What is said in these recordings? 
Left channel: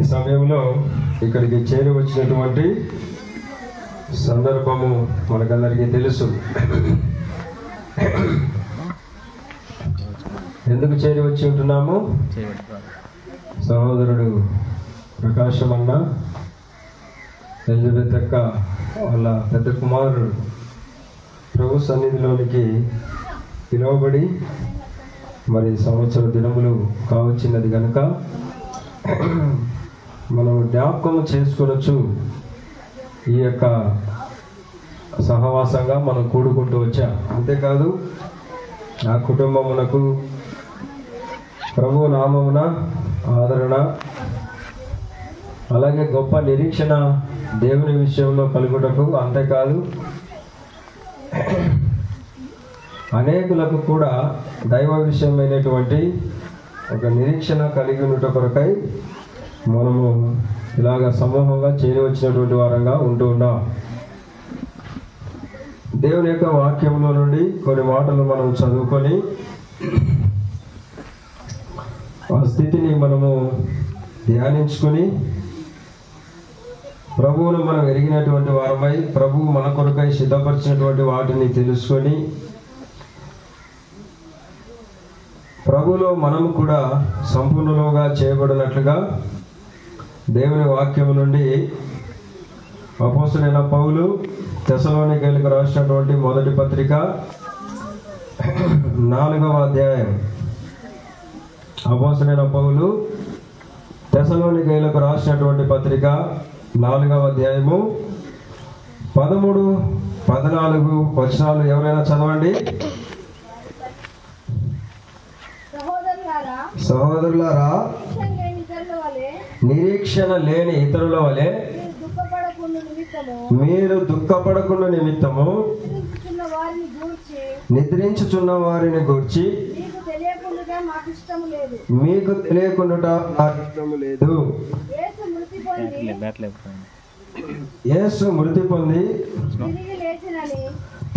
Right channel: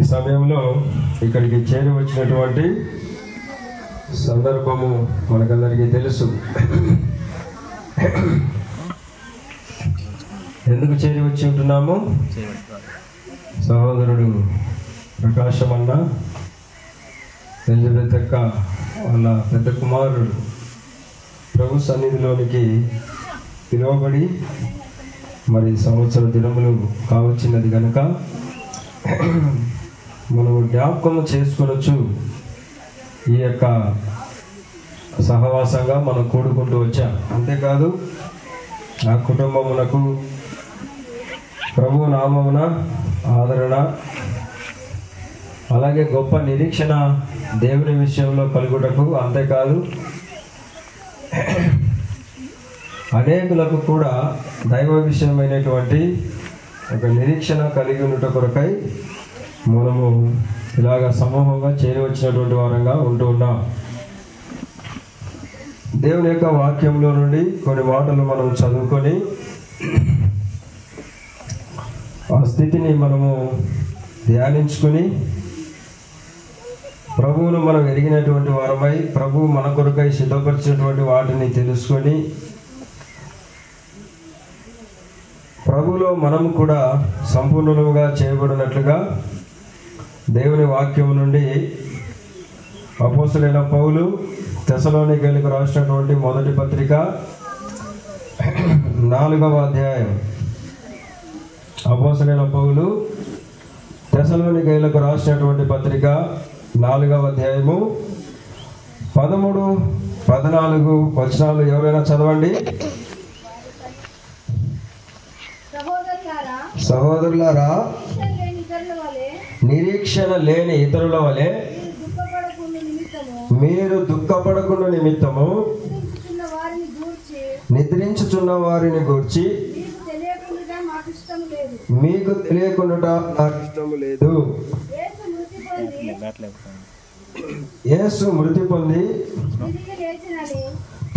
ఈ సమయంలో ఇక్కడికి చేరి వచ్చినటువంటి సందర్భము మనకందరికీ తెలుసు. ఎందుకు చేరి వచ్చి ఉంటున్నాము? సహోదరుడు ప్రకాశం అన్న, ఎలిజబెత్ అక్క వాళ్ళ పెద్ద కుమారుడు ప్రభు సన్నిధిలోనికి పిలువబడి మరి సంవత్సర దినములు కావచ్చినది కనుక మనం జ్ఞాపకం చేసుకోవచ్చు. ఈ యొక్క సహవాసంగా మనం కూడుకుంటూ వచ్చాం. అంతేకాదు ఆ కుటుంబమునకు ప్రభు నామమున ఆదరణ, అలాగే గొప్ప నిరీక్షణ దేవుని విషయంలో కలుగుటకు, అంతేకాదు అనేకులకు కూడా దైవ విషయమైనటువంటి ఒక నిరీక్షణ కలిగి ఉంట కొరకై మనము ఇలాగ సమూహంగా చేరి వచ్చినటువంటి వారంగా ఉంటూ ఉన్నాం. దేవుని యొక్క వాక్యంలో నుండి కొన్ని మాటలు మనం చదువుకొని ఆ స్థితిని మనము ధ్యానించుకొని ప్రభువును మనం ఎరిగినటువంటి వారమై ప్రభువు మన కొరకై సిద్ధపరిచినటువంటి వాటిని తెలుసుకొని ప్రభువులో మనము కూడా సంపూర్ణులుగా చేయబడినట్లుగా దేవుని వాక్యం నుండి అపోస్తలుడైన పౌలు తెస్సలోనికీయులకు రాసినటువంటి మొదటి పత్రిక 4వ అధ్యాయం. అపోస్తలుడైన పౌలు తెస్సలోనికీయులకు రాసినటువంటి పత్రిక 4వ అధ్యాయము 13, 14 వచనాలు ఎవరైనా చదవండి. సహోదరులారా, నిరీక్షణ లేని ఇతరుల వలె మీరు దుఃఖపడకుండా నిమిత్తము నిద్రించుచున్న వారిని గూర్చి మీకు తెలియకుండా నాకు ఇష్టము లేదు. యేసు మృతి పొంది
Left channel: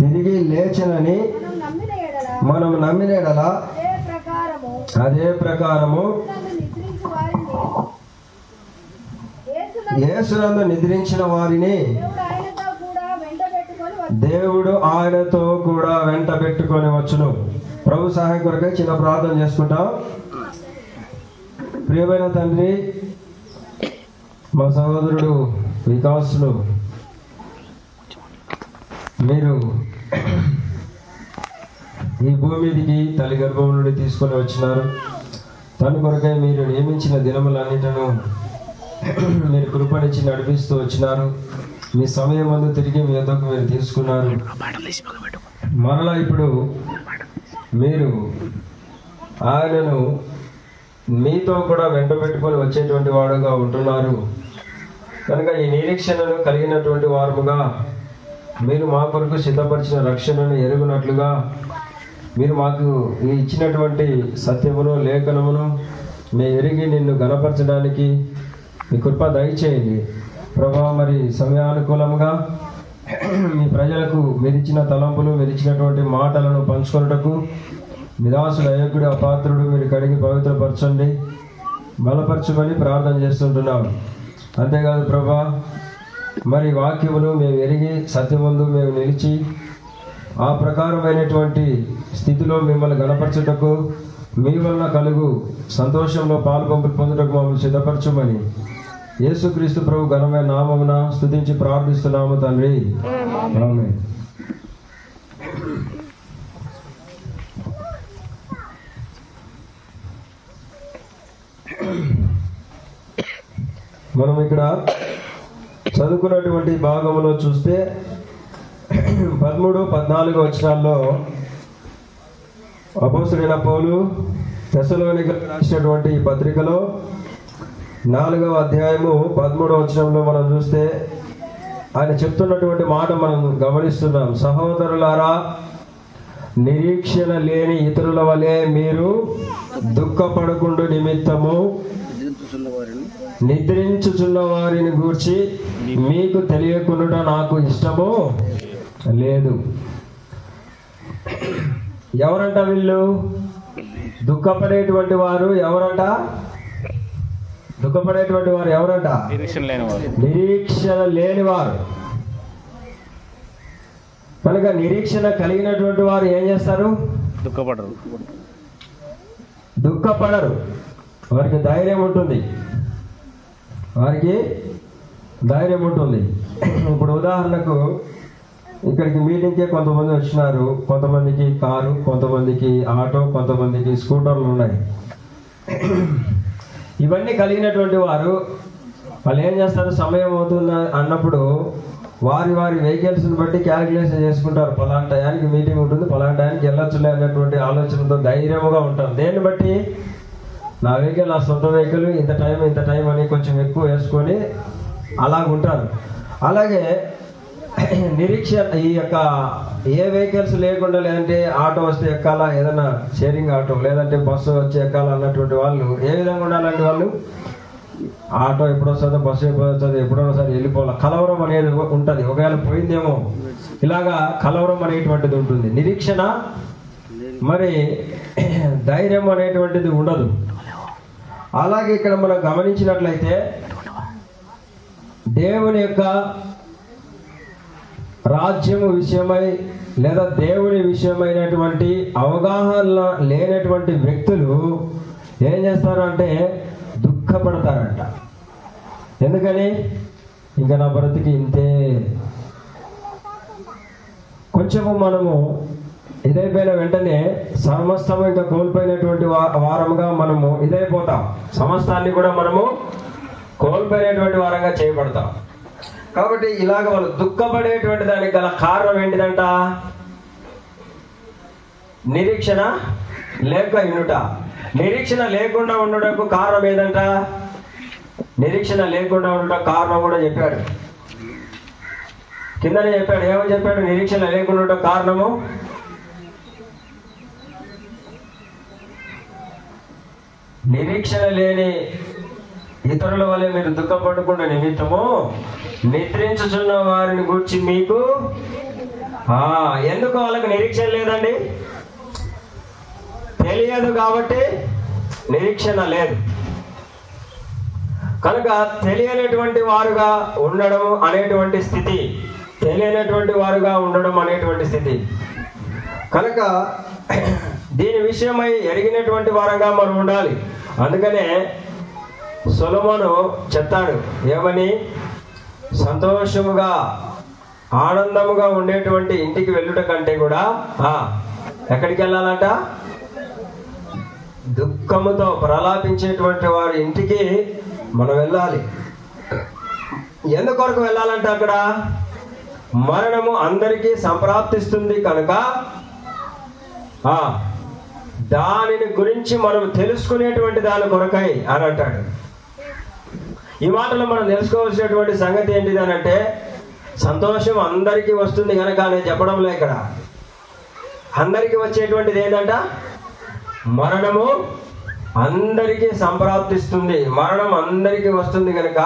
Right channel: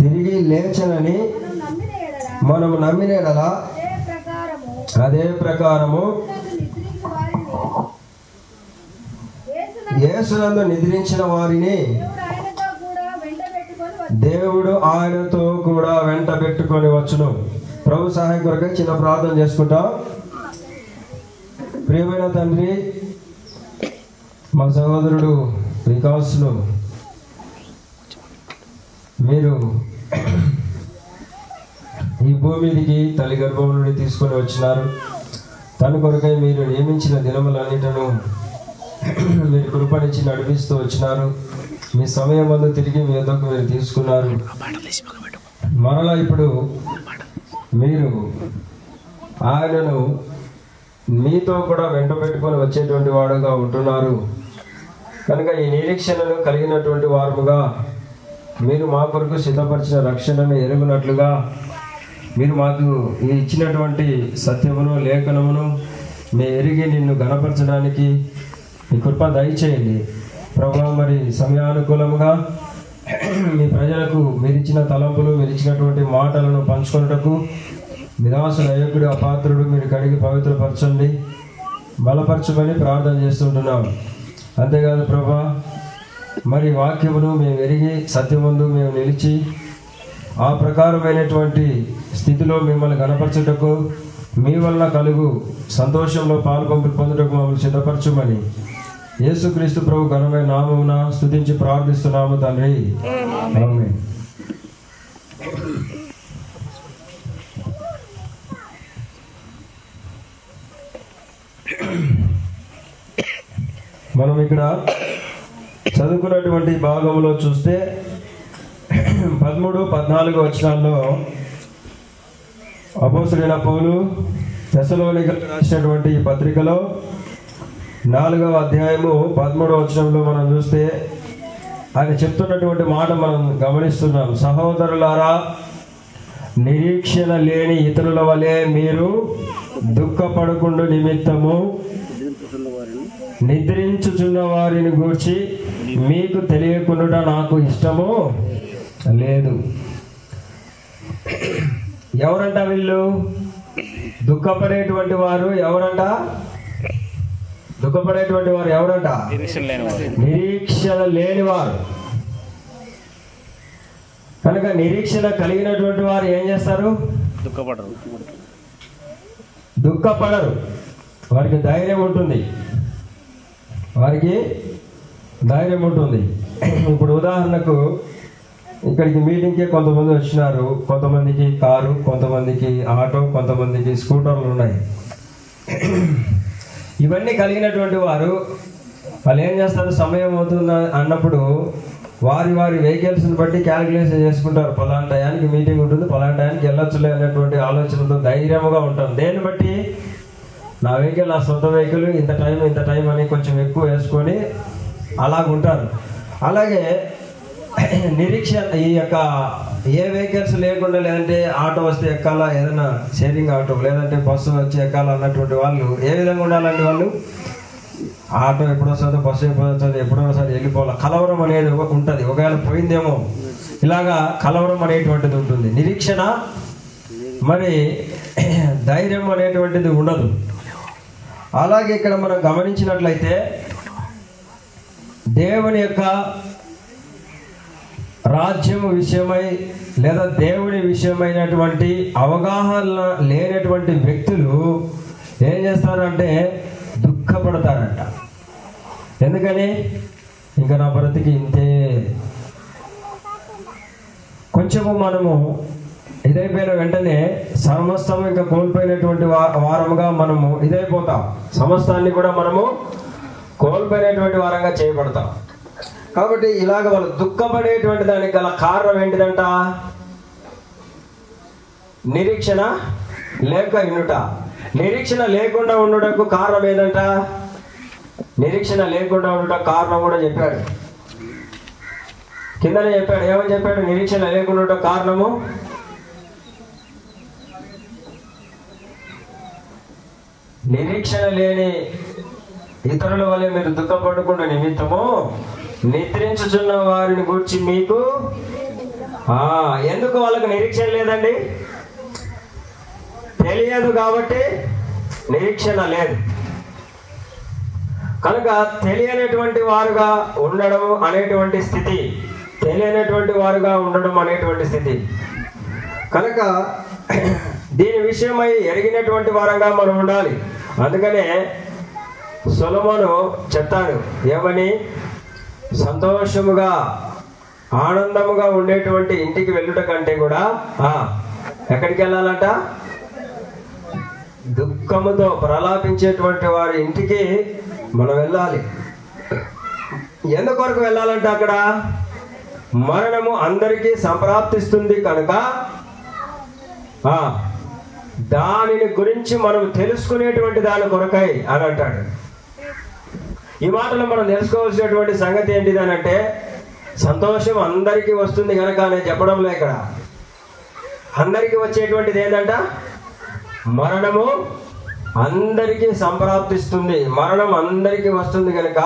తిరిగి లేచనని మనం నమ్మిన యెడల అదే ప్రకారము యేసునందు నిద్రించిన వారిని దేవుడు ఆయనతో కూడా వెంట పెట్టుకొని వచ్చును. ప్రభు సహాయం కొరకై చిన్న ప్రార్థన చేసుకుంటాం. ప్రియమైన తండ్రి, మా సహోదరుడు వికాస్ను మీరు ఈ భూమి మీదికి తల్లి గర్భం నుండి తీసుకొని వచ్చినారు. తన కొరకై మీరు నియమించిన దినములన్నిటను మీరు కృపణించి నడిపిస్తూ వచ్చినారు. మీ సమయం అందు తిరిగి మీ వద్దకు మీరు తీసుకున్నారు. మరలా ఇప్పుడు మీరు ఆయనను మీతో కూడా వెంట పెట్టుకొని వచ్చేటువంటి వాడుగా ఉంటున్నారు కనుక ఈ నిరీక్షణను కలిగినటువంటి వారుగా మీరు మా కొరకు సిద్ధపరిచిన రక్షణను ఎరుగునట్లుగా మీరు మాకు ఇచ్చినటువంటి సత్యమును లేఖనమును మేము ఎరిగి నిన్ను గణపరచడానికి మీ కృప దయచేయండి ప్రభా. మరి సమయానుకూలంగా మీ ప్రజలకు మీరు ఇచ్చిన తలంపులు, మీరు ఇచ్చినటువంటి మాటలను పంచుకున్నటకు మీ దాసుడు అయోగ్యుడు అపాత్రుడు మీరు కడిగి పవిత్రపరచండి, బలపరచమని ప్రార్థన చేస్తుంటున్నాం. అంతేకాదు ప్రభా, మరి వాక్యమును మేము ఎరిగి సత్యమందు మేము నిలిచి ఆ ప్రకారమైనటువంటి స్థితిలో మిమ్మల్ని గణపరచుటకు మీ వల్ల కలుగు సంతోషంలో పాలు పొందుటకు మమ్మల్ని సిద్ధపరచుమని యేసుక్రీస్తు ప్రభు ఘనమైన నామమున స్తుతించి ప్రార్థిస్తున్నాము తండ్రి, ఆమేన్. మనం ఇక్కడ చదువుకున్నటువంటి భాగంలో చూస్తే 13, 14 వచనాల్లో అపోస్తలుడైన పౌలు తెస్సలోనికీయులకు రాసినటువంటి పత్రికలో 4వ అధ్యాయము 13వ వచనంలో మనం చూస్తే ఆయన చెప్తున్నటువంటి మాట మనం గమనిస్తున్నాం. సహోదరులారా, నిరీక్షణ లేని ఇతరుల వలె మీరు దుఃఖపడకుండా నిమిత్తము నిద్రించుచున్న వారిని గూర్చి మీకు తెలియకుండా నాకు ఇష్టము లేదు. ఎవరంట వీళ్ళు? దుఃఖపడేటువంటి వారు ఎవరంట? దుఃఖపడేటువంటి వారు ఎవరంట? నిరీక్షణ లేనివారు. కనుక నిరీక్షణ కలిగినటువంటి వారు ఏం చేస్తారు? దుఃఖపడరు. వారికి ధైర్యం ఉంటుంది. ఇప్పుడు ఉదాహరణకు ఇక్కడికి మీటింగ్కే కొంతమంది వచ్చినారు. కొంతమందికి కారు, కొంతమందికి ఆటో, కొంతమందికి స్కూటర్లు ఉన్నాయి. ఇవన్నీ కలిగినటువంటి వారు వాళ్ళు ఏం చేస్తారు? సమయం అవుతుంది అన్నప్పుడు వారి వెహికల్స్ని బట్టి క్యాలిక్యులేషన్ చేసుకుంటారు. పలానా టయానికి మీటింగ్ ఉంటుంది, పలానా టయానికి వెళ్ళొచ్చులే అనేటువంటి ఆలోచనతో ధైర్యంగా ఉంటాం. దేన్ని బట్టి? నా వెహికల్, నా సొంత వెహికల్, ఇంత టైం అని కొంచెం ఎక్కువ వేసుకొని అలా ఉంటారు. అలాగే నిరీక్షణ ఈ యొక్క ఏ వెహికల్స్ లేకుండా, లేదంటే ఆటో వస్తే ఎక్కాలా, ఏదైనా షేరింగ్ ఆటో లేదంటే బస్సు వచ్చి ఎక్కాలా అన్నటువంటి వాళ్ళు ఏ విధంగా ఉండాలంటే వాళ్ళు ఆటో ఎప్పుడు వస్తుందో, బస్సు ఎప్పుడు వస్తుంది, ఎప్పుడో ఒకసారి వెళ్ళిపోవాలి. కలవరం అనేది ఉంటుంది. ఒకవేళ పోయిందేమో, ఇలాగా కలవరం అనేటువంటిది ఉంటుంది. నిరీక్షణ మరి ధైర్యం అనేటువంటిది ఉండదు. అలాగే ఇక్కడ మనం గమనించినట్లయితే దేవుని యొక్క రాజ్యం విషయమై లేదా దేవుని విషయమైనటువంటి అవగాహన లేనటువంటి వ్యక్తులు ఏం చేస్తారు అంటే దుఃఖపడతారంట. ఎందుకని? ఇంకా నా బ్రతికి ఇంతే. కొంచెము మనము ఇదైపోయిన వెంటనే సమస్తము ఇంకా కోల్పోయినటువంటి వారముగా మనము ఇదైపోతాం. సమస్తాన్ని కూడా మనము కోల్పోయినటువంటి వారంగా చేయబడతాం. కాబట్టి ఇలాగ వాళ్ళు దుఃఖపడేటువంటి దానికి గల కారణం ఏంటిదంట? నిరీక్షణ లేక ఇనుట. నిరీక్షణ లేకుండా ఉండటకు కారణం ఏదంట? నిరీక్షణ లేకుండా ఉండటం కారణం కూడా చెప్పాడు. కిందనే చెప్పాడు. ఏమని చెప్పాడు? నిరీక్షణ లేకుండా ఉండటం కారణము నిరీక్షణ లేని ఇతరుల వల్లే మీరు దుఃఖపడకుండా నిమిత్తము నిద్రించుచున్న వారిని గురించి మీకు ఎందుకు వాళ్ళకి నిరీక్షణ లేదండి? తెలియదు కాబట్టి నిరీక్షణ లేదు. కనుక తెలియనటువంటి వారుగా ఉండడం అనేటువంటి స్థితి, కనుక దీని విషయమై ఎరిగినటువంటి వారంగా మనం ఉండాలి. అందుకనే సొలొమోను చెప్తాడు ఏమని? సంతోషముగా ఆనందముగా ఉండేటువంటి ఇంటికి వెళ్ళుట కంటే కూడా ఎక్కడికి వెళ్ళాలంట? దుఃఖముతో ప్రలాపించేటువంటి వారి ఇంటికి మనం వెళ్ళాలి. ఎందుకొరకు వెళ్ళాలంటే అక్కడ మరణము అందరికీ సంప్రాప్తిస్తుంది కనుక దానిని గురించి మనం తెలుసుకునేటువంటి దాని కొరకై అని అంటాడు. ఈ మాటలో మనం తెలుసుకోవాల్సినటువంటి సంగతి ఏంటిది అని అంటే, సంతోషం అందరికీ వస్తుంది కనుక నేను చెప్పడం లే. ఇక్కడ అందరికీ వచ్చేటువంటిది ఏంటంట? మరణము అందరికీ సంప్రాప్తిస్తుంది. మరణం అందరికీ వస్తుంది కనుక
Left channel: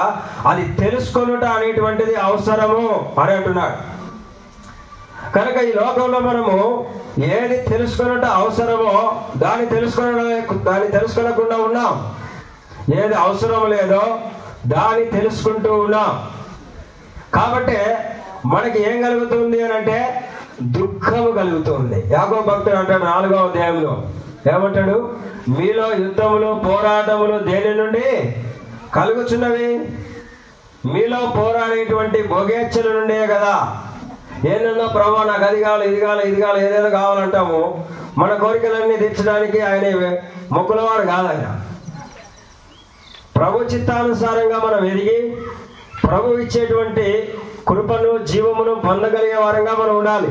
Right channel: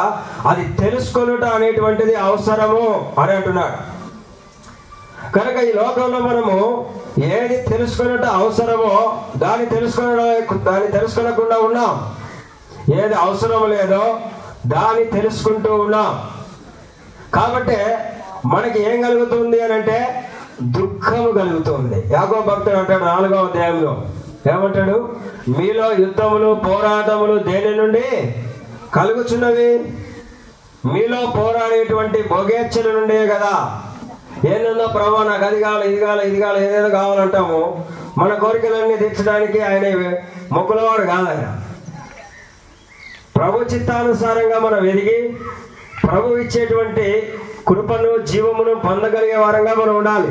అది తెలుసుకొనుట అనేటువంటిది అవసరము అని అంటున్నాడు. కనుక ఈ లోకంలో మనము ఏది తెలుసుకొనుట అవసరమో దాన్ని తెలుసుకోకుండా ఉన్నాం. ఏది అవసరం లేదో దాన్ని తెలుసుకుంటూ ఉన్నాం. కాబట్టి మనకి ఏం కలుగుతుంది అని అంటే దుఃఖము కలుగుతుంది. యాకోబు భక్తుడు అంటాడు 4వ అధ్యాయంలో ఏమంటాడు? మీలో యుద్ధములు పోరాటములు దేని నుండి కలుగుచున్నవి? మీలో పోరాడేటువంటి భోగేచ్ఛల నుండే కదా. ఏంటన్నా ప్రభు నాకు అది కావాలి, ఇది కావాలి, ఇది కావాలి, ఏదేదో కావాలంటాము. మన కోరికలన్నీ తీర్చడానికి ఆయన మొక్కులవాడు కాదు. ఆయన ప్రభు చిత్తానుసారంగా మనం ఎదిగి ప్రభు ఇచ్చేటువంటి కృపను జీవమును పొందగలిగే వారంగా మనం ఉండాలి.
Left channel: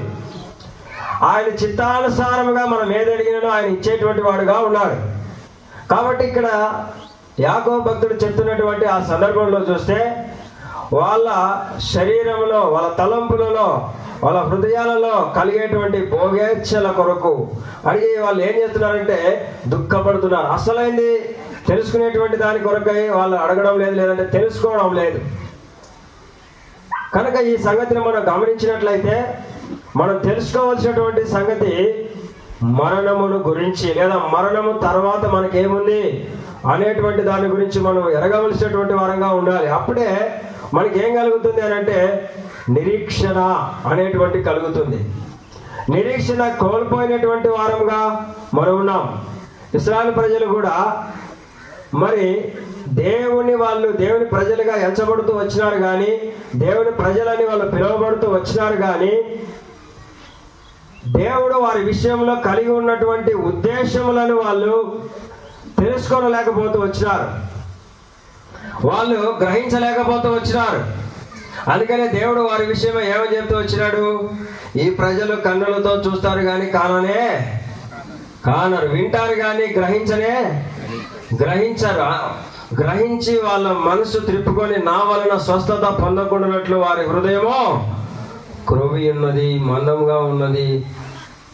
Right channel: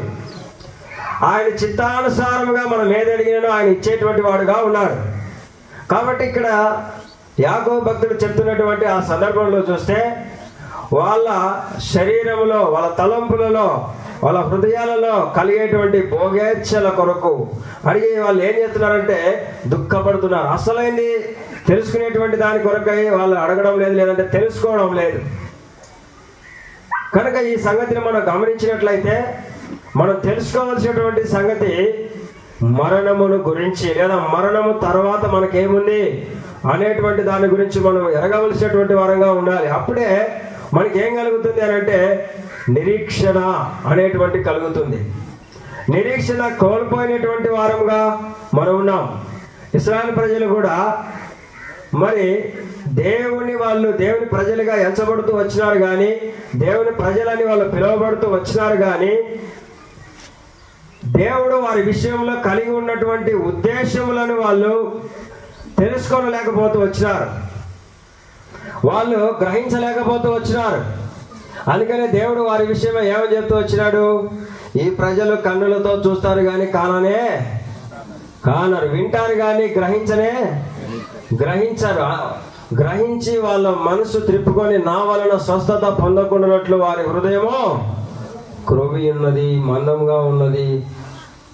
ఆయన చిత్తానుసారముగా మనం ఏదడిగినానో ఆయన ఇచ్చేటువంటి వాడుగా ఉన్నాడు. కాబట్టి ఇక్కడ యాకోబు భక్తుడు చెప్తున్నటువంటి ఆ సందర్భంలో చూస్తే వాళ్ళ శరీరంలో, వాళ్ళ తలంపులలో, వాళ్ళ హృదయాలలో కలిగేటువంటి భోగేచ్ఛల కొరకు అడిగి వాళ్ళు ఏం చేస్తున్నారంటే దుఃఖపడుతున్నారు. అసలైంది తెలుసుకునేటువంటి దాని కొరకై వాళ్ళు అడగడం లేదు, లేదంటే తెలుసుకోవడం లేదు. కనుక ఈ సంగతిని మనం గమనించినట్లయితే మనం తెలుసుకోవాల్సినటువంటి సంగతి మరణమును గురించి, లేదా మరణము తర్వాత మనకేముంది అనేటువంటి దాని గురించి మనం ఎరగవలసినటువంటి వారంగా ఉండాలి. అప్పుడే మనకి ఏం కలుగుతుంది అని అంటే నిరీక్షణ అనేటువంటి కలుగుతుంది. నిరీక్షణ కోల్పోయినటువంటి వారంగా మనం ఉన్నాం. ఇశ్రాయేలు ప్రజలు కూడా మరి దేవుని ప్రజలుగా ఎంచబడుతూ వచ్చినారు కానీ, దేవుని ప్రజలని వాళ్ళు పిలువబడుతూ వచ్చినారు కానీ, దేవుడు వారి విషయంలో కలిగి ఉన్నటువంటి ఉద్దేశములను వాళ్ళు తెలుసుకోలేకపోతూ వచ్చినారు, వాళ్ళు గ్రహించలేకపోతూ వచ్చినారు. అందుకనే దేవుడు వారి విషయమే ఏమని చెప్తూ వచ్చినాడు? ఈ ప్రజలు కన్నులతో చూస్తారు కానీ కానరు, వింటారు కానీ గ్రహించరు. గ్రహించి వాళ్ళ మనసు త్రిప్పుకొని నా వలన స్వస్థత పొందకుండానట్లు వారి హృదయమో క్రొవ్వి ఉన్నది, మందంగా ఉన్నది,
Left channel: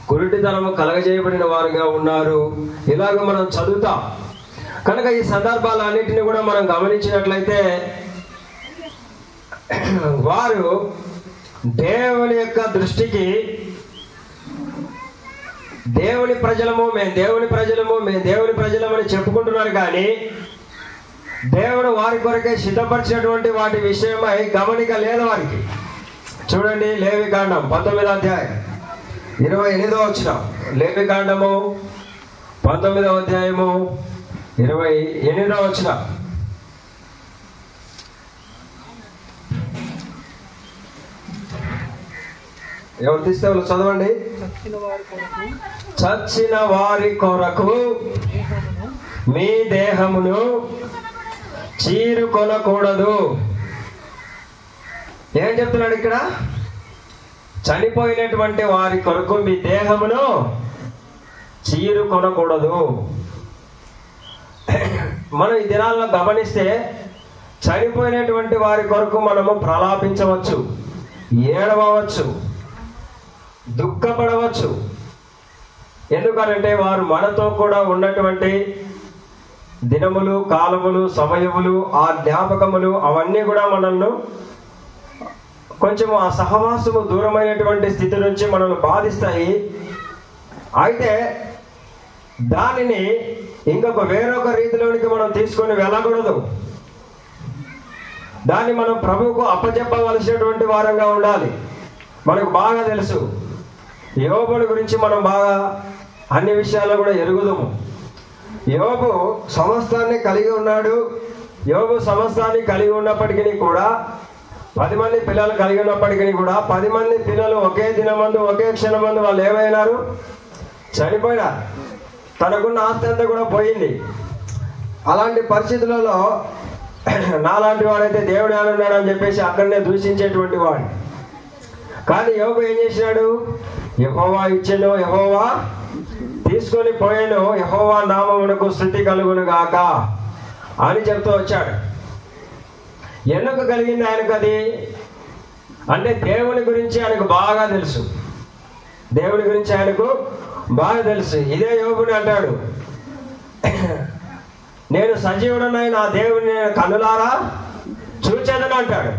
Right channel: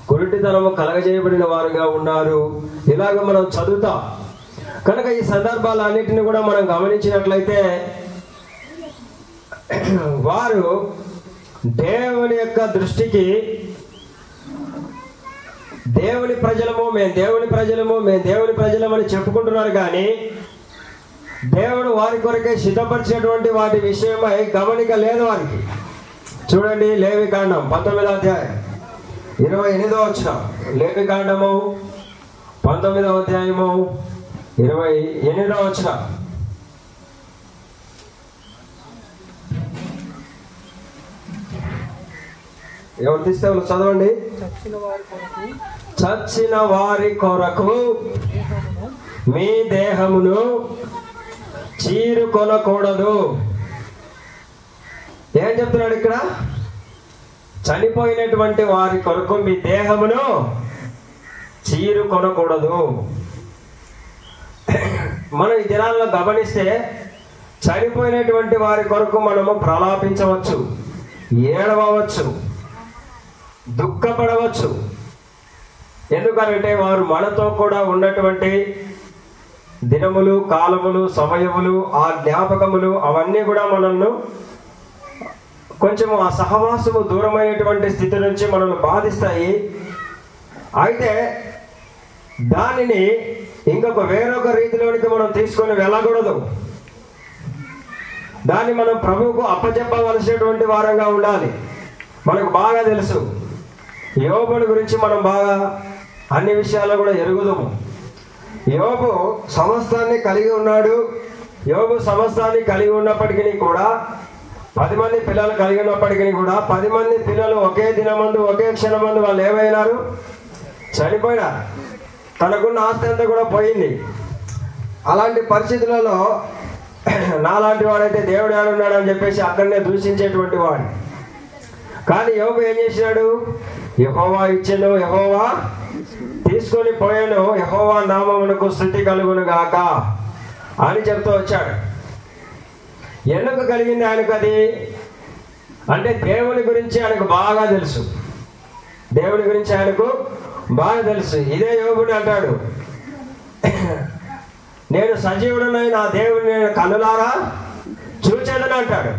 కురిటితనము కలగజేయబడిన వారుగా ఉన్నారు. ఇలాగ మనం చదువుతాం. కనుక ఈ సందర్భాలన్నిటిని కూడా మనం గమనించినట్లయితే వారు దేవుని యొక్క దృష్టికి దేవుని ప్రజలము మేము దేవుని ప్రజలమని చెప్పుకుంటున్నారు కానీ దేవుడు వారి కొరకే సిద్ధపరిచినటువంటి వాటి విషయమై గమనిక లేదు వారికి. చూడండి, లేవికాండం 19వ అధ్యాయం 28వ వచనం. లేవికాండము 19వ అధ్యాయము 28వ వచనం. ఎవరు తీస్తే చదవండి. చచ్చిన వారి కొరకు మీ దేహమును చీరుకొనకూడదు. ఏం చెప్తున్నాడు ఇక్కడ? చనిపోయినటువంటి వారి కొరకు మీ దేహమును చీరుకొనకూడదు. మనం ఈ దినాల్లో గమనిస్తే చనిపోయినటువంటి వారి కొరకు మనము ప్రలాపించవచ్చు, ఏడవచ్చు, దుఃఖపడవచ్చు. ఎందుకనంటే వారు మనతో కూడా ఉన్నటువంటి దినములు, కాలములు, సమయములు, ఆ జ్ఞాపకములు అవన్నీ కూడా మనల్ని కొంచెం ఆ సహవాసము దూరమైనటువంటి స్థితి నుంచి మనల్ని బాధిస్తాయి. అయితే దానిని వేరొక రీతిలోనికి మనం తీసుకొని వెళ్ళకూడదు. దాన్ని మనం ప్రభువుకు అప్పచెప్పవలసినటువంటి వారంగా ఉండాలి. మనకు బాగా తెలుసు, యోబుని గురించి మనం బాగా అన్ని విషయాలు కూడా ఎరుగుదాము. యోబు సమస్తాన్ని కలిగి ఉన్నాడు. యోబు సమస్తాన్ని కలిగి ఉన్నప్పటికీ కూడా 10 మంది పిల్లలు కలిగి ఉన్నప్పటికీ కూడా 10 మంది పిల్లలు ఒకే దినమందు ఒకే క్షణమందు వాళ్ళు ఏమైనారు? చనిపోయారు. తనకున్న ఆస్తి అంతా కూడా పోయింది. అలాంటి పరిస్థితులలో నాలాంటి వాడైతే దేవుడు ఏమన్నాడు అని చెప్పేసి అక్కడనే దూషించేటువంటి వాడు. కానీ యోబు ఏం చేసినాడు? యెహోవా ఇచ్చెను, యెహోవా తీసుకొని పోయాను, యెహోవా నామమునకు స్తుతి కలుగును గాక అని చెప్తూ వచ్చాడు. ఎందుకు కలిగింది ఆయనకు అది? అంటే దేవుని గురించి ఆయనకు బాగా తెలుసు. దేవుని గురించి ఆయనకు బాగా తెలుసు. ఇదే యోబుని అంటాడు, నేను సజీవుడనై నా దేవుని నేను కన్నులారా చూచేదని అంటాడు.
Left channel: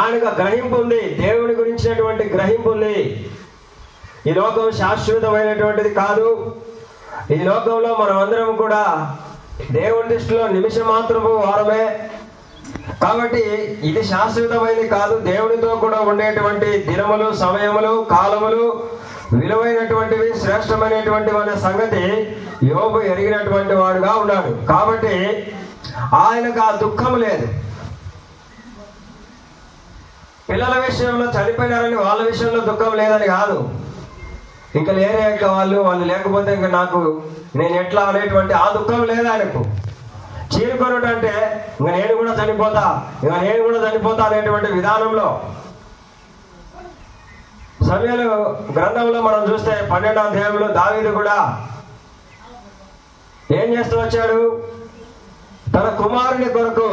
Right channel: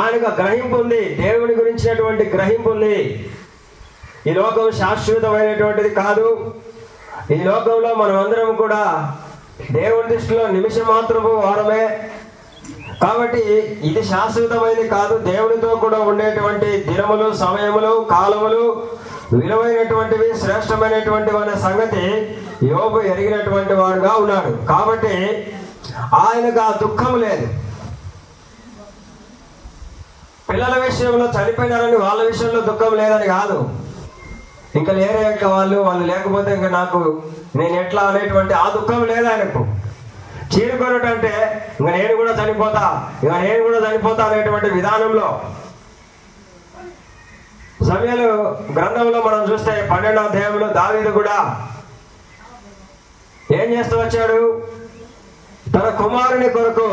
ఆయనకు గ్రహింపు ఉంది, దేవుని గురించినటువంటి గ్రహింపు ఉంది. ఈ లోకం శాశ్వతమైనటువంటిది కాదు. ఈ లోకంలో మనం అందరం కూడా దేవుని దృష్టిలో నిమిషం మాత్రము వారమే. కాబట్టి ఇది శాశ్వతమైనది కాదు. దేవునితో కూడా ఉండేటువంటి దినములు, సమయములు, కాలములు విలువైనటువంటివి, శ్రేష్టమైనటువంటివి అనే సంగతి యోబు ఎరిగినటువంటి వాడుగా ఉన్నాడు. కాబట్టి ఆయనకు ఆ దుఃఖం లేదు. పిల్లల విషయంలో చనిపోయినారని వాళ్ళ విషయంలో దుఃఖం లేదని కాదు. ఇంకా లేరే వాళ్ళు లేకపోతే ఇంకా నేను ఎట్లా అనేటువంటి ఆ దుఃఖం లేదు ఆయనకు. చీరుకొనటం అంటే ఇంకా నేను కూడా చనిపోతా అనేటువంటి విధానంలో. సమూయేలు గ్రంథంలో మనం చూస్తే 12వ అధ్యాయంలో దావీదు కూడా ఏం చేస్తూ వచ్చాడు? తన కుమారుని కొరకు,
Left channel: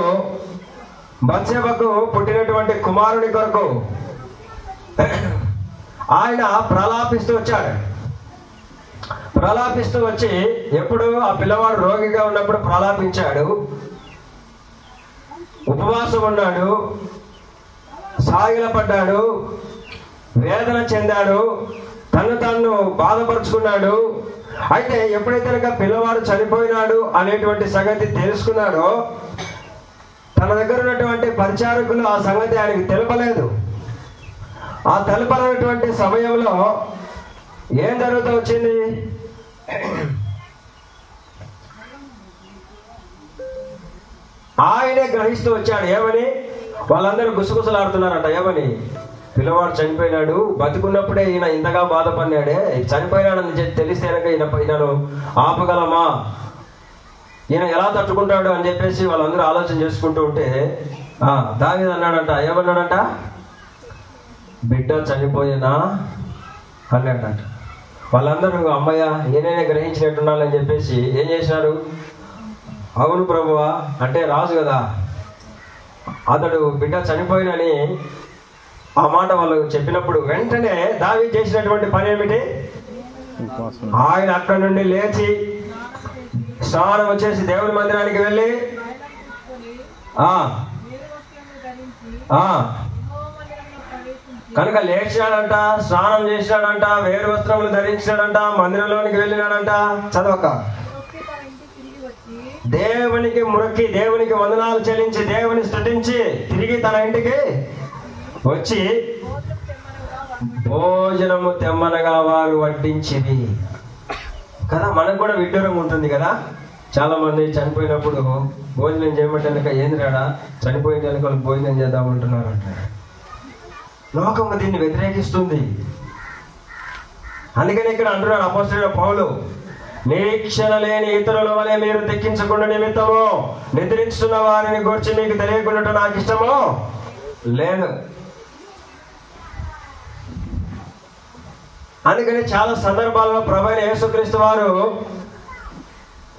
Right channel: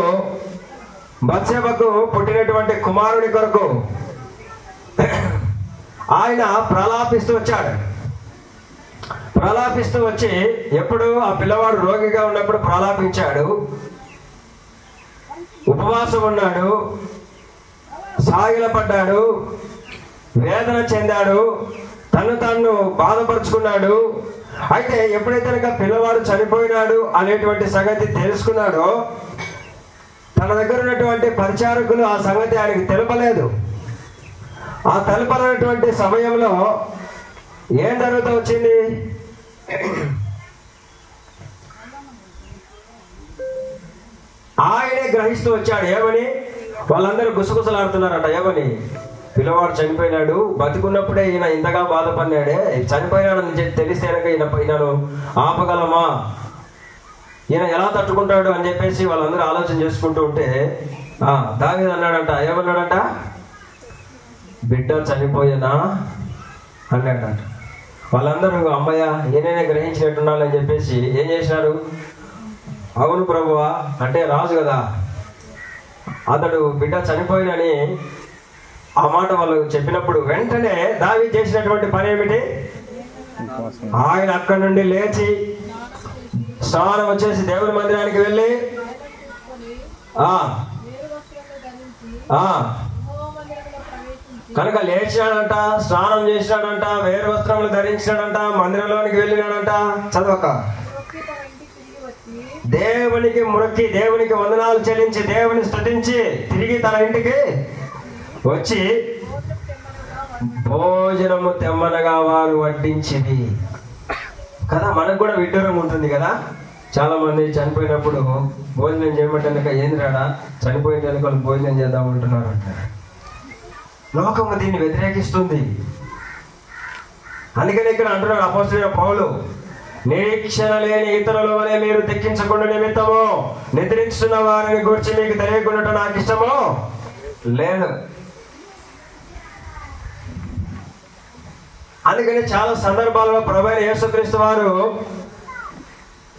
బత్షెబకు పుట్టినటువంటి కుమారుని కొరకు ఆయన ప్రలాపిస్తూ వచ్చాడు. ప్రలాపిస్తూ వచ్చి ఎప్పుడు ఆ పిల్లవాడు రోగిగా ఉన్నప్పుడు ప్రలాపించాడు, ఉపవాసం ఉన్నాడు, సాగిలపడ్డాడు, వేదన చెందాడు, తను బాధపరుచుకున్నాడు. అయితే ఎప్పుడైతే కనుక పిల్లవాడు చనిపోయినాడు అనేటువంటి సంగతి తెలుసుకున్నాడో తన దగ్గర ఉన్నటువంటి పరిచారకులు ఆ సంగతి ఆయనకి తెలపలేదు. ఆ తెలపలేనటువంటి సమయంలో ఏం జరుగుతూ వచ్చింది? ఆయనే గ్రహిస్తూ వచ్చాడు. ఏమని? వాళ్ళందరూ గుసగుసలాడుతున్నారట. ఏమని? పిల్లవాడు చనిపోయినాడు, బతుకున్నప్పుడే ఈయన ఇంతగా బాధపడినాడే, చనిపోయినాడని చెప్పి తెలిస్తే ఈయనను ఆపగలమా, ఈయన ఎలా తట్టుకుంటాడు అని చెప్పేసి వాళ్ళందరూ ఆలోచన చేసుకుంటూ ఉంటే దావీదు అన్నాడంట. ఏమన్నాడంట? బిడ్డ చనిపోయేనా అన్నాడంట. వాళ్ళందరూ అమ్మయ్య ఈయననే గ్రహించినట్టున్నారని చెప్పేసి ఏం చేశారు? అవును ప్రభువా, అంటే రాజు కదా, అతడు బిడ్డ చనిపోయినని ఆ మాట వాళ్ళు చెప్పినప్పుడు వెంటనే దావీదు చేసినటువంటి పని ఏమిటి? ఆయన అక్కడి నుండి లేచి స్నానం వచ్చేసి దేవుని మందిరానికి వెళ్ళి కనుక లేచాడంట, స్నానం చేసినాడంట, వేరు వస్త్రములు ధరించినాడంట, మందిరంలోనికి వెళ్ళినాడంట. చదవక దేవునికి మొక్కి, దేవునికి వందనాలు చెల్లించి, దేవుని స్తుతించి తిరిగి తన ఇంటికి వచ్చి భోజనము తెమ్మనగా వారు వడ్డించింది కదా. మనకు కూడా విడ్డూరం ఉంటుంది కదా. చాలా మంది చనిపోయినప్పుడు భోజనం చేయమంటే ఏంది రాడా, చనిపోయిన వాళ్ళు భోజనం చేద్దామంటున్నారు అంటారు. లోకము దీన్ని వ్యతిరేకిస్తుంది. అందుకని ఇక్కడ అంటున్నాడు అపోస్తలుడైన పౌలు, నిరీక్షణ లేని ఇతరుల వలె మీరు తెక్కించకుండా నిమిత్తము నిద్రించుతున్న వారిని గురించి మీకు తెలియకుండా నాకు ఇష్టమో లేదు. అందుకని చాలా సందర్భాల్లో ప్రభువైన యేసుక్రీస్తు వారు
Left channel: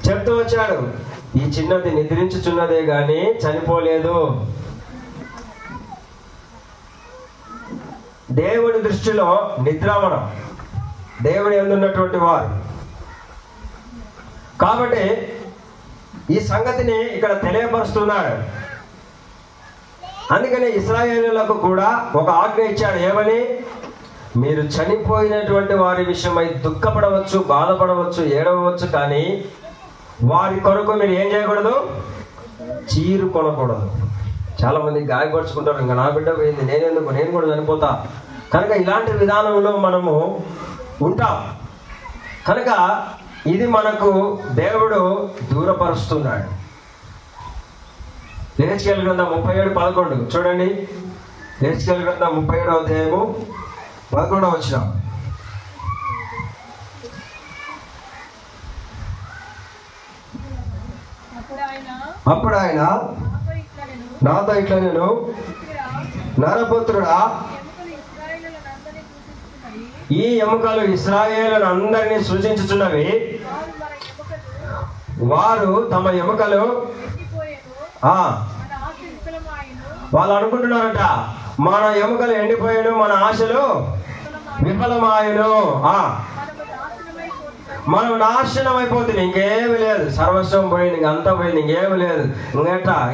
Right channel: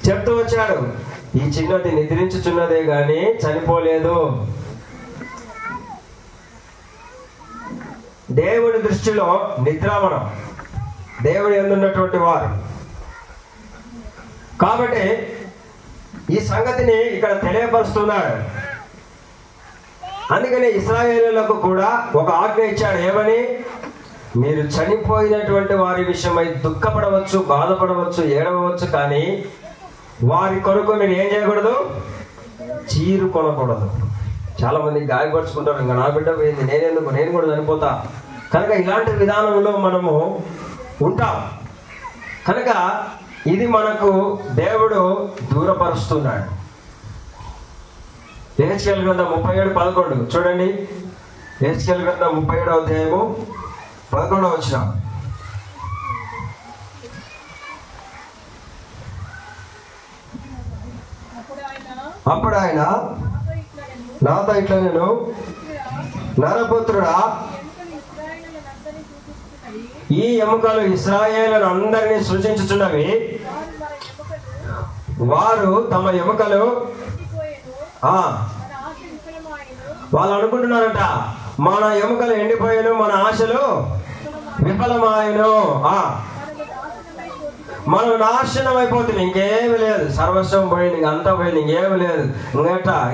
చెప్తూ వచ్చాడు, ఈ చిన్నది నిద్రించుచున్నదే గాని చనిపోలేదు. దేవుడి దృష్టిలో నిద్రామణం, దేవుడి ఎందున్నటువంటి వారు. కాబట్టి ఈ సంగతిని ఇక్కడ తెలియపరుస్తున్నాడు. అందుకని ఇశ్రాయేలీయులకు కూడా ఒక ఆజ్ఞ ఇచ్చాడు. ఏమని? మీరు చనిపోయినటువంటి వారి విషయమై దుఃఖపడవచ్చు, బాధపడవచ్చు, ఏడవచ్చు, కానీ వారి కొరకు మీరు ఏం చేయకూడదు? చీరుకొనకూడదు. చాలా మంది గాయపరుచుకుంటారు, ఇంకా నా బిడ్డ పోయింది, నేనెందుకు, నేను కూడా చనిపోతా. కనుక ఇలాంటి విధానంలో మనము ఉంటాం. కనుక ఇది మనకు దేవుడు దూరపరుస్తున్నాడు. యెహెజ్కేలు గ్రంథం 37:11 చూడండి. యెహెజ్కేలు గ్రంథం 37వ అధ్యాయము 11వ వచనం. అప్పుడు ఆయన నాతో ఇట్లా, నేను నరపుత్రుడా, ఈ ఎముకలు ఇశ్రాయేలు అందరినీ సూచించుచున్నవి. వారు తమ ఎముకలు వాళ్ళు అనుకుంటున్నారట, మన ఎముకలు ఎండిపోయాను, మన ఆశలు విఫలమాయను, మనం నాశనం అయిపోతుంది, ఇంకేమి లేదు, సర్వస్వం పోయింది, ఇంకంతా పోయింది, ఇంకేమి లేదు,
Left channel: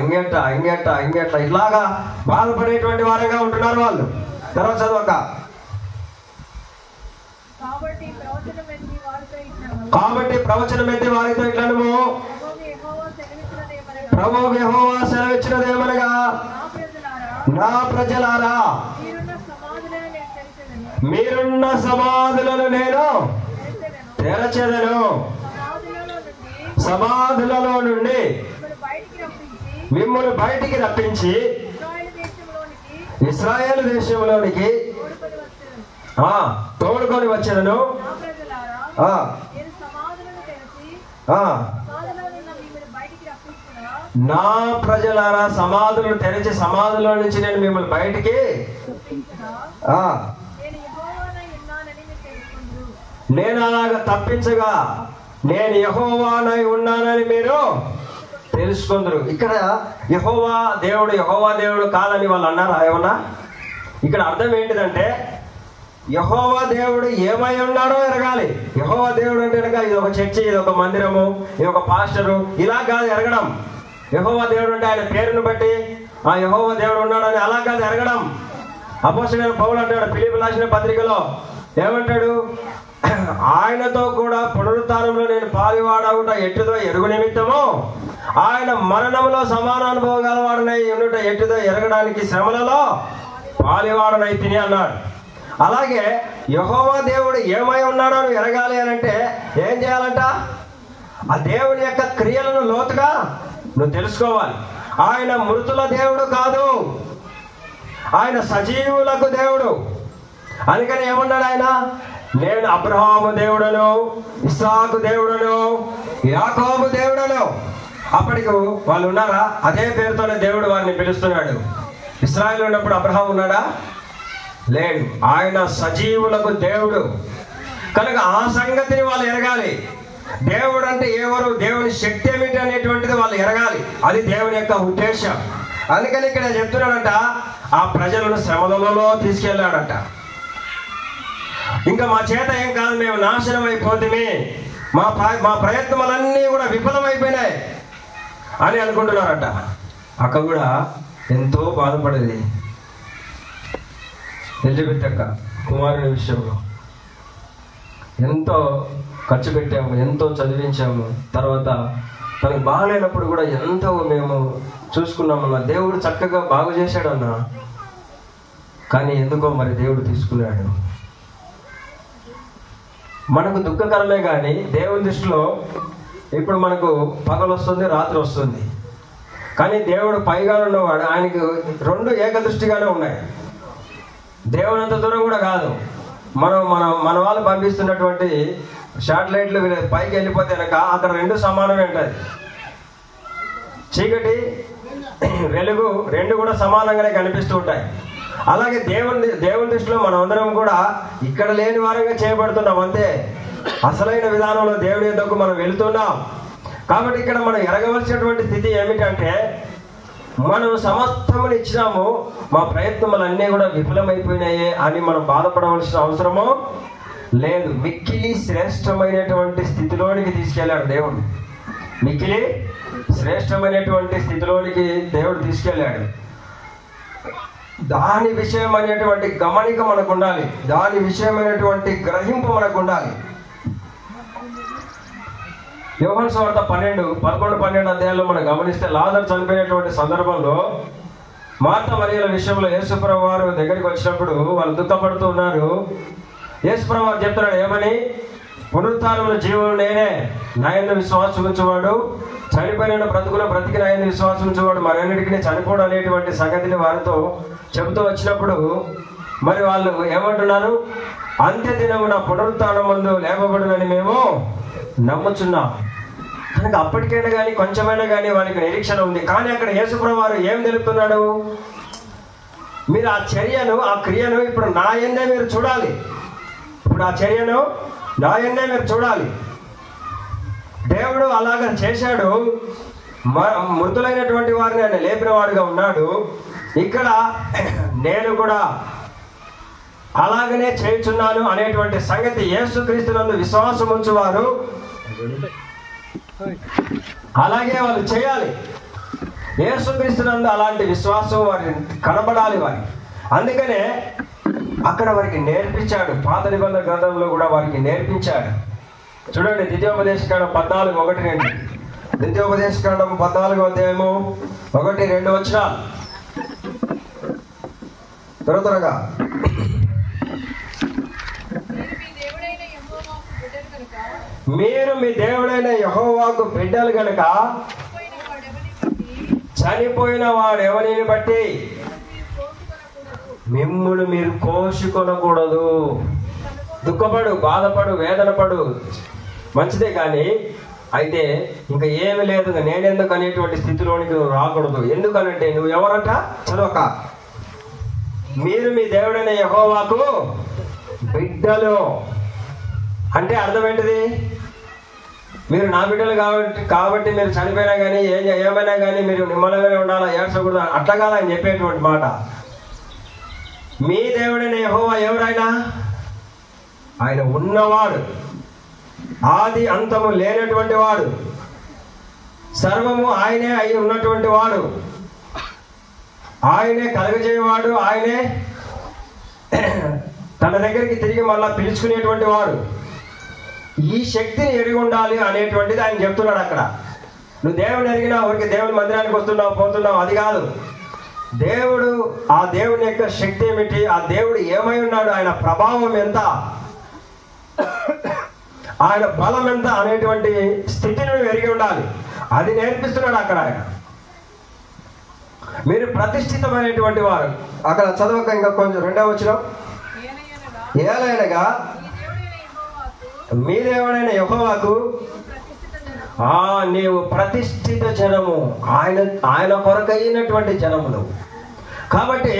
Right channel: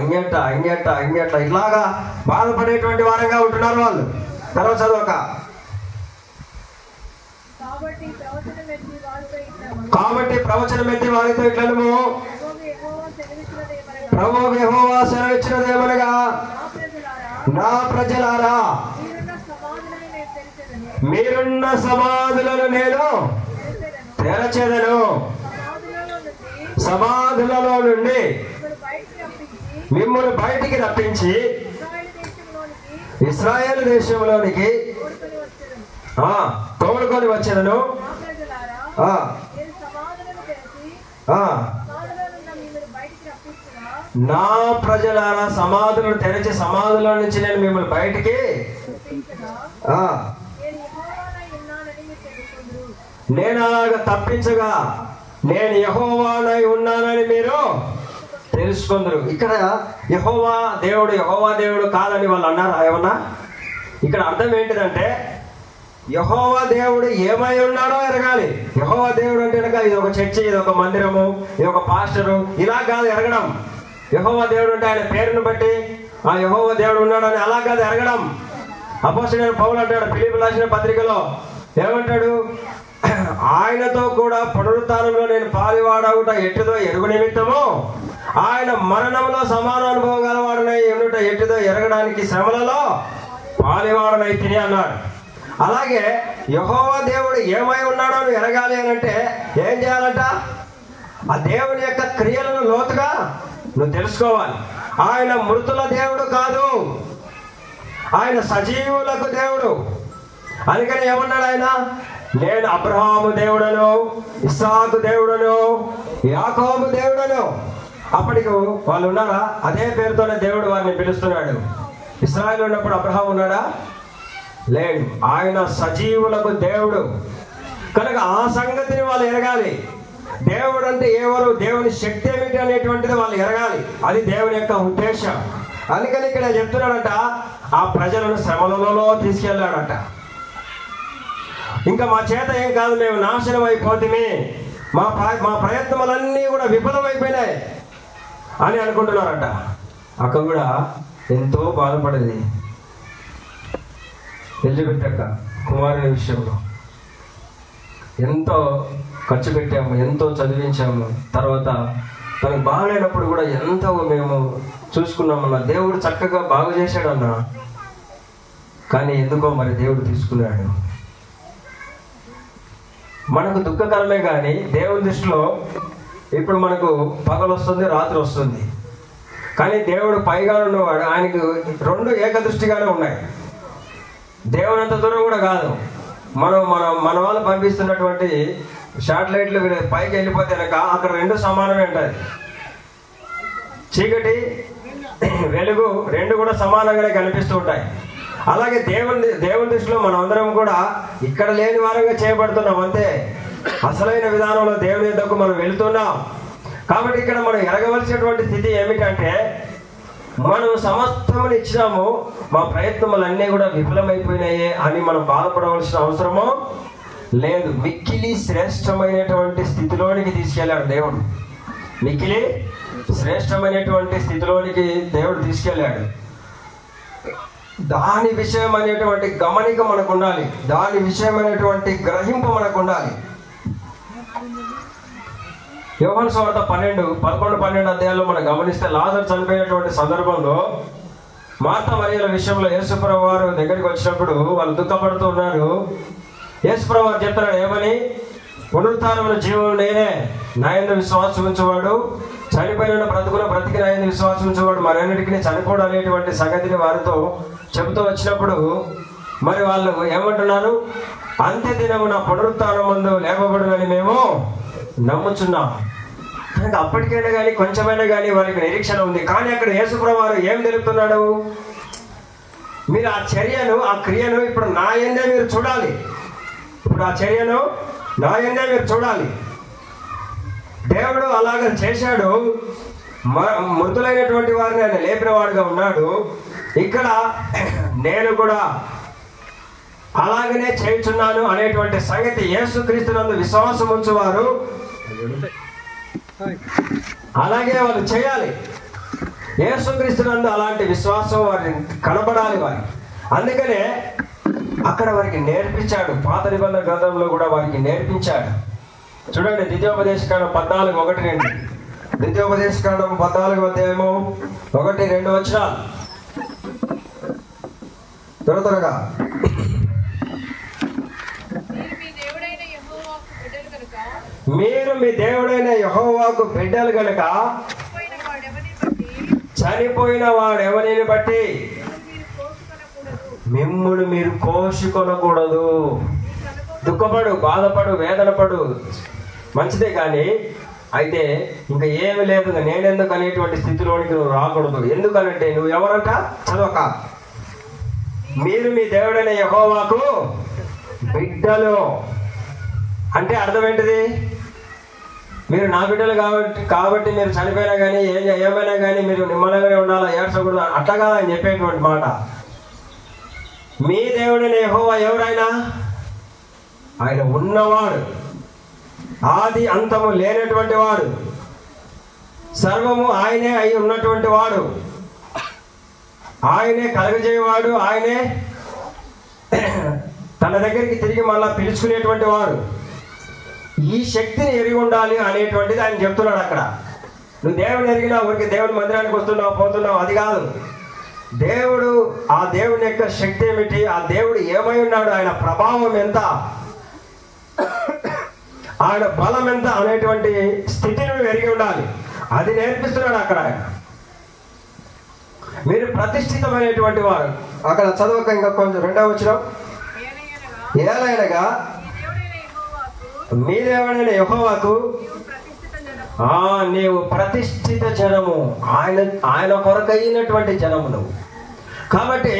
ఇంకెట్ట ఇట్లాగా బాధపడేటువంటి వారుగా ఉంటున్నారు వాళ్ళు. తర్వాత చదవక కాబట్టి ప్రవచనం ఎత్తి వారితో ఇట్లను, ప్రభువు యెహోవా సెలవిచ్చినదేమనగా, నా ప్రజలారా, మీరున్న సమాధులను నేను తెరచెదను, సమాధులలో నుండి మిమ్మల్ని బయటికి రప్పించి ఇశ్రాయేలు దేశంలోనికి తోడుకొని వచ్చాను. నా ప్రజలారా, సమాధులను తెరిచి సమాధుల నుంచి నేను మిమ్మల్ని బయటికి నేను అలాగా తప్పించగా నేను యెహోవానై ఉన్నానని మీరు తెలుసుకుందరు. ఇక్కడ యెహోవా దేవుడు కాదని వాళ్ళు అన్నారా ఏమన్నా? ఇక్కడ అర్థం ఏంటిదంటే, యెహోవా దేవుడు ఏమై ఉన్నాడో ఎరగాలి. యెహోవా దేవుడు అంటే ఇది ఒక చర్చి, ఇది ఒక మందిరము, ఇది ఒక పాస్టరు, ఇలా కాదు ఎరగడం. యెహోవా దేవుడు అంటే ఆయన పేరును బట్టి ఆ యెహోవా దేవుడు ఉన్నాడని అలా కాదు ఎరగడం. అపోస్తలుడైన పౌలు అంటాడు ఫిలిప్పీయులకు రాసిన పత్రికలో, ఏమంటాడు? ఆయనతో కూడా పునరుత్థానంలో నేను పాలివాడవుట ఎట్టుదో ఎరుగు నిమిత్తము ఆయన మరణంలో సమాన అనుభవం గలవాడనై ఉండుట ఎట్టుదో ఎరగడానికి శ్రమలలో పాలివాడనై తిని అన్నాడు. అలాగే యెహోవా దేవుడు ఏమై ఉన్నాడో ఎరగాలి అని అంటే ఏం చేయాలంట? ఆ దేవుని యొక్క క్రియలను లోతుగా నువ్వు తెలుసుకోవాలి. ఆయన మృతుల దేవుడు కాదు, ఆయన సజీవులకు దేవుడు. అందుకని ఏమన్నాడు ఆయన? నేను అబ్రహాము దేవుడను, ఇస్సాకు దేవుడను, యాకోబు దేవుడను. అప్పటికి వాళ్ళు ఉన్నారా? అదే పేరుతోనే దేవుడు వారిని పిలుస్తున్నాడు. ఇశ్రాయేలు ఉన్నప్పుడు అబ్రహాం ఉన్నాడా? లేడు. ఆయన సజీవులకు దేవుడు కనుక ఆ సంగతిని వాళ్ళు ఎరగాలి. దేవుడు అంటే ఎవరు, దేవుని శక్తి ఏమిటి అనేటువంటిది వాళ్ళు ఎరగాలి. అది దేవుని యొక్క ఉద్దేశం. అందుకని ఇక్కడ చెప్తున్నాడంట, ఆ ప్రజలను శ్రమలలో తీసుకెళ్ళాడంట. ఇంకా మా చేత ఏం కాదు, మేము నాశనం అయిపోతుంది, మా ప్రయత్నాలన్నీ కూడా విఫలమైపోయినాయి అని అనుకుంటున్నారంట. అక్క కూడా ఎంతో బాధపడేది ఎలిజబెత్ అక్క కుమారుని విషయంలో. ఎంతో ఖర్చు పెట్టాము, ఎంతో చదివించాము, తర్వాత తనకు బాగాలేనప్పుడు కూడా ఎంతో మేము చూసుకున్నామన్నా. దేవుడు చక్కగా బాగు చేశాడన్నా, కానీ ఎందుకో మరి దేవుడు తీసుకున్నాడు. మనకు దుఃఖకరమే కానీ దేవుని దృష్టిలో ఇప్పుడు మనకు పగలు వస్తుంది, రాత్రి వస్తుంది. కానీ దేవుడు పైగా ఉన్నవాడు, ఆయనకు రెండు ఏకదృష్టిగానే ఉన్నాయి. దేవుడు అంత దూరం కూడా కాదు. మన వాళ్ళు పంపిస్తున్నటువంటి శాటిలైట్లు పైకి వెళ్ళిపోతే కనుక అక్కడ రెండు సమానమే ఉంటాయి. చీకటి వెలుగు రెండు కూడా సమానంగానే కనిపిస్తూ ఉంటాయి. అలాగే దేవుని దృష్టిలో మనం అందరం కూడా ఇక్కడ లేని వారంగా చేయబడుతున్నాం అంతే. అసలైన విధానంలో దేవుని యొద్దకు మనం వెళుతున్నాం. కాబట్టి ఇక్కడ మనం ఎరగవలసినటువంటి స్థితి ఏమిటంటే, మనం సమస్తముని ఇచ్చినాము, మా ప్రయత్నములన్నీ కూడా విఫలమైపోయినాయి అని మనం బాధపడవలసిన అవసరము లేదు. మిక్కిలి శ్రేష్టమైనటువంటి స్థితిలోనికి తీసుకెళ్ళాడు దేవుడు. మిక్కిలి శ్రేష్టమైనటువంటి స్థితిలోనికి దేవుడు తీసుకెళ్ళాడు. దాని విషయం అనేటువంటి గమనిక మనకు ఉండాలి, దాని విషయమైనటువంటి గ్రహింపు మనకు ఉండాలి. యోహాను సువార్త 11-12 అధ్యాయాల్లో మనం గమనిస్తే, లాజరు చనిపోయినటువంటి సందర్భంలో మార్త మరియల విషయంలో యేసుప్రభువు వారు దగ్గరికి వచ్చినప్పుడు వాళ్ళు దుఃఖపడుతూ ఉన్నారు. యేసుప్రభువు వారు చెప్తున్నాడు ఏమని? పునరుత్థానమును జీవము నేనే, నా యందు విశ్వాసం ఉంచువాడు చనిపోయిన బ్రతికి నా యందు విశ్వాసం ఉంచువాడు మరెన్నటికీ చనిపోవడం అనేటువంటి సంగతిని వారితో చెబుతూ వచ్చినప్పుడు మరి వాళ్ళు ఏమంటున్నారు? అంత్య దినమున పునరుత్థానమందు లేపబడునని మేము నమ్ముచున్నాం. కనుక అప్పటికైనా కానీ కొంచెమైనా కానీ వారికి నిరీక్షణ ఉంది. కానీ అక్కడ యేసుప్రభువు వారు ఏం తెలుపుతున్నాడు? మీరు ఆ చర్యను, ఆ క్రియను ఇప్పుడు నా యందే మీరు చూడాలి. ఇప్పుడు ఆ చర్యను నా యందే మీరు చూడాలి. దేవుడు అలాగ చేశాడు. మృతులైనటువంటి వారిని ఆయన లేపిన వాడుగా ఉన్నాడు. ఇక్కడ నేను కూడా అలాగనే చేయుచున్నాను అనేటువంటి సంగతి యేసుక్రీస్తునందు విశ్వాసం ఉంచువారు అలాగే వాళ్ళు చేయాలి. యేసుక్రీస్తునందు అలాంటి విశ్వాసం వారి కనబడాలి వారి. అందుకనే అక్కడ వారికి నేర్పించాడు. పాత నిబంధన గ్రంథంలో కూడా వారికి నేర్పించాడు. చూడండి, ద్వితీయోపదేశకాండం 14:1-2. ద్వితీయోపదేశకాండం 14 అధ్యాయము 1-2 వచనాలు త్వరగా. మీరు మీ దేవుడైన యెహోవాకు బిడ్డలు గనక చనిపోయిన వాడెవరిని బట్టి మిమ్మును మీరు కోసుకొనకూడదు. దుఃఖపడు, బాధపడు, వేదన పడు, మంచిదే. కానీ అయితే ఇంకా ఏమి లేదు, నేనెందుకు అనేటువంటి స్థితిలోనికి నువ్వు రాకూడదు. ఎందుకనంటే నువ్వు ఎవరంట? చదవక. మీరు మీ దేవుడైన యెహోవాకు బిడ్డలు అంటే అర్థం ఏంటిది? మీరు నా బిడ్డలు కాబట్టి మీరు చనిపోయినా కానీ ఏమైనా కానీ మీరు నిమ్మలంగానే ఉండాలా, ఏడ్చకూడదు, అట్లా కాదని చెప్పేటువంటి మాట. మీ దేవుడైన యెహోవా ఎవరైనా? ఆయన ఉన్నవాడు, ఆది అంతము లేనటువంటి వాడు, సర్వము ఆయనే అయి ఉన్నటువంటి వాడు, ఆయనే కలుగజేయవాడు, ఆయనే తన దగ్గరికి తిరిగి మళ్ళా పిలుచుకునేటువంటి వాడు. ఈ శక్తిని ఎరిగి ఉండాలి అనేటువంటిది ఆయన చెప్తున్నాడు అక్కడ. నువ్వు దేవుని ఎరిగినా ఊరికి దేవుని మందిరానికి వస్తున్నావు పోతున్నావు అది కాదు. దేవుడు, ఆ దేవుని యొక్క శక్తి ఏమిటి, ఆ దేవుడు ఏమై ఉన్నాడు, ఆయన ప్రభావం ఎంత, ఆయన బలం ఎంత అనేటువంటి స్థితిని ఎరిగి ఉండాలి. అది నేర్పిస్తున్నాడు అక్కడ ఆయన. మీరు ప్రతిష్ఠితమైనటువంటి వారు. అక్కడ చదవక ఇంకా కొంచెం 2వ వచనం, ఏలైనగా మీ దేవుడైన యెహోవాకు నీవు ప్రతిష్ఠిత జనము, ఆయన కొరకైనటువంటి జనములు. కాబట్టి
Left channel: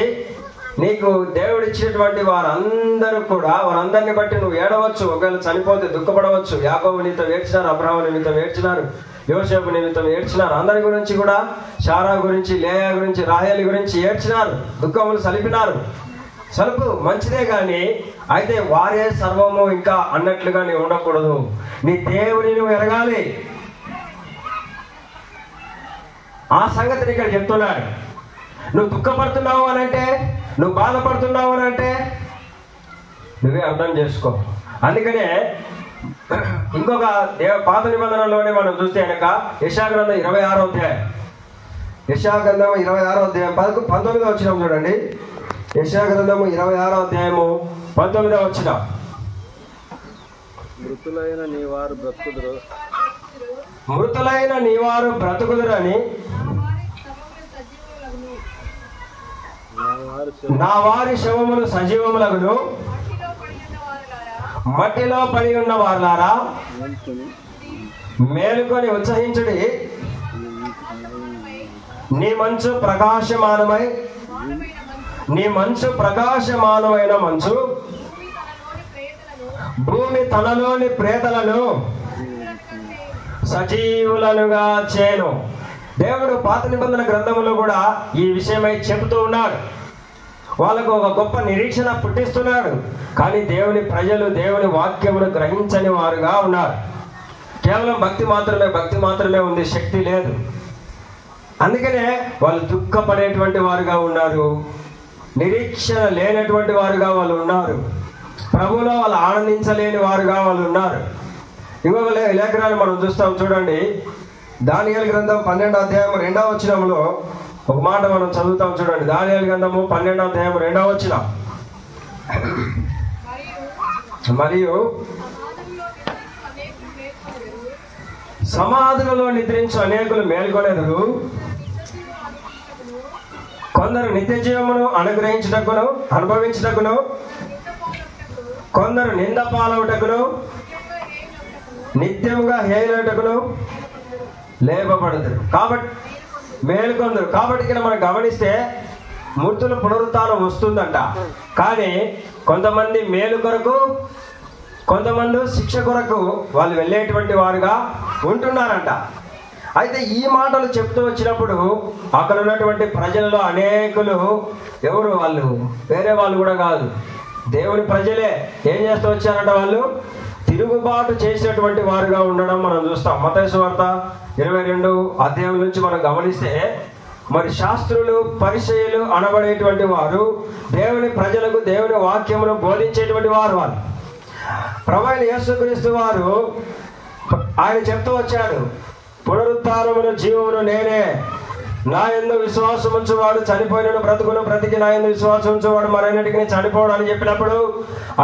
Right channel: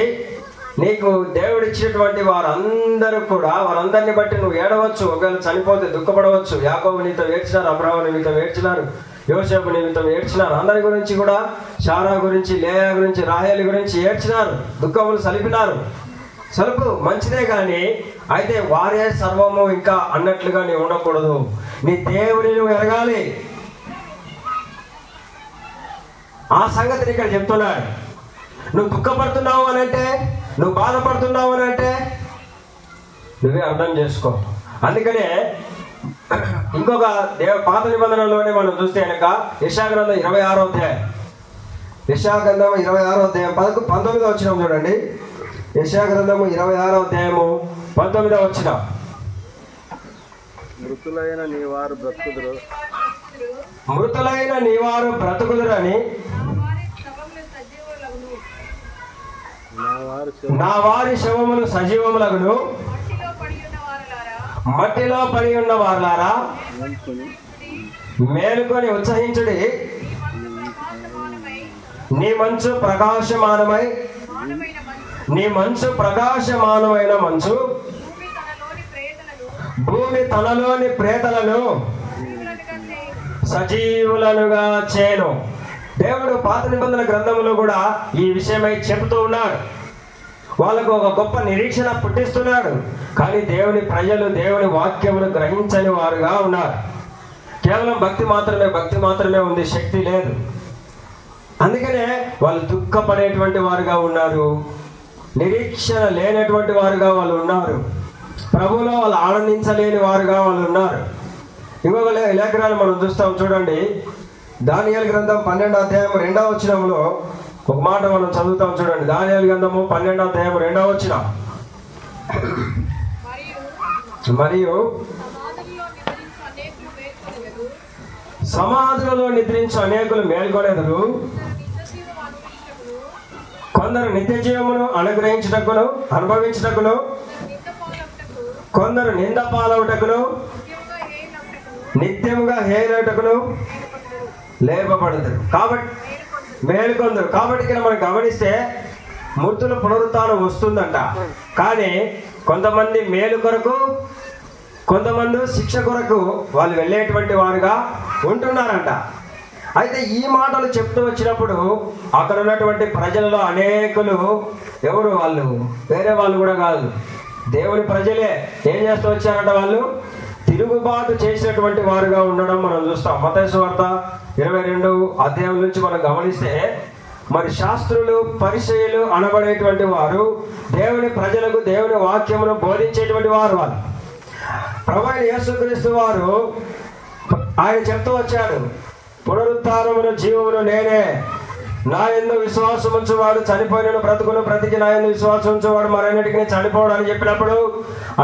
నీకు దేవుడు ఇచ్చినటువంటి వారందరూ కూడా, వారందరిని బట్టి నువ్వు ఏడవచ్చు. ఒకవేళ చనిపోతే దుఃఖపడవచ్చు. యాకోబు నీతో ఏడ్చినారు, అబ్రాహాము నీతో ఏడ్చినారు, యోసేపు నిమిత్తం ఏడ్చినారు. అందరి గురించి కూడా, శారా గురించి, లేయా గురించి, రాహేలు గురించి ఏడ్చినారు, దుఃఖములు సలిపినారు. సలుపు మంచిదే కానీ అయితే వారే సర్వము ఇంకా అన్నట్లుగా నీవు ఉండకూడదు. నీ దేవుని నువ్వు ఎరగాలి. ఆ సంగతిని ఇక్కడ చెప్తున్నాడు. నువ్వు దుఃఖపడుతున్నావు అని అంటే, నువ్వు బాధపడుతున్నావు అని అంటే నువ్వే అర్థం చేసుకో. అందుకనే ఇంకొక పాత నిబంధనలోనే మనం చూస్తే కనుక యెషయా గ్రంథం 26వ అధ్యాయం, యెషయా గ్రంథం 26వ అధ్యాయం 19వ వచనం చూడండి. యెషయా గ్రంథము 26వ అధ్యాయము 19వ వచనం. మృతులైన నీ వారు బ్రతుకుదురు, మృతులైన నీ వారు బ్రతుకుదురు అని నా వారి శవములు సజీవములగును, మట్టిలో పడి ఉన్న వారులారా మేలుకొని ఉత్సహించుడి. నీ మంచు ప్రకాశమానమై, నీ మంచు ప్రకాశమానమైన మంచు భూమి తనలోని ప్రేతలను సజీవులనుగా చేను. దేవుడు పాత నిబంధన గ్రంథములో కూడా ఈ విషయమై చెబుతూ ఉన్నాడు. వాళ్ళకు ఒక గొప్ప నిరీక్షణ పుట్టిస్తున్నాడు. కానీ దేవుని ప్రజలు దేవుని వాక్యమును గ్రహించని వారుగా ఉన్నారు. కేవలం భక్తి మాత్రమే ఉంది, శక్తి లేదు. అందుకనే వాళ్ళు దుఃఖపడేటువంటి వారుగా ఉన్నారు, నిరీక్షణ లేనటువంటి వారుగా వాళ్ళు ఉన్నారు, ప్రభువులో వాళ్ళు ఆనందించలేని వారుగా వాళ్ళు ఉన్నారు. ఇంకొక లేఖనాలు మనం చూస్తాం చూడండి. దానియేలు గ్రంథం 12వ అధ్యాయం 2వ వచనంలో ఒక మాట మనం చదువుతాం చూడండి. దానియేలు గ్రంథము 12వ అధ్యాయం 2వ వచనం. మరియు సమాధులలో నిద్రించు అనేకులు మేల్కొనెదరు, కొందరు నిత్య జీవమును అనుభవించుటకును, కొందరు నింద పాలవుటకును, నిత్యముగా హేయుటకును లేపబడదు. కాబట్టి మేలుకొందరు. కాబట్టి ఇక్కడ మనం గమనిస్తే మృతుల పునరుత్థానం వస్తుందంట. కానీ కొంతమంది మేలు కొరకు, కొంతమంది శిక్ష కొరకు వాళ్ళు వెళ్ళేటువంటి వారుగా ఉంటున్నారంట. అయితే ఈ మాటలు చెప్తూ వచ్చినప్పుడు అక్కడ ఉన్నటువంటి ప్రజల్లో అనేకులు, ఎవరు వాళ్ళు, వేరే వాళ్ళు కూడా కాదు, దేవుని ప్రజలే ఏం చేస్తూ వచ్చారంట, వాళ్ళు తిరుగుబాటు చేసినటువంటి వారుగా ఉండడం మనం చూస్తాం. మత్తయి సువార్త 22వ అధ్యాయం నుంచి మనం గమనిస్తే, మరి శాస్త్రులు పరిసయ్యులు అనబడేటువంటి వారు దేవుని ప్రజలకు దేవుని వాక్యమును బోధించేటువంటి వారు. వాళ్ళు ప్రభువైన యేసుక్రీస్తు వారు ఆయన చెప్తూ వచ్చాడు, పునరుత్థానమును జీవమును నేనే, నా యందు విశ్వాసం ఉంచువాడు చనిపోయిన బ్రతుకును, బ్రతికి నా యందు విశ్వాసం ఉంచువాడు మరన్నిటికీ చనిపోవడం అని చెప్పినప్పుడు,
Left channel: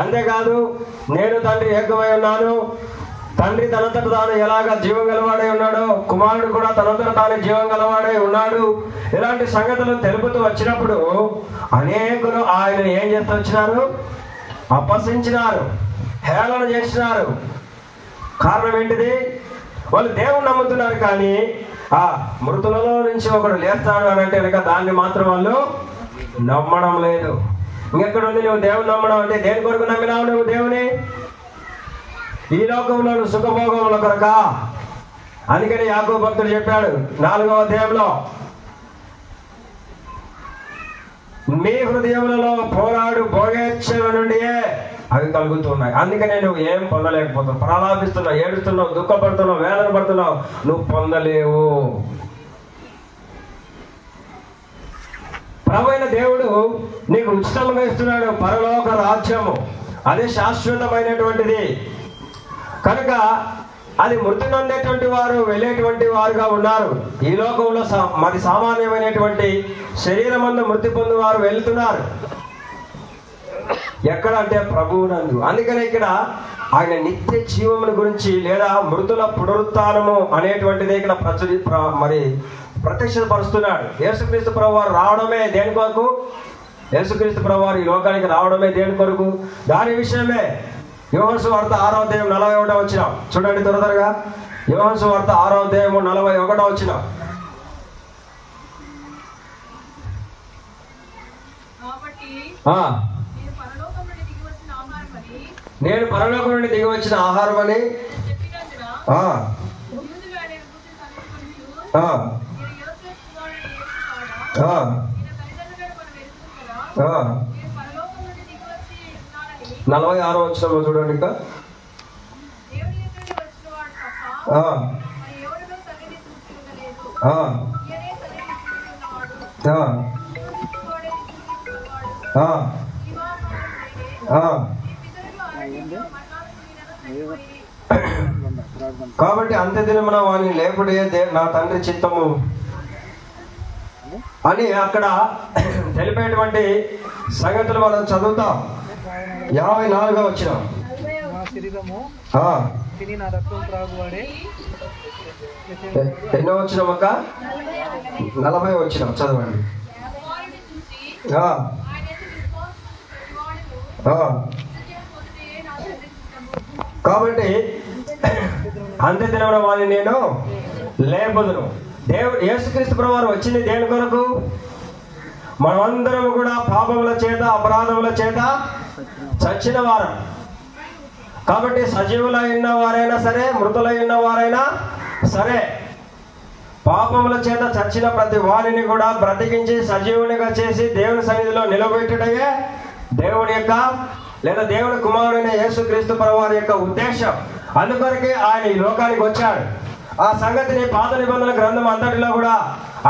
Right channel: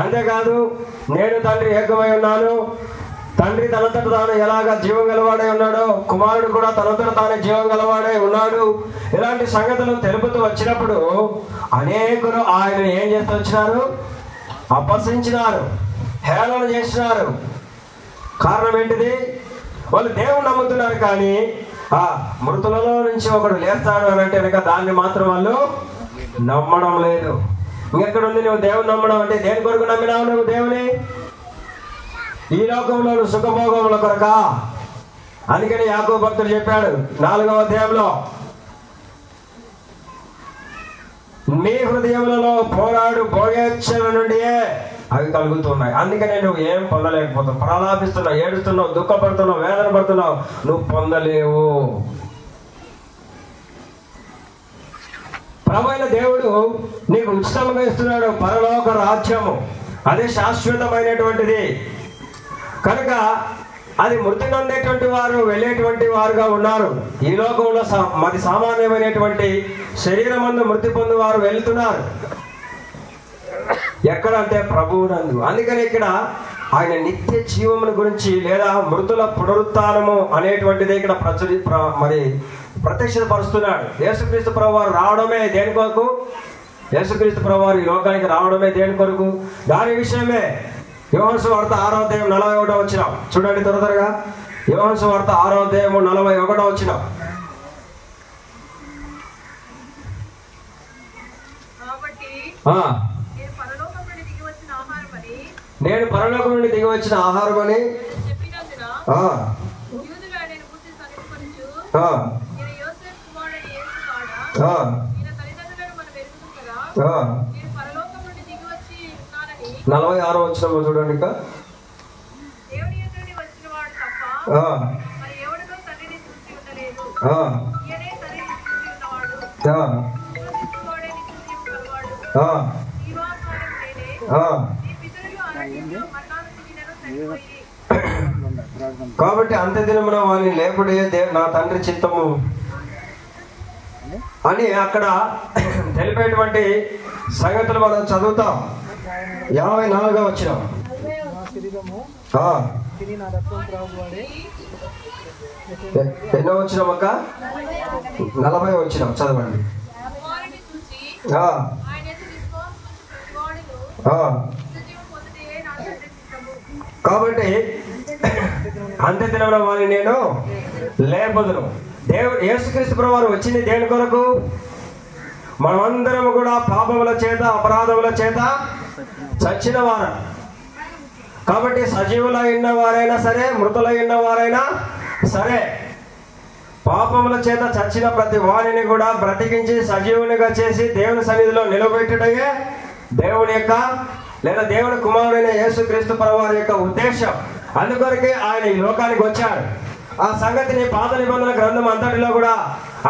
అంతేకాదు నేను తండ్రి ఏకమై ఉన్నాను, తండ్రి తనంతట తాను ఎలాగా జీవం గలవాడై ఉన్నాడో కుమారుడు కూడా తనంతట తానే జీవం గలవాడై ఉన్నాడు, ఇలాంటి సంగతులను తెలుపుతూ వచ్చినప్పుడు అనేకులు ఆయన ఏం చేస్తూ వచ్చినారు, అపహసించినారు, హేళన చేసినారు. కారణం ఏంటిది? వాళ్ళు దేవుని నమ్ముతున్నారు, కానీ ఆ మృతులలో నుంచి ఒకడు లేస్తాడు అని అంటే కనుక దాన్ని మాత్రం వాళ్ళు నమ్మడం లేదు. ఇంకెక్కడ ఉంది నువ్వు దేవుని నమ్మడం అంటే? దేని కొరకు నమ్మినావు నువ్వు దేవుని? ఈ లోకంలో సుఖభోగముల కొరక. అందుకని యాకోబు భక్తుడు చెప్పాడు 4వ అధ్యాయంలో, మీ హృదయములలో పోరాడు భోగేచ్ఛల నుండియే అవి కలుగుతున్నాయి. అందుకనే నువ్వు ఏం పొందలేకపోతావు. ప్రలాపిస్తున్నావు, ఏడుస్తున్నావు, దుఃఖపడుతున్నావు, వేదన పడుతున్నావు, నువ్వు పొందలేవు. ప్రభువైన దేవుడు నీకు ఉచితంగా ఇస్తున్నాడు పరలోక రాజ్యము. అదే శాశ్వతమైనటువంటిది. కనుక అది మృతి నందేటువంటి వారు వెళ్ళేటువంటి వారుగా ఉన్నారు. ఈ లోకంలో మరి సామాన్యమైనటువంటి శరీరమందు మృతి పొంది వారు వెళ్తున్నారు. ఎక్కడ అంటే ప్రభువునందు. అందుకని ఇక్కడ ఆయన నిత్య జీవముల గురించి లేదా మృతుల పునరుత్థానము అనేటువంటిది ఇక్కడ మరి ప్రత్యక్షపరుస్తున్నాడు. యేసుక్రీస్తు ప్రభు వారు రావడమే దేని కొరకు? యేసుక్రీస్తు ప్రభు వారు ఈ లోకానికి రావడమే దేని కొరకు? దాని విషయమే యోహాను సువార్త 6వ అధ్యాయం 41వ వచనం చూడండి త్వరగా. యోహాను సువార్త 6వ అధ్యాయం 41వ వచనం. నేను పరలోకం నుండి దిగి వచ్చిన ఆహారం అని నలభై 6వ వచనంలో చూడండి. ఇంకా కాబట్టి అంత్యదినమున వాని లేపుడే నా తండ్రి చిత్తము అని అక్కడ తెలిపేటువంటి సంగతులు మనం చదువుతాం. 54వ వచనం. ఎన్నో వచనం అక్క? 40వ వచనం చదవండి. కాబట్టి అంత్యదినమున వారిని నేను లేపుదును. దేవుడు యేసుక్రీస్తు ప్రభువారు వచ్చింది దేని కొరకు? మనమందరం కూడా పాపముల చేత అపరాధముల చేత చచ్చిన వారు. కాబట్టి సజీవులై ఉన్న వారైనా సరే మృతులై ఉన్న వారైనా సరే పాపముల చేత చచ్చిన ప్రతి వారిని కూడా బ్రతికించి సజీవునిగా చేసి దేవుని సన్నిధిలో నిలబెట్టుటయే దేవుని యొక్క లేదా దేవుని కుమారుడైన యేసుక్రీస్తు ప్రభువారి యొక్క ఉద్దేశం. అందుకొరకే ఆయన ఈ లోకానికి వచ్చాడు. ఆ సంగతిని పాత నిబంధనల గ్రంథం అంతటిలో కూడా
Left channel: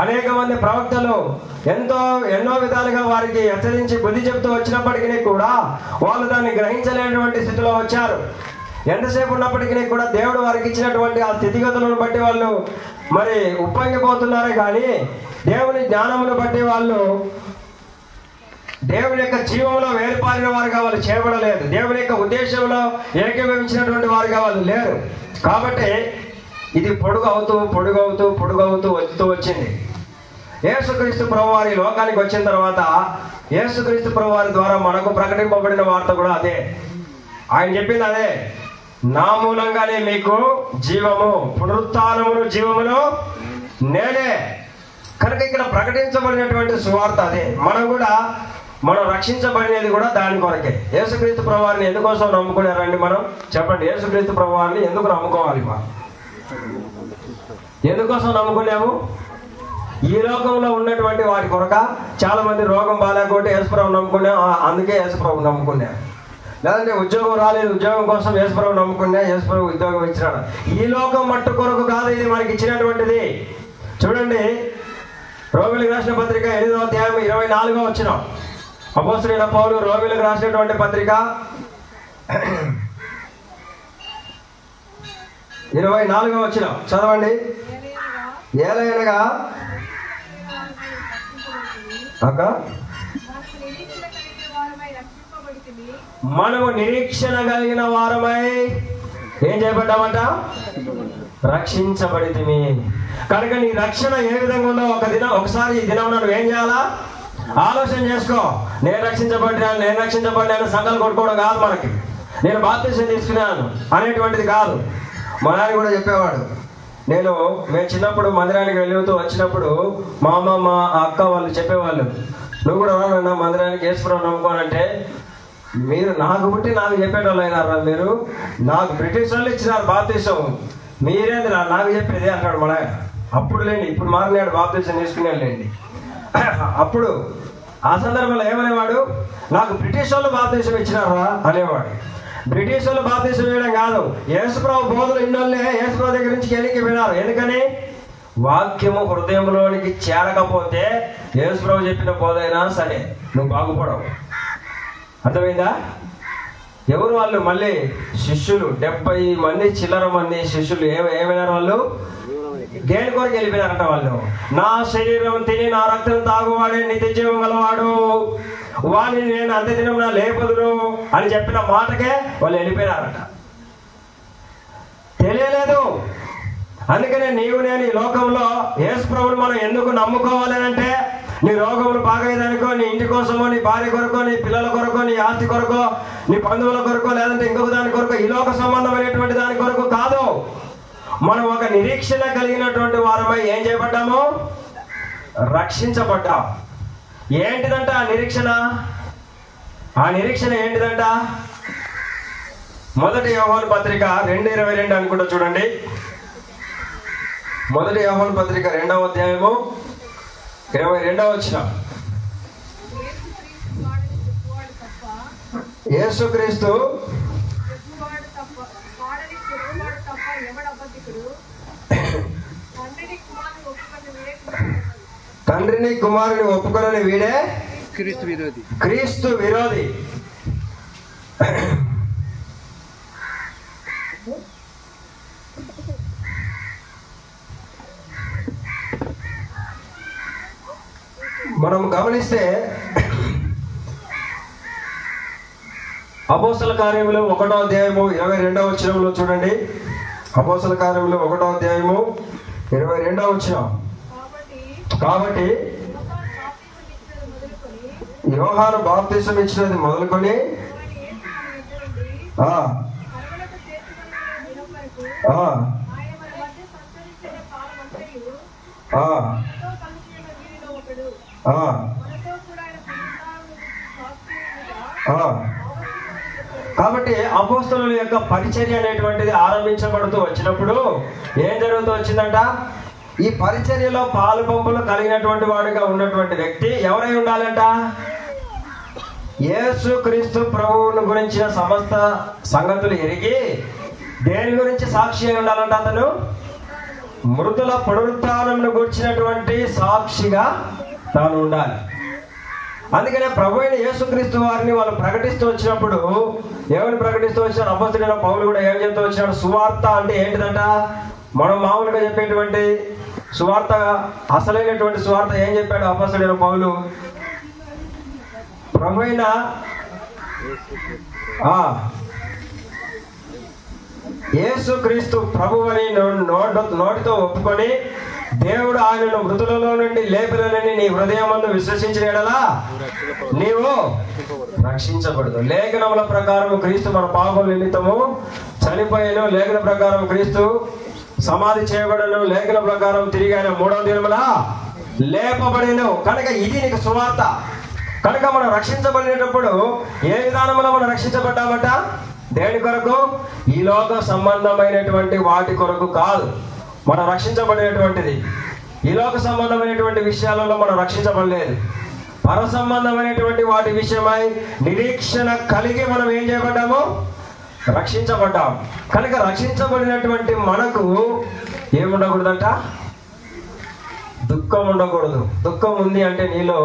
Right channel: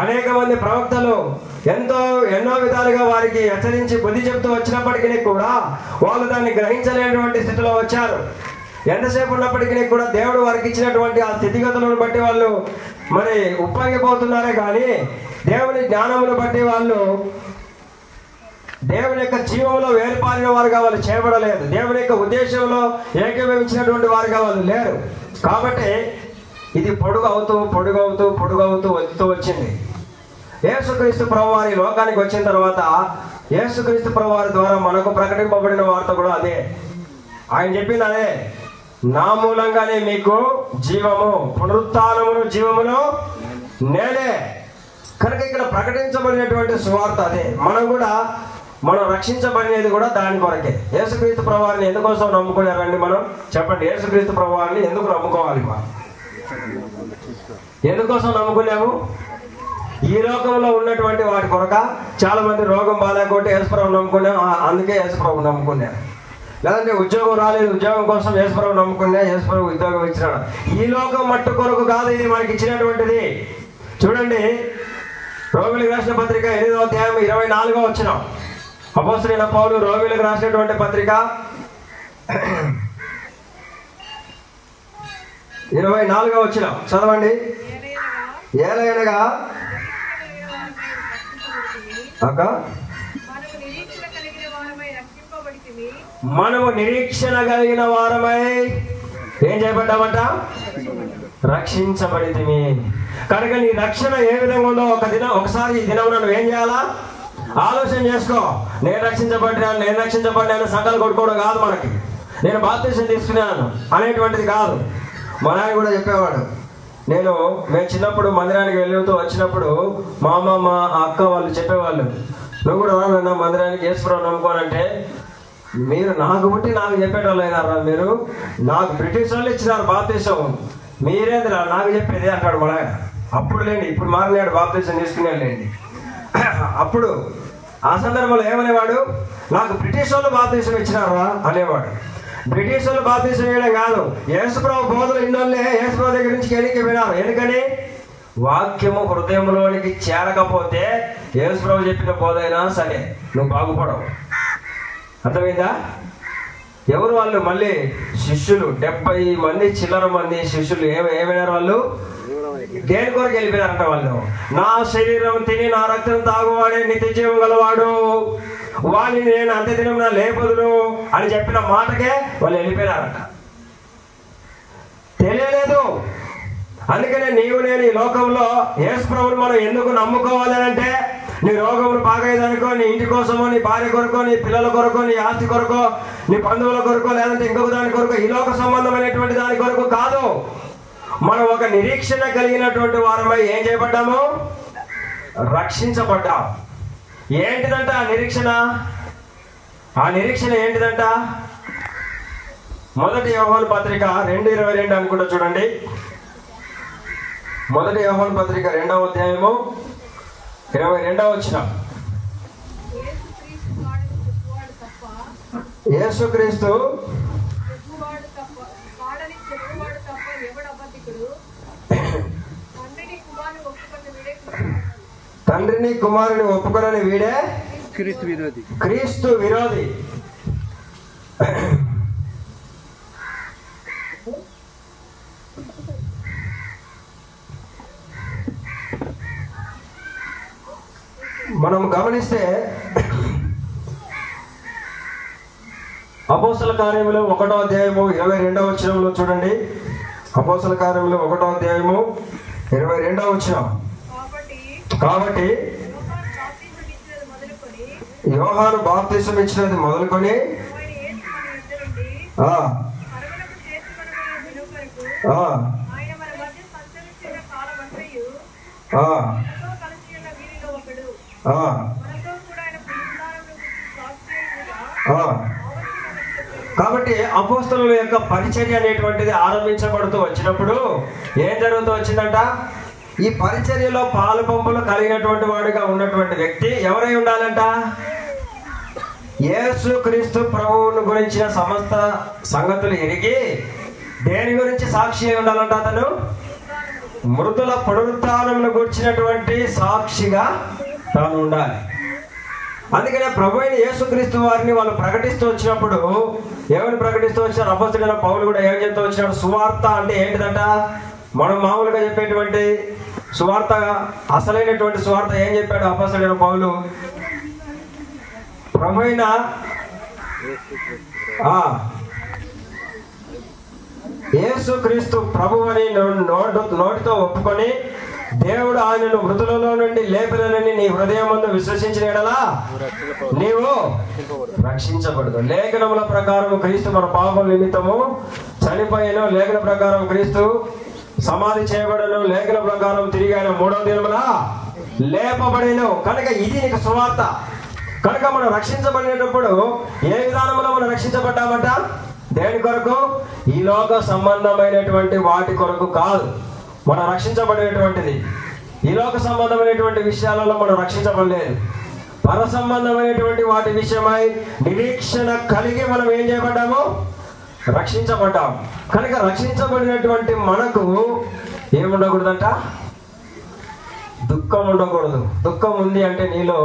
అనేక మంది ప్రవక్తలు ఎన్నో విధాలుగా వారికి హెచ్చరించి బుద్ధి చెప్తూ వచ్చినప్పటికీ కూడా వాళ్ళు దాన్ని గ్రహించలేనటువంటి స్థితిలో వచ్చారు. ఎంతసేపు ఉన్నప్పటికీ కూడా దేవుడు వారికి ఇచ్చినటువంటి ఆ స్థితిగతులను బట్టి వాళ్ళు మరి ఉప్పొంగిపోతున్నారే కానీ దేవుని జ్ఞానమును బట్టి వాళ్ళు దేవుని యొక్క జీవంలో వేరుపారిన వారుగా వాళ్ళు చేయబడలేదు. దేవుని యొక్క ఉద్దేశంలో ఏకీభవించినటువంటి వారుగా వాళ్ళు లేరు. కాబట్టి ఇది పొడుగవుతూ వస్తూ వచ్చింది. యేసుక్రీస్తు ప్రభువారి లోకానికి వచ్చిన తర్వాత యేసుక్రీస్తు ప్రభువారి ద్వారా మనకు ప్రకటింపబడిన వార్త కూడా అదే. ఆయన చెప్పింది అదే, నా మూలంగానే మీకు జీవము, పునరుత్థానమును జీవమును నేనే. కనుక ఇక్కడ ప్రకటించబడినటువంటి సువార్త అదే. మనం రక్షించబడేది కూడా దాని కొరకే. యేసుక్రీస్తు ప్రభువారిని ఎందుకోసం నమ్ముకున్నారండి? మనం చెప్పండి, యేసుక్రీస్తు ప్రభువారిని ఎందుకు నమ్ముకోవాలి? మనం ఎందుకోసం నమ్ముకున్నాము? ఈ లోకంలో ఉన్నటువంటి వాటి కొరక. చాలా మంది రోగం బాగాలేకపోతే యేసుప్రభు నమ్ముకున్నాం, అందుకే యేసుప్రభు నమ్ముకున్నాం. లేదంటే ఉద్యోగం రాలేదు, ఉద్యోగం కోసం యేసుప్రభు నమ్ముకున్నా, యేసుప్రభు ఉద్యోగం ఇచ్చినాడు. ఈ లోకం మట్టు కొరకు కాదు ఇది మనకి ఇచ్చినటువంటిది. చూడండి, రోమిలకు రాసిన పత్రిక 8వ అధ్యాయం 24వ వచనం. అపోస్తలుడైన పౌలు రోమిలకు రాసినటువంటి పత్రిక 24వ వచనం చదవండి. ఏలయనగా మనము నిరీక్షణ కలిగిన వారమై ఏం చేయబడ్డామంట? రక్షించబడితిమి. కనుక నీ రక్షణ ఏ విధంగా ఉందో ఒకసారి ఈ దినం నువ్వు ఏం చేయాలా? ఆలోచన చేసుకో. నేను రక్షించబడినాను సంఘాలు కొట్టుకోవడం కాదు మనకి. నేను బాప్తిసం తీసుకున్నాను అనేటువంటిది కాదు. మా నాన్న కూడా చెప్పేవాడు. మేము చిన్నప్పుడు మందిరానికి వెళ్తూ వచ్చినప్పుడు మా అమ్మ మా అక్క వాళ్ళు చెప్పేవాళ్ళు, నువ్వు కూడా రానన్నా మందిరానికి యేసుప్రభు నమ్ముకోనంటే, మీరు నాకు పుట్టి నాకు చెప్పేటోళ్ళు అయినారా? మీరు నాకు బ్రిటిష్ వాళ్ళు ఇచ్చినారు బాప్తిసం, మీరేందిరా నాకు చెప్పేది అంటాడు మా నాయన. అప్పుడు లేండి, ఇప్పుడు మారినాడు, బాప్తిసం తీసుకునేలేండి. అప్పుడు ఆ సందర్భంలో ఏమనేవాడు? నాకు బ్రిటిష్ వాళ్ళు బాప్తిసం ఇచ్చినారా అనేవాడు. బ్రిటిష్ వాళ్ళు బాప్తిసం వేయడం కాదు, యేసుప్రభు బోధలు ఇన్నోళ్ళే యేసుప్రభు దగ్గర నుంచి వెనక్కి వినారు. ఎందుకని? వాక్యము హృదయంలోనికి చేరకపోతే యేసుప్రభు చెప్పిన బోధ అయినా సరే నువ్వు బాగుపడవు. అర్థమైందా? ఎవరు వాళ్ళు? మళ్ళీ శిష్యులు 70 మంది చిల్లర మంది శిష్యులు ఏమైనారు వాళ్ళు? దేని కొరకు వెళ్ళిపోయారంట వాళ్ళు? నా శరీరం తిని నా రక్తం తాగువాడే నిత్య జీవం గలవాడు, వాడిని నేను అంత్యదినం నా లేపదును అని చెప్పిన మాటకే వాళ్ళు వెళ్ళిపోయినారట. తెలియలేదు. అందుకనే నీవు నేను ఈ లోకంలో యేసు ప్రభువుని మనం ఎందుకు నమ్ముకోవాలి అంటే, నీ రోగములు బాగయ్యేదానికో, నీ ఇంటి కోసమో, నీ భార్య కొరకో, నీ పిల్లల కొరకో, నీ ఆస్తి కొరకో, నీ బంధువుల కొరకో, లేదంటే ఇంకొక దాని కొరకో, ఈ లోక సంబంధమైనటువంటి దాని కొరకు కాదు. మనం ఒక నిరీక్షణ కలిగినటువంటి వారమై ఏం చేయబడ్డాము? రక్షించబడ్డాం. ఏంటిదంట ఆ నిరీక్షణ? ఆ నిరీక్షణ ఏంటిదంట? మొదటి యోహాను పత్రిక 2:22 అనుకుంటా చూడండి. మొదటి యోహాను పత్రిక 2వ అధ్యాయము 22వ వచనం. యేసుక్రీస్తు తండ్రిని కుమారుని ఒప్పుకొనని వీడే క్రీస్తు విరోధి. మనం గమనిస్తే అపోస్తల కార్యములు 1వ అధ్యాయము 22వ వచనంలో చూడండి. అపోస్తల కార్యములు 1వ అధ్యాయము 22వ వచనం. కాబట్టి యోహాను బాప్తిసం ఇచ్చినది మొదలుకొని కాబట్టి అపోస్తలుల యొక్క పరిచర్య అనేటువంటిది ఆరంభించబడుతూ వచ్చినప్పుడు ఏం జరుగుతూ వచ్చిందంట? ఈ పరిచర్యలో పాలు పంపులు కలిగినటువంటి వాడిగా ఉన్నటువంటి వ్యక్తి ఎవరై ఉండాలంట? యేసు క్రీస్తు ప్రభువును గురించిన సమస్త సంగతులు ఎరిగి దేని గురించి సాక్షి అయి ఉండాలంట? అతను మృతుల పునరుత్థానమును గురించినటువంటి సాక్షిగా తాను ఉండాలి. అందుకనే ప్రభు అయిన యేసుక్రీస్తు వారిని వాళ్ళు ప్రకటిస్తూ వచ్చినప్పుడు ఎవరిని ప్రకటిస్తూ వచ్చినారు? అపోస్తలుడైన పౌలు కూడా ఏం చెప్తూ వచ్చినాడు? సువార్త అంటే ఏంటిదంట? మనం మామూలుగా చెప్పేటువంటి సువార్తగా అసలైనటువంటి సువార్త ఏం చెప్పాడు అపోస్తలుడైన పౌలు? ప్రభు అయిన యేసుక్రీస్తు ప్రభువు అని నోటితో ఒప్పుకొని దేవుడు ఆయనను మృతులలో నుండి లేపినని నీ హృదయమందు విశ్వసించిన యెడల నీవు రక్షించబడదు. లేఖనముల ప్రకారం క్రీస్తు మన పాపం నిమిత్తము చనిపోయిన, లేఖన ప్రకారం క్రీస్తు సమాధి చేయబడను, లేఖన ప్రకారం తిరిగి ఆయన 3వ దినమున లేపబడెను. కనుక ఇది నీకు సువార్త. కనుక మనం రక్షించబడినప్పుడు ఏ విధానంలో మనం రక్షించబడ్డామంట? దేని కొరకు? ఈ లోక సంబంధమైనటువంటి వాటి కొరకు కాదు మనం రక్షించబడినటువంటిది. ఈ లోక సంబంధమైనటువంటి విషయాలలో మనం రక్షించబడలేదు. పర సంబంధమైనటువంటి వాటి విషయమై నిరీక్షణ కలిగి మనం ఏం చేయబడ్డాము? రక్షించబడ్డాం. కనుక రక్షించబడినటువంటి మనకు ఏముండకూడదంట? దుఃఖం ఉండకూడదు. దుఃఖం ఉంది అంటే నీలో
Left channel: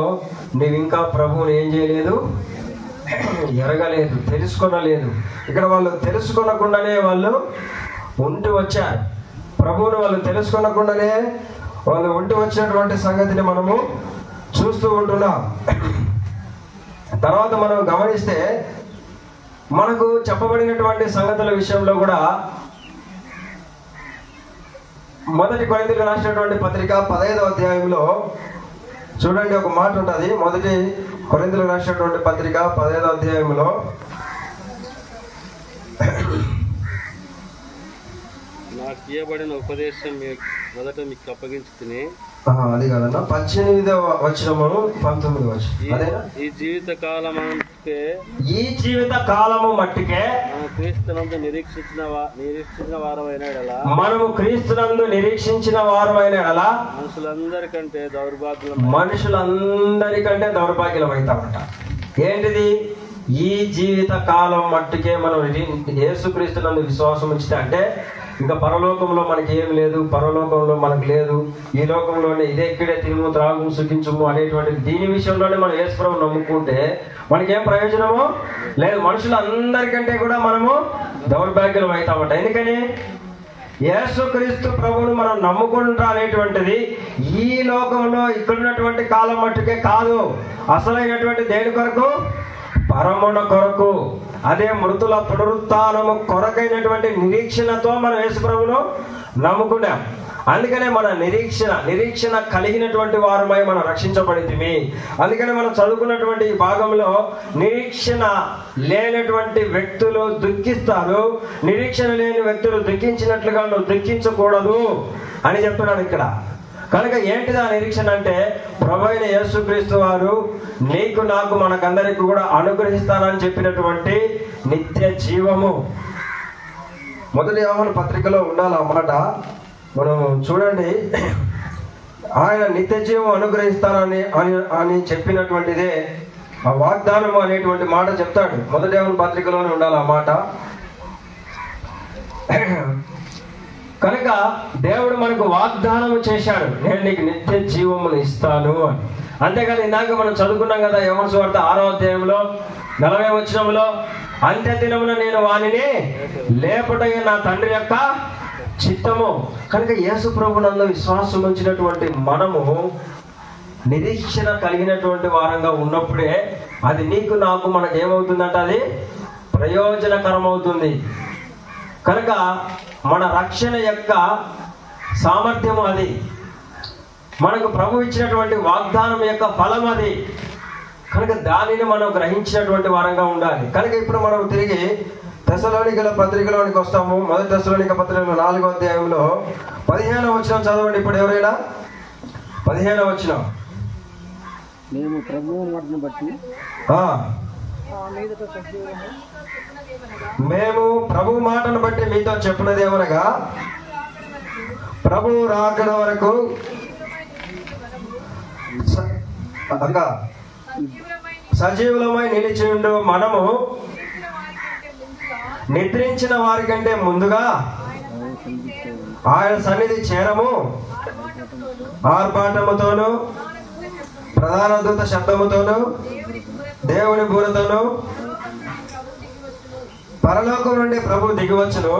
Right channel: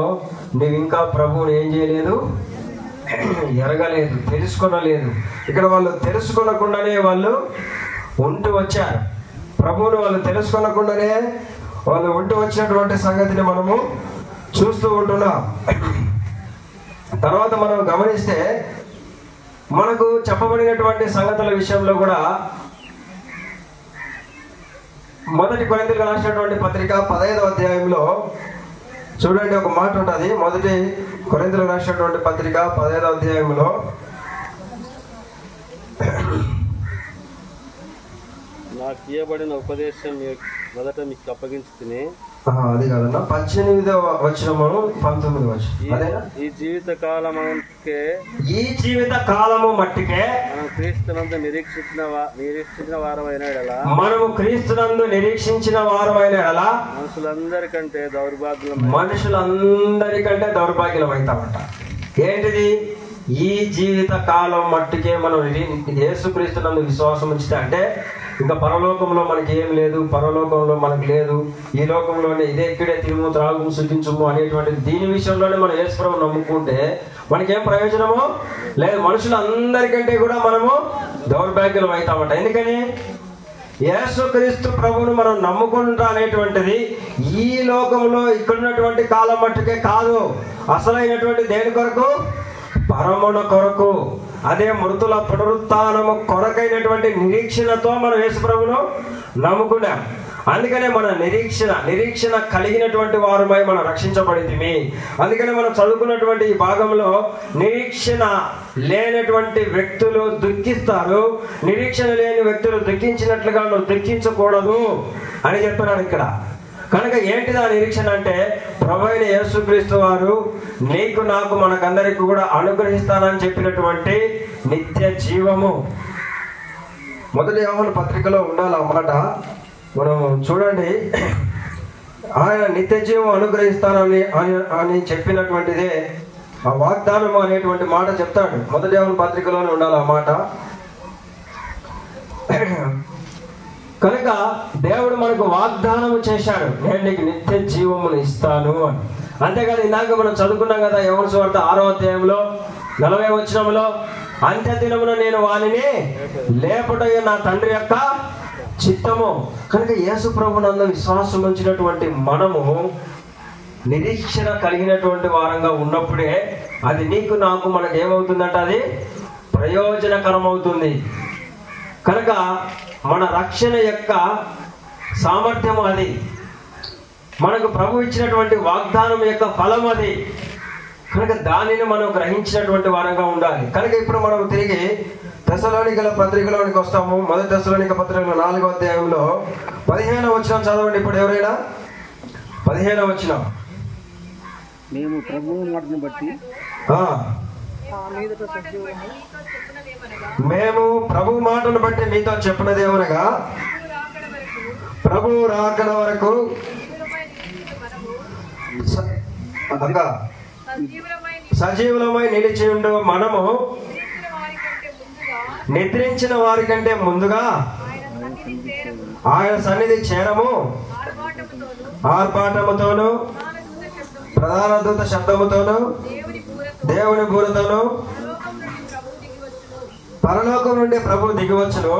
నీవు ఇంకా ప్రభువుని ఏం చేయలేదు, ఎరగలేదు, తెలుసుకోలేదు. ఇక్కడ వాళ్ళు తెలుసుకోనకుండానే వాళ్ళు ఉంటూ వచ్చారు. ప్రభువుని వాళ్ళు తెలుసుకోనకుండానే వాళ్ళు ఉంటూ వచ్చినటువంటి సంగతిని మనము చూస్తూ ఉంటున్నాం. తర్వాత మనం గమనిస్తే మనకు చెప్పబడినటువంటి సంగతుల విషయంలో కూడా మొదటి కొరింథీయులకు రాసినటువంటి పత్రిక 15వ అధ్యాయంలో చూడండి, ఒక మాట ఉంటుంది. మొదటి కొరింథీయులకు రాసినటువంటి పత్రిక 15వ అధ్యాయంలో నాకు ఇవ్వబడిన ఉపదేశం మొదట మీకు అప్పగించుకుని, అది కాదన్నా 18వ వచనము 19వ వచనం అదేనా? ఈ జీవిత కాలము మట్టికే క్రీస్తునందు నిరీక్షించిన వారమైన ఎడల, మనము క్రీస్తునందు నిరీక్షించిన వారమైన ఎడల మనుషులందరికంటే దౌర్భాగ్యం అవుతామంట. ఏంటిది? ఈ జీవిత కాలం మట్టుకే మనం యేసుక్రీస్తునందు విశ్వాసం ఉంచితే, అంటే ఇంకా పరలోకంలో మనకి ఏం లేదు, పరలోకంలో మనకు లేదు, ఈ లోకంలోనే ఇదే ఇక్కడే తిను త్రాగు శుద్ధించుము అనేటువంటి దీని విషయంలోనే మనం యేసుప్రభువును నమ్ముకుంటే మనకేం ప్రయోజనమో లేదు. మనుషులందరికంటే కూడా మనము దౌర్భాగ్యం అవుతామట. ఎందుకని యేసుక్రీస్తు ప్రభువును మనం నమ్ముకుంటా అనేటువంటిది ఈ లోకంలో ఇక్కడున్నటువంటి కాలం మట్టుకే కాదు, అసలైనటువంటి దేని కొరకు? పరమున కొరకు. అదే మృతుల పునరుత్థానము కొరకైనటువంటి నిరీక్షణతో మనం యేసు ప్రభువును నమ్ముకున్నాం. అందుకనే మన నిరీక్షణ కలిగినటువంటి వారమై మనం రక్షించబడితిమి. అందుకనే మనం చదువుకున్నటువంటి ఈ భాగంలో నిరీక్షణ లేనటువంటి వ్యక్తులు దుఃఖిస్తారు, నిరీక్షణ లేని వ్యక్తులు దుఃఖించినట్లుగా నువ్వు దుఃఖించకూడదు అని చెప్తున్నాడు ఇక్కడ. కనుక ఏంటిది ఆ నిరీక్షణ అంటే, ప్రభువైన యేసుక్రీస్తు వారు నీకు నాకు మనకందరికి కూడా అనుగ్రహిస్తానని చెప్పినటువంటి నిత్య జీవము. మొదటి యోహాను పత్రికలో ఉండాలన్నమాట. మనం చూడండి, ఆయన నిత్య జీవం అనుగ్రహిస్తానని అని చెప్పినటువంటిదే ఆ వాగ్దానం అనేటువంటి మాట చెప్తాడు. మొదటి యోహాను పత్రికలోనే ఉండాలి ఆ మాట. కనుక దేవుడు మనకు వాగ్దానం చేశాడు, నేను నీకు నిత్య జీవమును ఇస్తాను అని. అంతేకాదు ఇందాక మనం చదువుకున్నాం కదా యోహాను సువార్త 6వ అధ్యాయంలో 40వ వచనంలో, అంత్య దినమున నేను వానిని లేపుటయే నా తండ్రి యొక్క చిత్తము. కనుక యేసు ప్రభువునందు విశ్వాసం ఉంచినటువంటి మనము నిరీక్షణ కలిగినటువంటి వారంగా ఉన్నప్పుడే అది నీకు నాకు మనకు ఏమవుతుందట, అది ప్రయోజనకరం అవుతుంది. కనుక మన రక్షణ యొక్క సామర్థ్యము అది, మనకు ప్రభు ఇచ్చినటువంటి వాగ్దానం యొక్క ఫలం అది. కనుక దానిని మనం గ్రహించినటువంటి వారంగా ఉండాలి. కనుక ఇప్పుడు మనం తిరిగి తెస్సలోనికల పత్రికలోనికి వస్తాము. మొదటి తెస్సలోనిక పత్రికలో 4వ అధ్యాయంలో 15వ వచనం చదవండి. ఇప్పుడు ఎవరైనా 15వ వచనం. మేము ప్రభువు మాటను బట్టి మేము ప్రభు మాటను బట్టి మీతో చెప్పినదేమనగా, ప్రభువు రాకడ వరకు సజీవులమై నిలిచియుండు మనము నిద్రించిన వారి కంటే ముందుగా ఆయన సన్నిధి చేరము. ఆర్పాటముతోను ప్రధాన దూత శబ్దముతోను దేవుని బూరతోను పరలోకం నుండి ప్రభు దిగివచ్చును.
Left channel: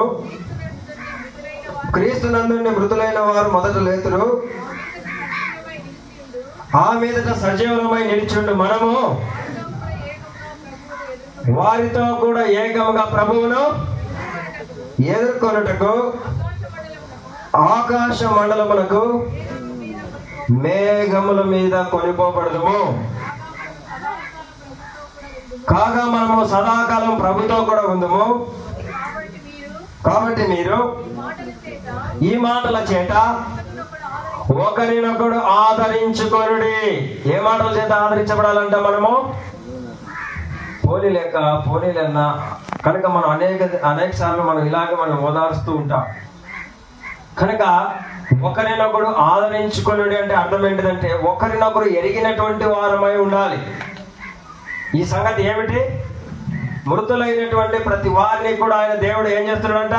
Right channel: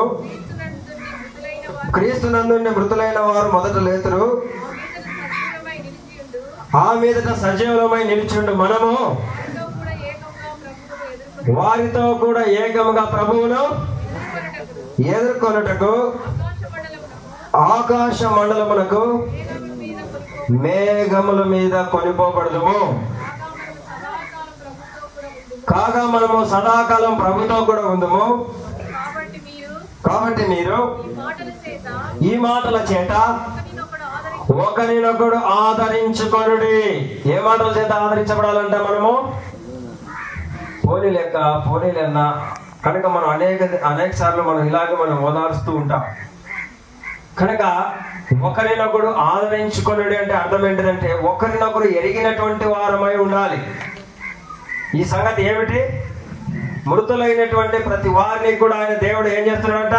క్రీస్తు నందుండి మృతులైన వారు మొదట లేతురు. ఆ మీదట సజీవులమై నిలిచిండు మనము వారితో కూడా ఏకముగా ప్రభువును ఎదుర్కొనుటకు ఆకాశ మండలములకు మేఘముల మీద కొనిపోబడదుము. కాగా మనము సదాకాలం ప్రభుతో కూడా ఉందము. కాబట్టి మీరు ఈ మాటల చేత ఒకరినొకడు ఆదరించుకొనుడి. ఏ మాటల చేత ఆదరించబడాలంట? మనము పోనీలన్నా కనుక మనం అనేక సార్లు మనం ఇలాగ మనం ఓదారుస్తూ ఉంటాం. కనుక ఒకరినొకడు ఆదరించుకొనుడి అంటే అర్థం ఏంటిదంటే, ఒకరినొకరు ఎరిగినటువంటి వారమై ఉండాలి. ఈ సంగతి ఏమిటి? మృతులైనటువంటి ప్రతి వారిని కూడా ఆయన దేవుడు ఏం చేస్తున్నాడంట?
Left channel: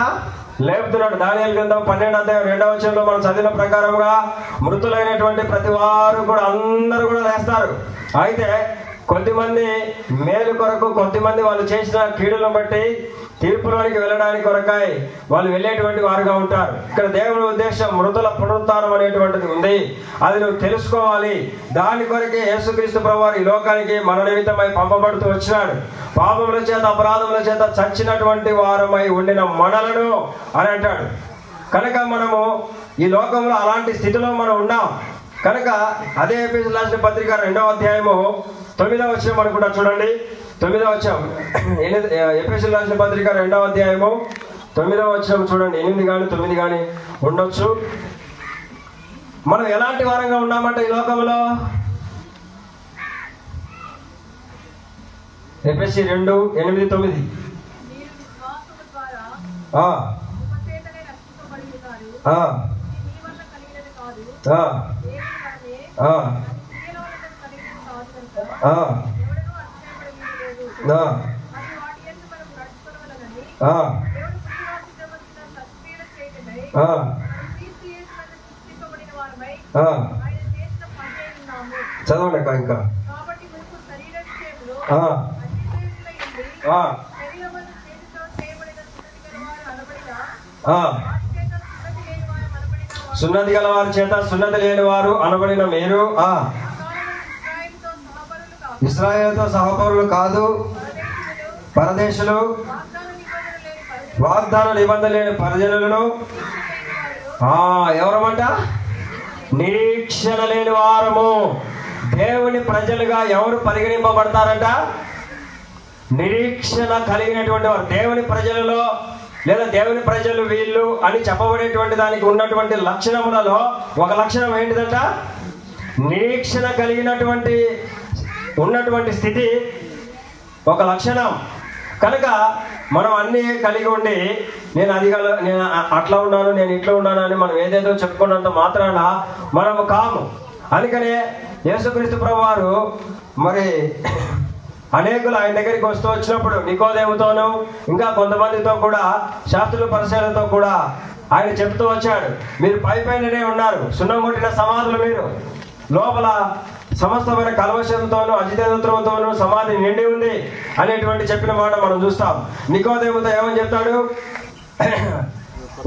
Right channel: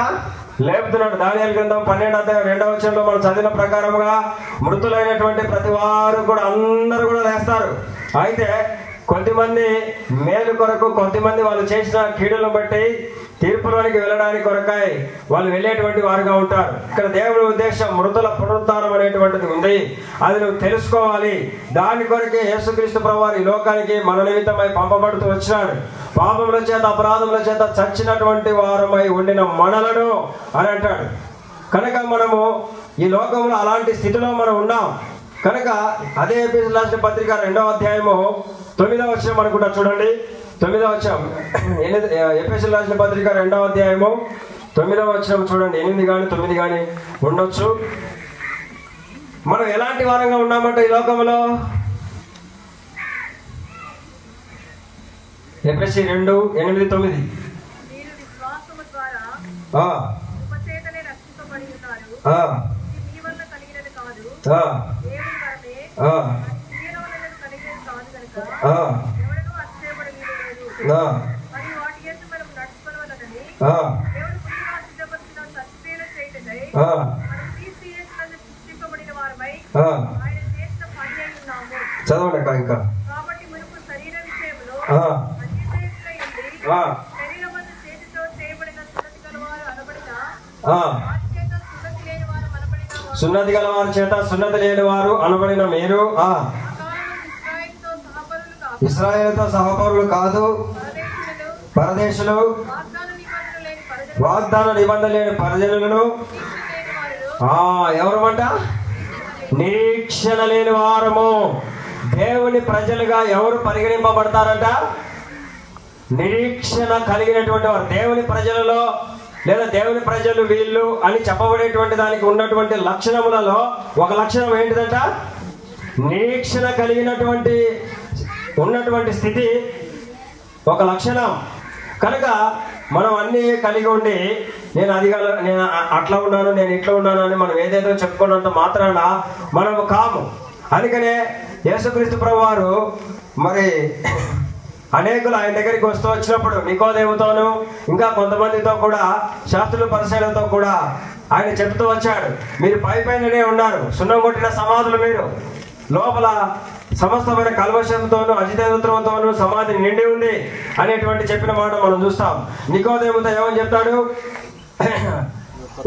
లేపుతున్నాడు. దానియేలు గ్రంథం 12వ అధ్యాయం 2వ వచనంలో మనం చదివిన ప్రకారంగా మృతులైనటువంటి ప్రతి వారు కూడా అందరూ కూడా లేస్తారు. అయితే కొంతమంది మేలు కొరకు, కొంతమంది వాళ్ళు చేసిన కీడులను బట్టి తీర్పులోనికి వెళ్ళడానికి కొరకాయ వాళ్ళు వెళ్ళేటువంటి వారుగా ఉంటారు. ఇక్కడ దేవుని ఉద్దేశం మృతుల పునరుత్థానం అనేటువంటిది ఉంది. అది నువ్వు తెలుసుకోవాలి. దాని కొరకే యేసుక్రీస్తు ప్రభువారు ఈ లోకానికి మన నిమిత్తమై పంపబడుతూ వచ్చినాడు. పాపముల చేత అపరాధముల చేత చచ్చినటువంటి వారమై ఉండిన మనలను అని అంటాడు. కనుక మనము ఈ లోకంలో అలాంటి స్థితిలో మనం ఉన్నాం. కనుక అదే ఎఫెసీయులకు రాసిన పత్రిక 2వ అధ్యాయము 9వ వచనం అనుకుంటా. చూడండి 9వ వచనం. ఎఫెసీయులకు రాసిన పత్రిక 2వ అధ్యాయము 9వ వచనం చూడండి. 8 కానీ 9 కానీ ఉండొచ్చు. మనం ఎలాంటి వారంగా ఉన్నామంటే ఈ లోకంలో, ఎఫెసీ 2:8-9. చదవండి ఇంకా సున్నతి గల వారి చేత సున్నతి లేని వారు అనబడిన మీరు ఇశ్రాయేలుతో సహపరులు కాదు, పరదేశులు, వాగ్దాన నిబంధన లేని పరిజనులను, ఎవరమంట? నిరీక్షణ లేని వారము. దేవుని ప్రజలుగా ఎవరు పరిగణింపబడతారంట? నిరీక్షణ కలిగినటువంటి వారు. దేవుని ప్రజలలో లేదా దేవుని ప్రజలు వీళ్ళు అని చెప్పబడేటువంటి దానికి ఉన్నటువంటి లక్షణములలో ఒక లక్షణం ఏంటిదంట? నిరీక్షణ కలిగినటువంటి ఉన్నటువంటి స్థితి ఒక లక్షణం. కనుక మనం అన్ని కలిగి ఉండి నేను అట్లా ఉన్నాను, నేను ఇట్లా ఉన్నాను అని మనం ఏదైతే చెప్పుకున్నంత మాత్రాన మనం కాము. అందుకనే యేసుక్రీస్తు ప్రభువారు మరి అనేకులు ఆయన దగ్గరికి వచ్చినప్పుడు నికోదేముతోనూ ఇంకా కొంతమందితో కూడా శాస్త్రుల పరిశీలనతో కూడా ఆయన చెప్తూ వచ్చాడు, మీరు పైపైననే ఉన్నారు, సున్నం కొట్టిన సమాధులు మీరు, లోపల సమస్తమైన కల్వశంతోనూ అజితేంద్రంతోనూ సమాధి నిండి ఉంది అనేటువంటి చెప్పిన మాట మనం చూస్తాం. నికోదేముతో ఏమని చెప్తాడు?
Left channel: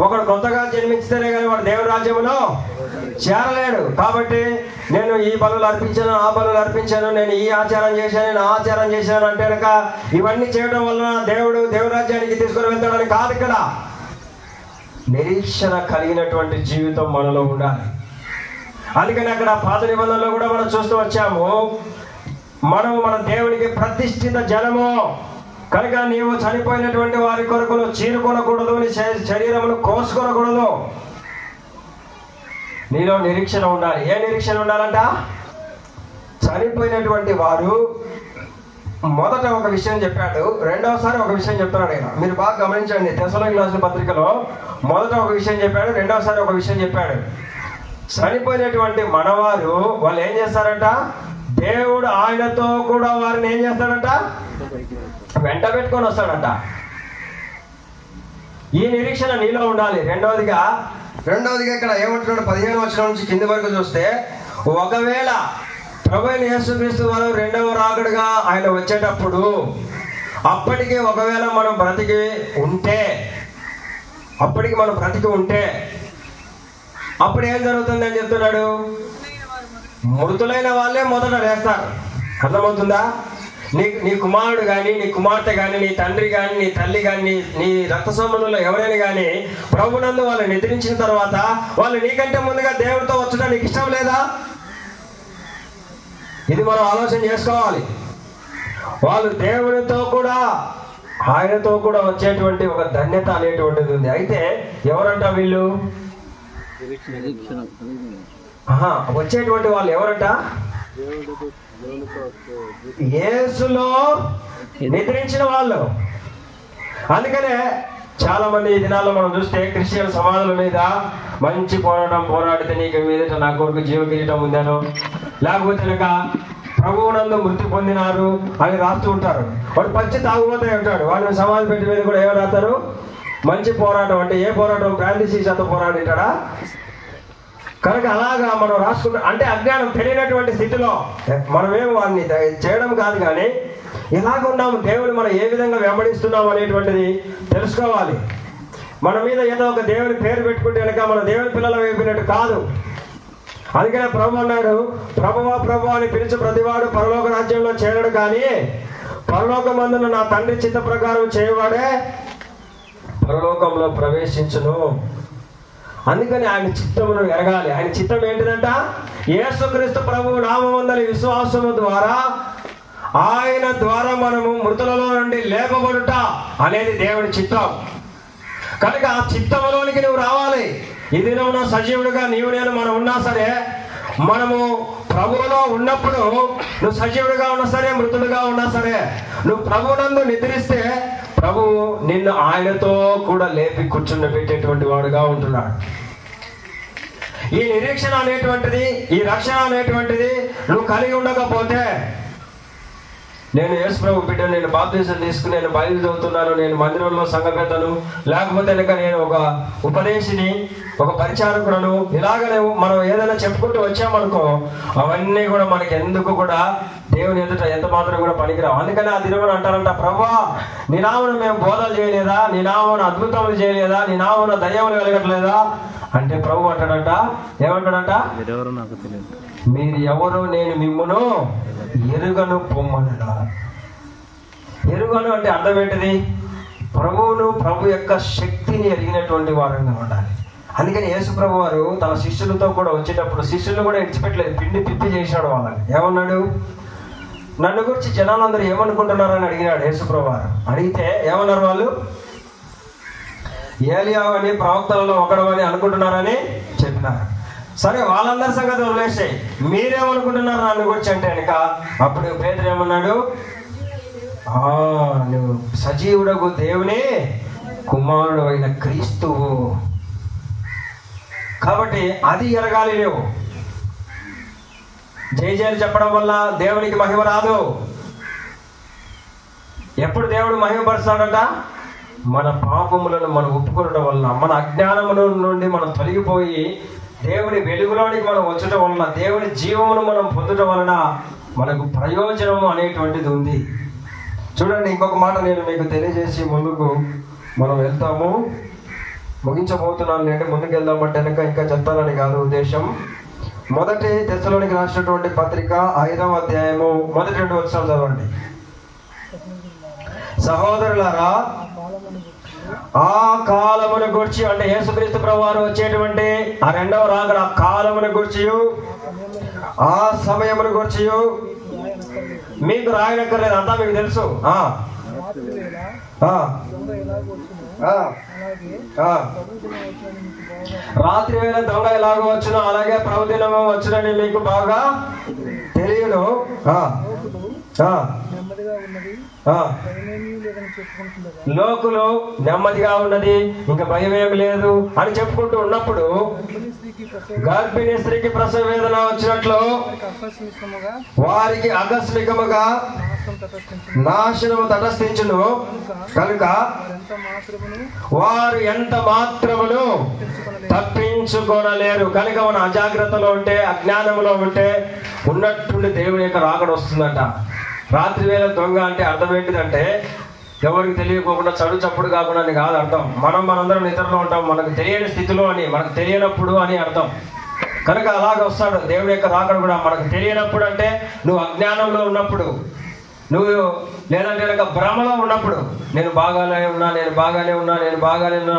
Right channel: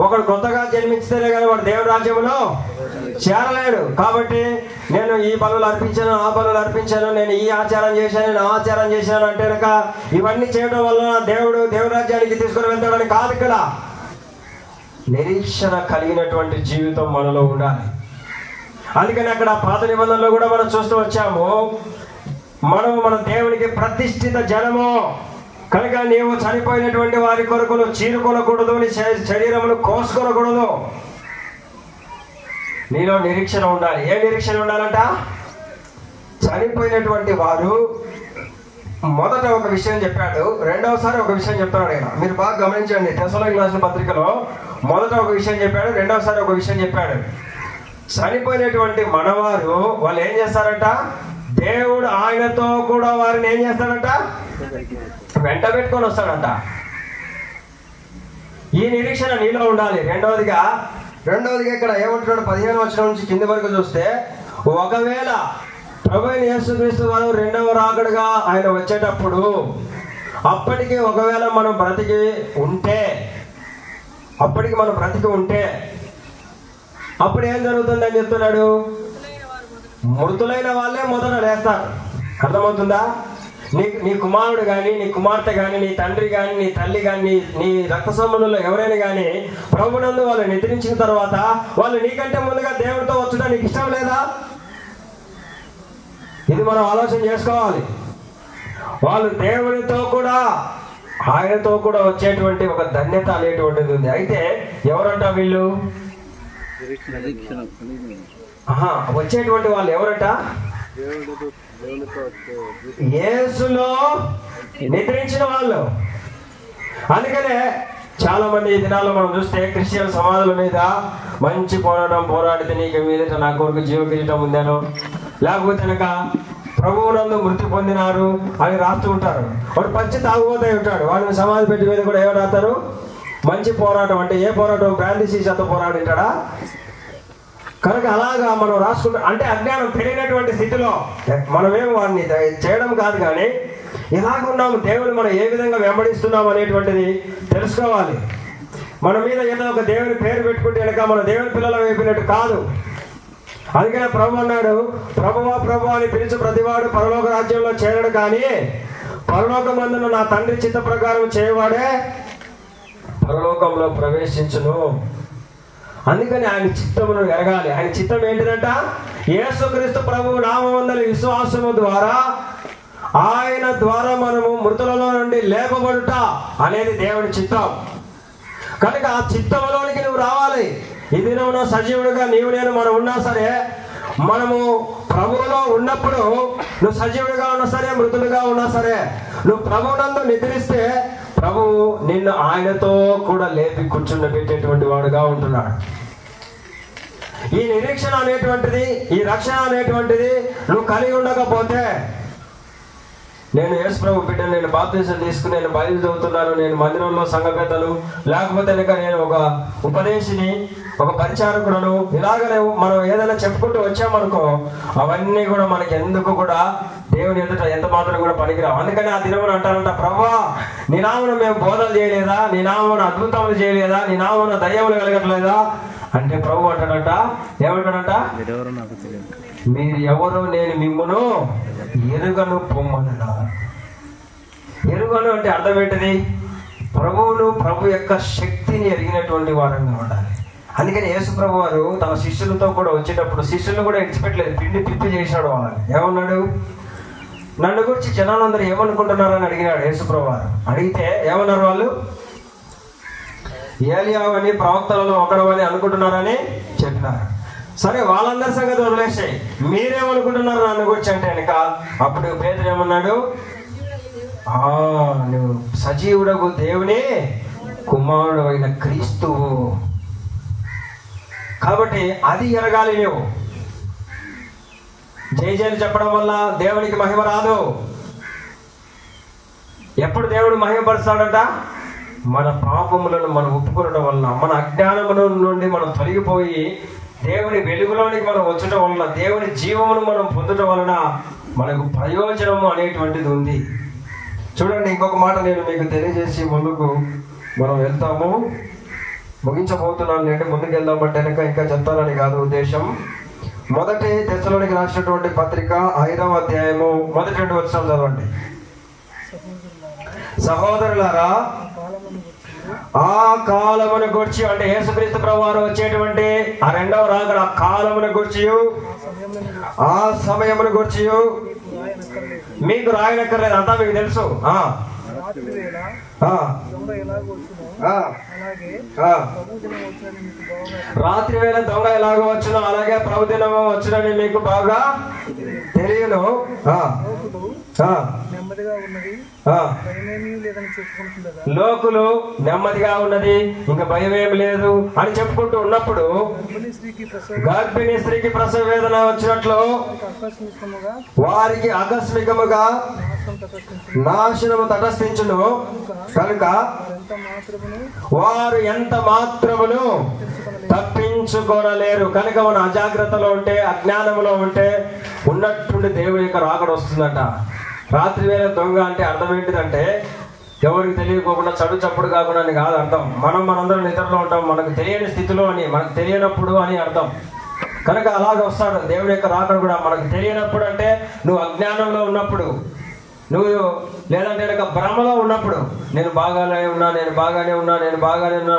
ఒకడు కొత్తగా జన్మించితేనే కానీ వాడు దేవుడి రాజ్యంలో చేరలేడు. కాబట్టి నేను ఈ బలులు అర్పించాను, ఆ బలులు అర్పించాను, నేను ఈ ఆచారం చేశాను, నేను ఆ ఆచారం చేశాను అంటే కనుక ఇవన్నీ చేయడం వల్ల దేవుడు దేవుడి రాజ్యానికి తీసుకొని వెళ్తాడని కాదు. ఇక్కడ నిరీక్షణ కలిగినటువంటి జీవితం మనలో ఉండాలి. అందుకని అక్కడ పాత నిబంధనలో కూడా మనం చూస్తూ వచ్చాము, మన దేవునికి ప్రతిష్ఠిత జనము కనుక నీవు చనిపోయినటువంటి వారి కొరకు చీరుకొనకూడదు, నీ శరీరమును కోసుకొనకూడదు. నీలో నిరీక్షణ ఉండాలి. ఏ నిరీక్షణ ఉండాలంట? చనిపోయినటువంటి వారు మొదట ఒక విషయం చెప్పాడు, రెండవసారి ఒక విషయం చెప్తున్నాడు. ఆయన మీరు బాగా గమనించండి. తెస్సలోనికీయులకు రాసిన పత్రికలో మొదట ఒక విషయం చెప్పాడు, రెండవసారి ఒక విషయం చెప్పాడు. చనిపోయినటువంటి మనవారు వాళ్ళు ఏం చేస్తారంట? దేవుడు ఆయనతో కూడా వారిని ఏం చేస్తాడంట? వెంట పెట్టుకొని వస్తాడంట. ఈ నిరీక్షణ నీలో ఉండాలి. రెండవదిగా ఇక్కడ ఏమంటున్నాడు? 15వ వచనం నుంచి కింది వరకు చూస్తే, ఒకవేళ ప్రభువైన యేసుక్రీస్తు వారు రెండవ రాకడగా ఆయన వచ్చేటప్పుడు అప్పటికి ఒకవేళ మనం బ్రతికి ఉంటే అప్పుడు ఏం జరుగుతుంది అని చెప్తున్నాడు? మృతులైన వాళ్ళే మొదట లేస్తారు. అర్థమవుతుందా? నీ కుమారుడు కానీ, నీ కుమార్తె కానీ, నీ తండ్రి కానీ, నీ తల్లి కానీ, నీ రక్త సంబంధంలో ఎవరైనా కానీ ప్రభునందు వాళ్ళు నిద్రించిన తర్వాత వాళ్ళు నీకంటే ముందుగా దేవుడితో వచ్చడం నీకు ఇష్టం లేదా? ఇది మనం ఆలోచన చేసుకోవాలి. వాళ్ళు దేవుడితో కూడా ఆయనతో కూడా వచ్చేటువంటి ఒక ధన్యత అనేటువంటిది ఉంది. అయితే ఎవరంట వీళ్ళు? వచ్చేటువంటి వాళ్ళు ఎవరట? యేసులో నిద్రించిన వాళ్ళు. అందుకనే చాలా మంది ఈ దినాల్లో మనం చూస్తే క్రిస్టియన్ సమాధుల మీద మంచి పోరాడితే నీకు మీదట నా కొరకు జీవ కిరీటం ఉందను, లేకపోతే కనుక ప్రభువునందు మృతి పొందినారు అని రాస్తూ ఉంటారు. వాడు మంచి తాగుబోతే ఉంటాడు, వాడిని సమాధి పెట్టి మీద కూడా ఏమో రాస్తారు? మంచి పోరాటం. అంటే ఏ పోరాటం? బ్రాంతి సీసాతో పోరాడింటాడా? కనుక అలాగా మనం రాసుకుంటాం. అంటే అజ్ఞానం తెలియనటువంటి స్థితిలో మనమేమో వాడిని చేయడం కాదు, కానీ ఇలాగ ఉన్నాము, దేవుని మనం ఏ విధంగా వెంబడిస్తున్నాము అనేటువంటిది తెలుసుకోవాలి. మన మీద ఏదో ఒక దేవుని పేరు పెట్టుకుంటే కనుక మన దేవుని పిల్లలు వేపినట్టు కాదు. అందుకనే ప్రభు అన్నాడు, ప్రభువా ప్రభు అని పిలిచి ప్రతివాడు పరలోక రాజ్యంలో చేరడు, కానీ పరలోకమందున నా తండ్రి చిత్త ప్రకారం చేయవాడే పరలోకంలో ప్రవేశించును. అందుకని ఆయన చిత్తమును ఎరగాలి. ఆయన చిత్తం ఏంటిదంట? యేసుక్రీస్తు ప్రభువు నామమందలి విశ్వాసము ద్వారా ఆయన ద్వారా మనము మృతులలో నుండి లేపబడుట అనేది దేవుని చిత్తం. కనుక ఆ చిత్తములోనికి నువ్వు రావాలి. ఈ దినమున సజీవుడిగా నీవు నేను మనం ఉన్నా సరే, మనము ప్రభువులో ఉన్నప్పుడు నువ్వు సజీవుడిగా ఉన్నా సరే, మృతుడుగా ఉన్నా సరే, నువ్వు ప్రభువునందు నిద్రిస్తే ప్రభువు నిన్ను ఆయనతో కూడా లేపి కూర్చుండబెట్టేటువంటి వాడుగా ఉంటున్నాడు. ఈ నిరీక్షణ అనేటువంటిది, ఈ రక్షణ అనేటువంటిది నువ్వు కలిగి ఉండకపోతే నేను యేసు ప్రభు బిడ్డను, నేను బాప్తిసం తీసుకుని నేను బైబిల్ చదువుతున్నాను, నేను మందిరంలో సంఘ పెద్దను, లేకపోతే నేను ఒక ఉపదేశిని, ఒక పరిచారకుడను, ఇలాగనే మనం ఏదైనా చెప్పుకుంటూ వచ్చామనుకో అవన్నీ కూడా మనకి ఎందుకు కూడా దేవుని ఎదుట ఎంత మాత్రం కూడా పనికిరావు. అందుకని ఆ దినమున అంటారంట, ప్రభువా నీ నామమున మేము బోధలు చేయలేదా, నీ నామమున అద్భుతములు చేయలేదా, నీ నామమున దయ్యములు కలగట్లేదా అంటే ప్రభు అంటాడంట, ఏమంటాడంట, మీరు ఎవరో నేను మిమ్మును ఎరుగను పొమ్మను. ఎరుగను అంటే అర్థం ఏంటిది? ప్రభువును, ప్రభు యొక్క శక్తిని ఎరిగినటువంటి వారంగా ఉండాలి. అందుకని యేసు ప్రభు వారు తన శిష్యులతో కూడా వచ్చేటప్పుడు శిష్యులు కూడా ఇడిచిపెట్టలేదు, పిండి పిప్పి చేసినాడు వాళ్ళని. ఏమన్నాడు? నన్ను గురించి జనాలందరూ ఏమనుకుంటున్నారని అడిగినాడు యేసు ప్రభు వారు. అడిగితే ఏమన్నారు వాళ్ళు? ఏలియా అని, ప్రవక్తలలో ఒకడు అని అనుకుంటున్నారని చెప్పినారు. సరే, వాళ్ళందరి సంగతి వదిలేసాయి, మీరేమనుకుంటున్నారు నన్ను గురించి అంటే కనుక అప్పుడు పేతురు ఏమన్నాడు? నువ్వు సజీవుడు దేవుని కుమారుడు అయిన క్రీస్తువు. కాబట్టి అది ఎరగాలి. నువ్వు జయజయలు చెప్పడం వల్ల దేవునికి మహిమ రాదు. ఎప్పుడు దేవుడు మహిమపరుస్తాడంట? మన పాపములను మనం ఒప్పుకోవడం వలన, మన అజ్ఞానముల నుండి మనం తొలగిపోయి దేవుని వెలుగులోనికి మనం వచ్చటం వలన, దేవుని జీవమును మనం పొందటం వలన మనకు ప్రయోజనము అనేటువంటిది ఉంది. చూడండి, ఇంకొక మాట నేను మీకు తెలియజేసి ముందుకు మనం వెళ్తాము. ముగించబోతున్నాను లేండి, ముందుకు వెళ్దామంటే ఇంకా చెప్తానని కాదు ఉద్దేశం. మొదటి తెస్సలోనికి రాసినటువంటి పత్రిక 5వ అధ్యాయము 1-2 వచనాలు చదవండి. సహోదరులారా, ఆ కాలమును గురించి అంటే యేసుక్రీస్తు ప్రభువారు వచ్చేటువంటి ఆ రెండవ రాకడ, ఆ కాలమును గురించి, ఆ సమయమును గురించి మీకు రాయనక్కర్లేదు, అంతా మీకు తెలుసు. రాత్రి వేళ దొంగ ఎలాగో వచ్చును అలాగే ప్రభు దినము వచ్చునని మీకు బాగా తెలియను. లోకులు నెమ్మదిగా ఉన్నది, ఇంకా భయం ఏమి లేదు అని చెప్పుకుంటూ ఉన్నప్పుడు గర్భిణీ స్త్రీకి ప్రసవ వేదన వచ్చినట్లు వారికి ఆకస్మికముగా నాశనము తటస్థించును. కనుక వారు ఎంత మాత్రమును తప్పించుకోనలేరు. కనుక మన అజాగ్రత్తలో ఉంటే, అజ్ఞానంలో ఉంటే ఉన్నట్టుండి దేవుని యొక్క రాకడ వస్తుందంట. రాత్రి వేళ దొంగ అంటే అర్థం ఏంటిదంటే ఎవరికి తెలియకోకుండా చడు చప్పుడు కాకుండా అని కాదు అర్థం. మనందరం నిద్రలో ఉంటాం, మనకు తెలియని స్థితిలో అని, మనకు తెలియనప్పుడు అని అర్థం. కనుక అలాగ వస్తాడు దేవుని యొక్క రాకడ కూడా. మనకు తెలియనప్పుడు అంటే నువ్వు అజ్ఞానంలో ఉన్నప్పుడు, నువ్వు లేదంటే కనుక భ్రమలో ఉన్నప్పుడు, నేను బాగానే ఉన్నా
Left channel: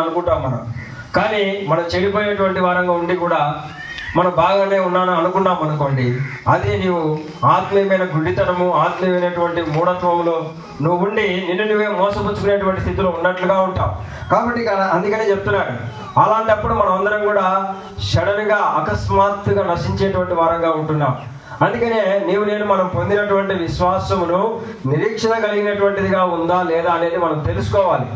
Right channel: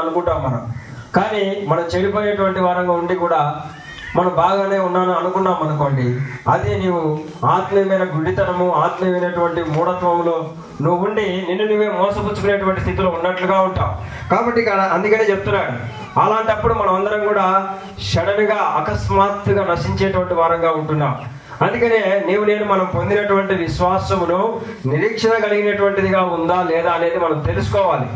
అనుకుంటాం మనం. కానీ మనం చెడిపోయేటువంటి వారంగా ఉండి కూడా మనం బాగానే ఉన్నాను అనుకున్నాం అనుకోండి, అదే నీవు ఆత్మీయమైన గుడ్డితనము, ఆత్మీయమైనటువంటి మూఢత్వంలో నువ్వు ఉండి నిన్ను నువ్వే మోసపుచ్చుకునేటువంటి స్థితిలో ఉన్నట్లుగా ఉంటావు. కాబట్టి అందుకనే చెప్తున్నాడు, అలాంటప్పుడు మనం అందరం కూడా సడన్ గా అకస్మాత్తుగా నశించేటువంటి వారంగా ఉంటున్నాం. అందుకనే నేను మనం పొందినటువంటి విశ్వాసమును నిరీక్షణ కలిగినటువంటిదిగా ఉందా లేదా అనేది మనం తెలుసుకోవాలి.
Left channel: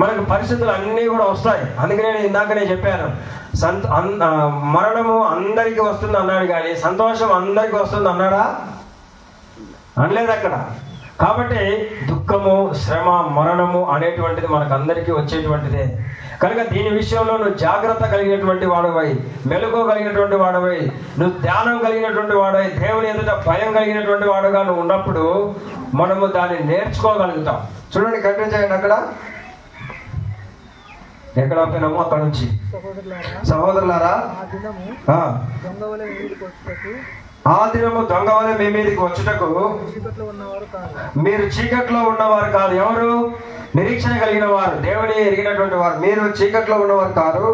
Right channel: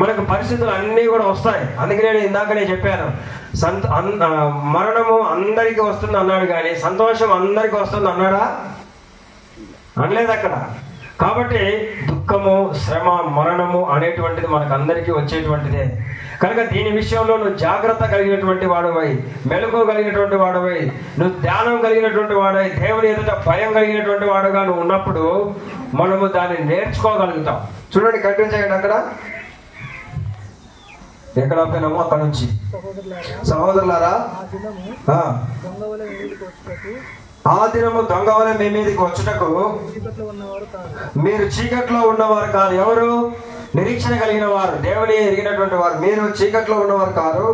మనకు పరిస్థితులు అన్నీ కూడా వస్తాయి. అందుకనే నేను ఇందాకనే చెప్పాను, మరణము అందరికి వస్తుంది అన్నాడు, కానీ సంతోషం అందరికి వస్తుంది అన్నాడా? అనలేదు అక్కడ. కాబట్టి దుఃఖము, శ్రమ, మరణము అనేటువంటిది మనకు అందరికీ వచ్చేటువంటిదే. కనుక దీని విషయంలో నువ్వు జాగ్రత్త కలిగినటువంటి వాడవై, మెలకువ కలిగినటువంటి వాడవై, నువ్వు ధ్యానం కలిగినటువంటి వాడవై, దేవుని ఎదుట భయం కలిగినటువంటి వాడుగా నువ్వు ఉన్నప్పుడు మనము దాన్ని నేర్చుకోగలుగుతాం. చూడండి, కంటిన్యూ చేయండి. అక్కడ ఎక్కడ ఆపినామో అక్కడ నుంచి. సహోదరులారా, ఆ దినము దొంగ వలె మీ మీదకి వచ్చుటకు మీరు చీకట్లో ఉన్నవారు కాదు. ఎవరు? నిరీక్షణ కలిగిన వారు, దేవుని ఎరిగినటువంటి వారు. మీరు చీకట్లో ఉన్నవారు కాదు.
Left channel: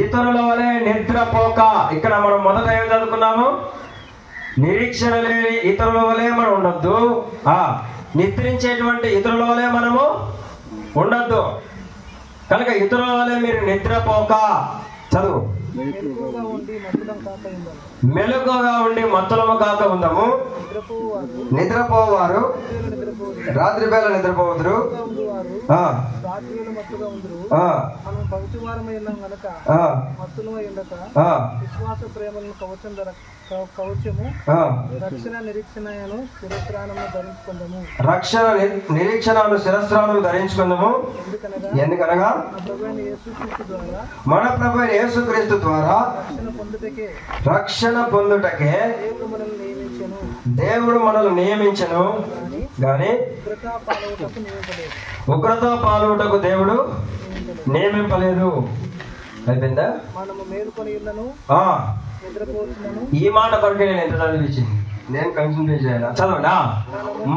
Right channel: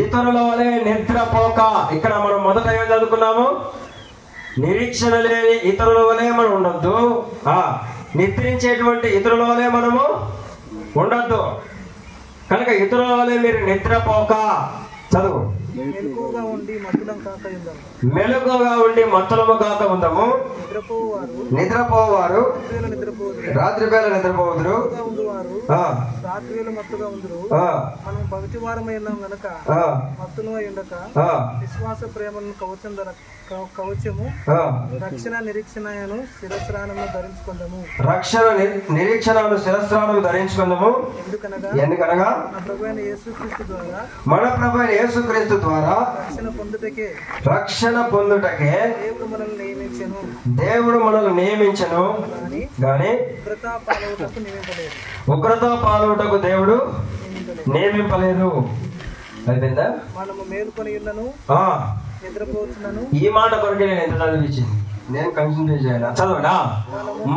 ఇతరుల వలె నిద్రపోక. ఇక్కడ మనం మొదట ఏం చదువుకున్నాము? నిరీక్షణ లేని ఇతరుల వలె మనం ఉండొద్దు, నిద్రించేటువంటి ఇతరుల వలె మనము ఉండొద్దు. కనుక ఇతరుల వలె మీరు నిద్రపోక, చదువు, మెలకువగా ఉండి మత్తులం కాక ఉందము. మెలకువగా ఉండి మత్తులము కాక ఉందము. నిద్రపోవారు రాత్రి వేళ నిద్రపోవుదురు. రాత్రి వేళ మత్తుగా ఉందరు. మనం పగటి వారమై ఉన్నాం గనక మత్తులు అయి ఉండక విశ్వాస ప్రేమలను కవచము రక్షణ నిరీక్షణను శిరస్రాణము ధరించుకుందాము. రక్షణ నిరీక్షణను శిరస్రాణము ధరించుకుందాము. ఎందుకనగా మన ప్రభు అయిన యేసుక్రీస్తు ద్వారా రక్షణ పొందుటకే దేవుడు మనల్ని నియమించెను గాని ఉగ్రత పాల్గొటకు దేవుడు నియమింపలేదు. అయిపోయిందా? మనము మేలుకొని ఉన్నను నిద్రపోతున్నాను. ఈ మాట బట్టి నేను ఎంత చదివించింది నేను కన్సంట్రేట్ చేయాలి. చదవడా?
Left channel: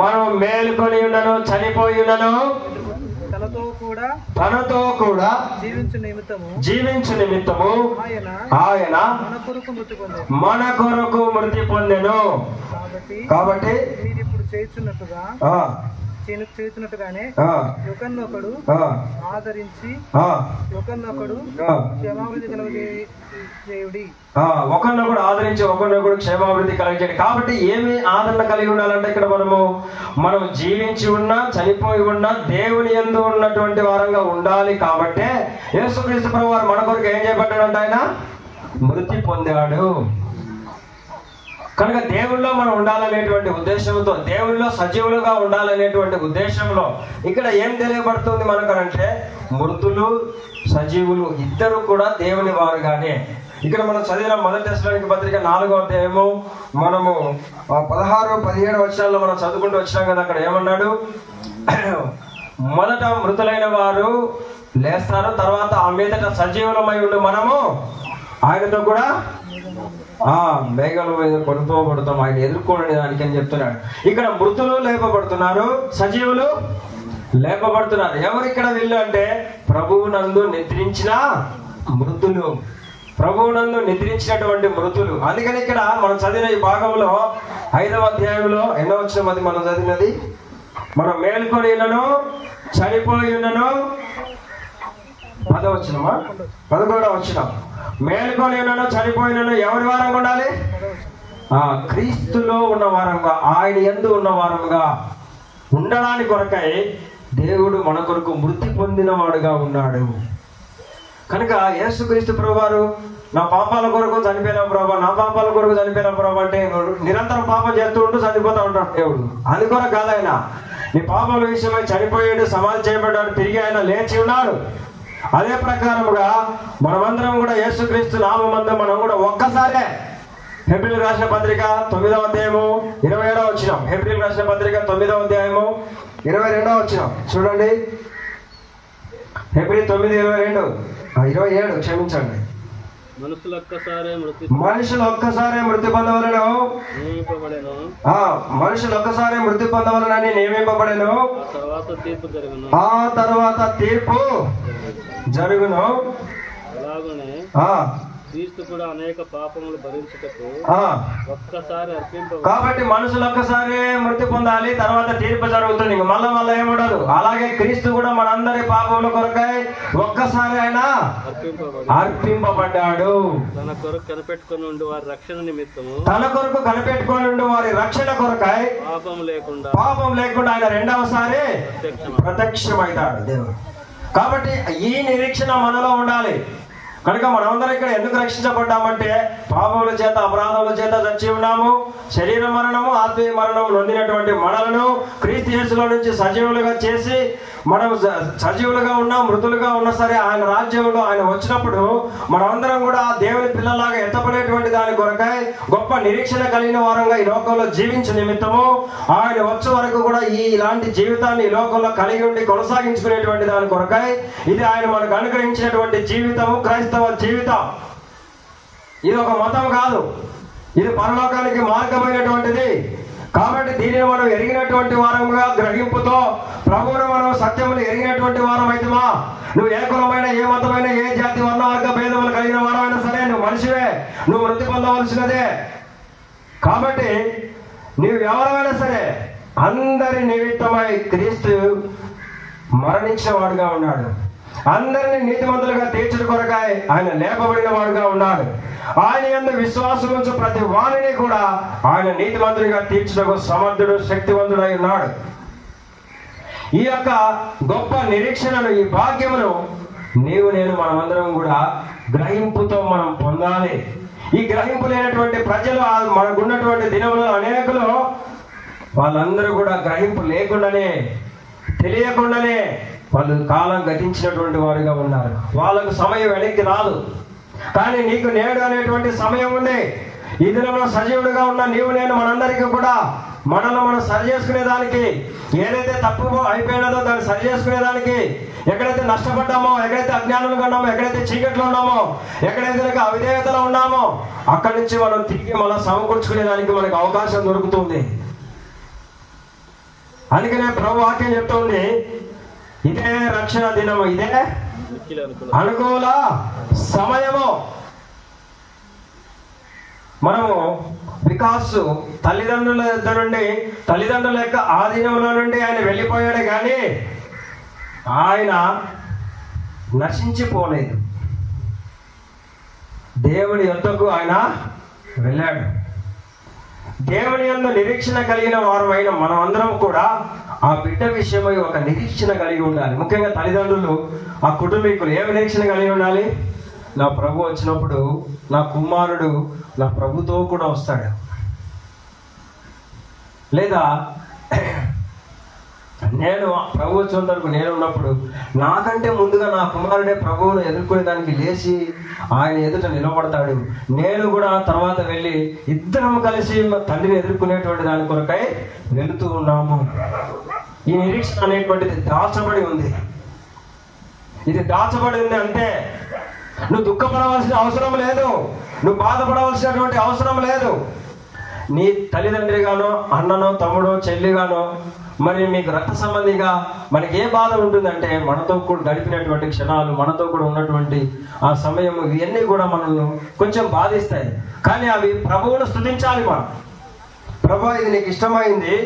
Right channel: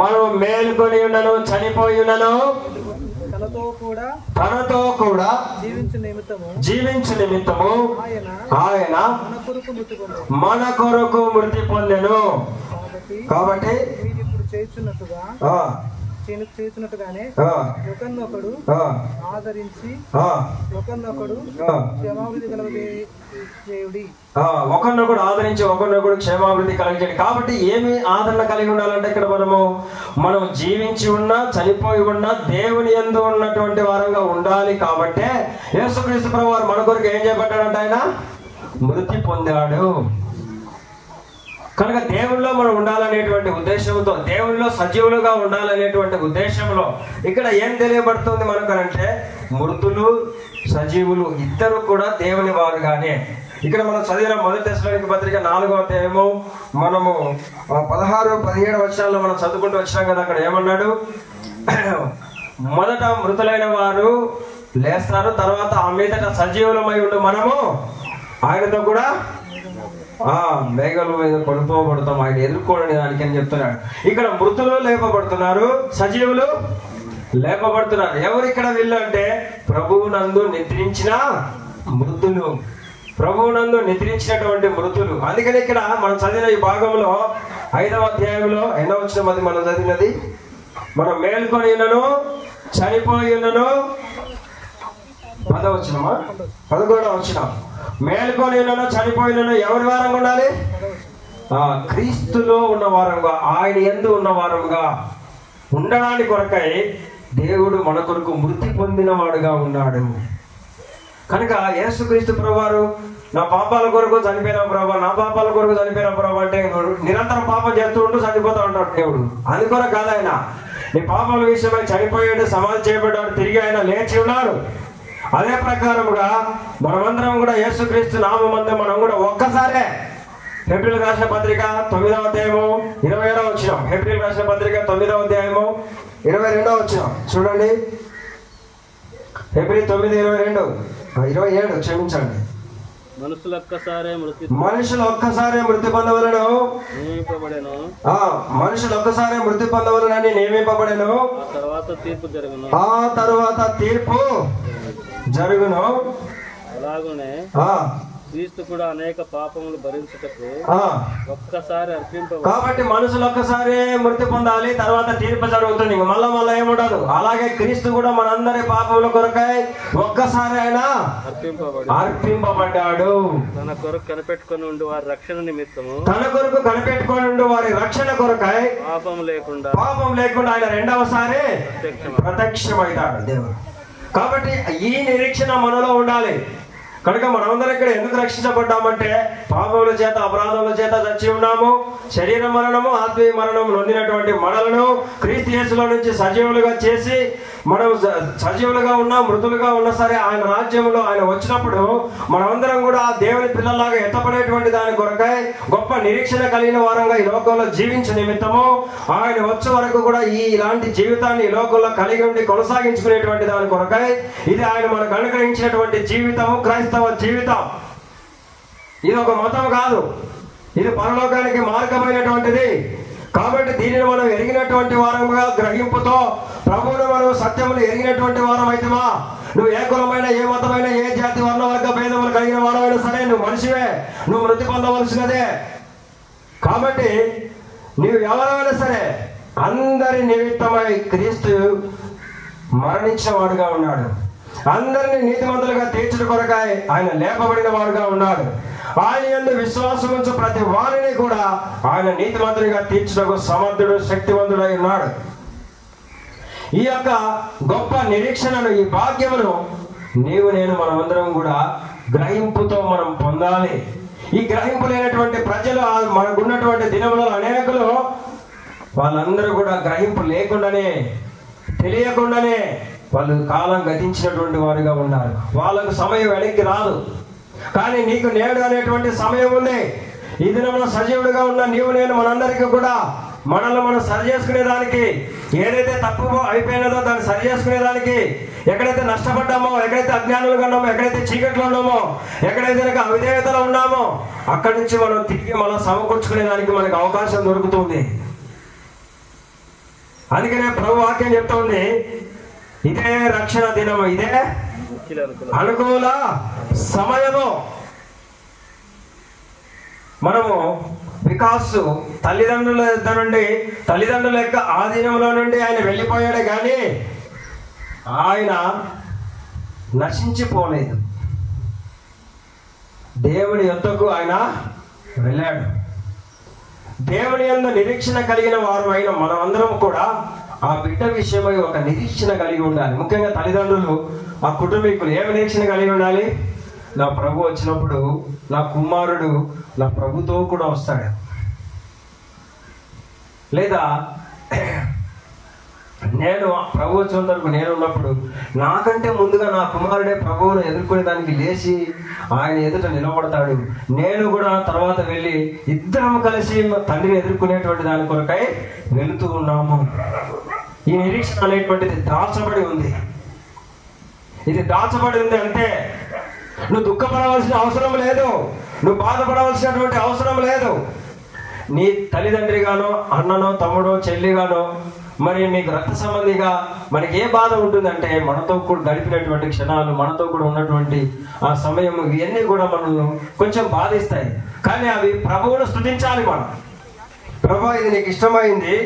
మనం మేలుకొని ఉన్నను చనిపోయి ఉన్నను తనతో కూడా జీవించు నిమిత్తము ఆయన మన కొరకు మృతి పొందెను. కాబట్టి మీరు ఇప్పుడు చేస్తున్నట్టుగానే ఒకరినొకడు ఆదరించి ఒకరినొకడు క్షేమాభివృద్ధి కలగజేయుడి. ఒకరినొకడు ఆదరించి ఒకరినొకడు క్షేమాభివృద్ధి కలిగించండి. కాబట్టి ఏమి ఆదరణ కలిగి ఉండాలంటే ఇక్కడ మనం జీవించి ఉన్నా చనిపోయి ఉన్నా దేవుని యందు ఉన్నటువంటి వారంగా ఉండాలి. కాబట్టి యేసుక్రీస్తు ప్రభువారు మన కొరకు ఏం చేయబడ్డాడంటే ఆయన మృతి పొందాడు. కనుక దేవుళ్ళలో మనం ఉండాలనేటువంటి ఉద్దేశంతో, దేవుళ్ళలో సజీవులుగా ఉండాలనేటువంటి ఉద్దేశంలో ఇక్కడ ఏం తెలియబడుతుంది మనకనంటే మృతులు సజీవులు ఇద్దరు కూడా దేవుని వారుగానే. ఇక్కడ మనం చదివిన మొదటి దశలోని పత్రిక 4వ అధ్యాయము మనము 16-17 వచనాల్లో మనం చదువుకుంటూ వచ్చినాం కదా. అక్కడ ఏమన్నాడు? మొదట మృతులైన వారు లేస్తారు, తర్వాత ఆ మీదట సజీవులమై ఉండి మనము ఆయనతో కూడా మేఘాల మీద కొనుక్కోబడతాం, ఆయన ఎదుర్కోండి దానికి అని చెప్తున్నాడు. ఇక్కడ మృతులు లేపబడుతున్నారు, సజీవులు లేపబడుతున్నారు. ఎవరు ఇక్కడ వీళ్ళు అంటే ప్రభువునందు నిద్రించిన మృతులు, ప్రభువునందు నిద్రించినటువంటి మృతులు. అందుకని ఇక్కడ మనం చదివిన ఈ భాగంలో 5వ అధ్యాయంలో 8వ వచనం అది మనం చదివినది. మనం మేల్కొని ఉన్నను చనిపోయి ఉన్నను 10వ వచనమా 11వ వచనం. మేల్కొని ఉన్నను చనిపోయినను ఎవరి వారంగా ఉండాలి? క్రీస్తులో ఉన్న వారంగా, ఆయన యందు ఉన్న వారంగా ఉండడానికి కొరకై దేవుడు మన కొరకు మృతి పొందిన వాడుగా ఉన్నాడు. కనుక యేసుక్రీస్తు ప్రభువారు నా పాపాల కొరకు చనిపోయిన ప్రభు, నా పాపాల కొరకు చనిపోయిన ప్రభు అంటే నిరంతరం పాపం చేస్తూ ఉంటూ చనిపోతూ ఉంటాడు దేవుడు. అది కూడా కాదైన నీ పాపాల విషయమై చనిపోయాడు, సమాధి చేయబడ్డాడు, తిరిగి ఆయన లేచి ఉన్నాడు. అదే ప్రకారముగా మనమందరం కూడా యేసుక్రీస్తు నామమందు మనం కూడా ఒక్కసారే హెబ్రీయులకు రాసిన పత్రిక 9వ అధ్యాయము 27వ వచనం, హెబ్రీయులకు రాసిన పత్రిక 9వ అధ్యాయము 22వ వచనం చూడండి. హెబ్రీ 9:27 క్షమించండి. మనుషులు ఒక్కసారే మృతి పొందవలను, మనుషులు ఒక్కసారే మృతి పొందవలనని నియమింపబడెను. ఆ తర్వాత తీర్పు జరుగును. అలాగనే క్రీస్తు కూడా అనేక పాపములు భరించుటకు ఒక్కసారి అర్పింపబడెను. కాబట్టి మనుషులు ఒక్కసారి మృతి పొందాలి, తర్వాత తీర్పు జరుగుతుంది, మళ్ళా ఏముండదు. అలాగే క్రీస్తు కూడా మనందరి పాపముల కొరకై ఒక్కసారి ఆయన అర్పింపబడ్డాడు. తన కొరకు కనిపెట్టుకుని ఉండి వారి రక్షణ నిమిత్తము, తన కొరకు కనిపెట్టుకుని ఉండి వారి రక్షణ కొరకై పాపం లేకుండా ఆయన రెండవసారి ప్రత్యక్షమవుతాడు దేవుడు. కాబట్టి ఈ నిరీక్షణ మనలో ఉండాలి. కనుక మనమందరం ఇక్కడ ఎందుకు రక్షించబడ్డామంటే పాపముల చేత అపరాధముల చేత చచ్చి ఉన్నాము. శరీర మరణము ఆత్మీయ మరణం నొందినటువంటి మనలను క్రీస్తు యేసులో నుంచి సజీవులుగా చేసి మనం సజీవులుగా ఉన్నా మృతులుగా ఉన్నా సరే ఆయన రాజ్యంలో ఆయన వచ్చినప్పుడు మనమందరం కూడా దేవుని పిల్లలాగా ఎత్తపడేటువంటి దాని కొరకై గొప్ప నిరీక్షణ కలిగిన వారంగా ఈ లోకంలో జీవించే నిమిత్తము ఆయన వచ్చే వరకు కూడా ఇలాంటి జీవితాన్ని ఈ లోకంలో కలిగి ఉండి కొనసాగించుకునేటువంటి దాని కొరకై ఇది ఆయన మనకు అనుగ్రహించినటువంటి జీవితము, క్రైస్తవ జీవితం. ఇది ఒక మతం కాదు, ఇది పరలోకానికి మార్గమైనటువంటిది. కాబట్టి దీనిని మనం ఎరిగినటువంటి వారముగా గ్రహింపుతో ప్రభువును మనం సత్యములు ఎరిగినటువంటి వారం అయితేమా, నువ్వు ఏ కులమైన ఏ మతమైన ఏ జాతి వర్ణవర్గ భేదములు కలిగిన వారమైనా సరే నువ్వు మనిషివే, నువ్వు మృతి పొందవలసినదే. కాబట్టి నువ్వు ఎవరైనా సరే అందరి నిమిత్తమై క్రీస్తు మరణించిన వాడుగా ఉన్నాడు. అందరినీ నీతిమంతులుగా తీర్చుట కొరకై ఆయన లేపబడిన వాడుగా ఉన్నాడు. ఆయన యందు విశ్వాసం ఉంచు ప్రతి వారిని కూడా ఆయన నీతిమంతులుగా తీర్చుటకు సమర్థుడు, శక్తివంతుడై ఉన్నాడు. ఈ యొక్క గొప్ప నిరీక్షణను, ఈ భాగ్యమును నీవు నేను మనమందరం కూడా గ్రహింపుతో మనం పొందాలి. ఈ గ్రహింపు లేనటువంటి ప్రజలు మనకున్నటువంటి దినంలో అనేకులు వాళ్ళందరూ కూడా గ్రహింపు లేకుండానే, తెలియకుండానే వాళ్ళు కాలం గతించినటువంటి వారిగా ఉన్నారు. వాళ్ళకు సమయం వెనక్కి రాదు. కానీ నీకు నేడు అనేటువంటి సమయం ఉంది. ఈ దినంలో సజీవుడిగా ఉన్న నీవు నేను మనందరికీ కూడా మనలో మనం సరి చేసుకునేదానికి, ఏదైతే తప్పు అయిపోయినదో దాన్ని సరి చేసుకునేదానికి, ఎక్కడైతే నష్టపడ్డామో, ఎక్కడైతే అజ్ఞానులుగా ఉన్నామో, ఎక్కడైతే చీకట్లో ఉన్నామో, ఎక్కడైతే అవిధేయతలో ఉన్నామో అక్కడి నుంచి మనం తిరిగి మనం సమకూర్చుకునేదానికి మనకు అవకాశం దొరుకుతుంది. అందుకనే ప్రభు వాక్యం చెప్తుంది, ఇదే రక్షణ దినము, ఇదే అనుకూల సమయము. మనము వికాస్ తల్లిదండ్రుల యొక్క ఆధీనంలో నుండి ఆయన వెళ్ళిపోయాడు, కానీ ఆయన నశించిపోలేదు. దేవుని యొద్దకు ఆయన వెళ్ళాడు. దేవుని యందు నిరీక్షణ కలిగిన వారు అయిన మనం అందరం కూడా ఆ బిడ్డ విషయమై ఒక నిరీక్షణ కలిగి ఉండాలి. ముఖ్యంగా తల్లిదండ్రులు, ఆ కుటుంబీకులు ఏం నిరీక్షణ కలిగి ఉండాలి? నా ప్రభు వచ్చినప్పుడు నా కుమారుడు నా ప్రభుతో కూడా వస్తాడు, లేదా నేను ప్రభు వచ్చినంత వరకు నేను ఉన్నప్పుడు నాకంటే ముందుగా నా కుమారుడే ప్రభువును ఎదుర్కొనే దానికి లేచి ఆయన ఎదుట నిలబడతాడు. నేను కూడా తర్వాత వెళ్ళి ఇద్దరం కలిసి తండ్రిని ఎదుర్కొనేటువంటి దాని కొరకై వెళుతూ ఉన్నాము. ఈ నిరీక్షణ అనేటువంటిది దాచబడి ఉంది. ఇది దాచబడి ఉంది అంటే నువ్వు దుఃఖపడవలసిన అవసరం లేదు, నువ్వు బాధపడవలసినటువంటి అవసరం లేదు. నీ తల్లిదండ్రిగానో, అన్ననో, తమ్ముడో, చెల్లిగానో, మరి మీకు రక్త సంబంధిగా మనకి ఏ బాధ ఉంటుందంటే మనతో కూడా గడిపినటువంటి క్షణాలు, మనతో కూడా ఉన్నటువంటి ఆ సమయం, ఇవన్నీ కూడా మనల్ని కొంచెం బాధిస్తాయి. కానీ అవి ప్రభువును స్తుతించాలి. మనం ప్రభు ఇది నీకు ఇష్టమైంది,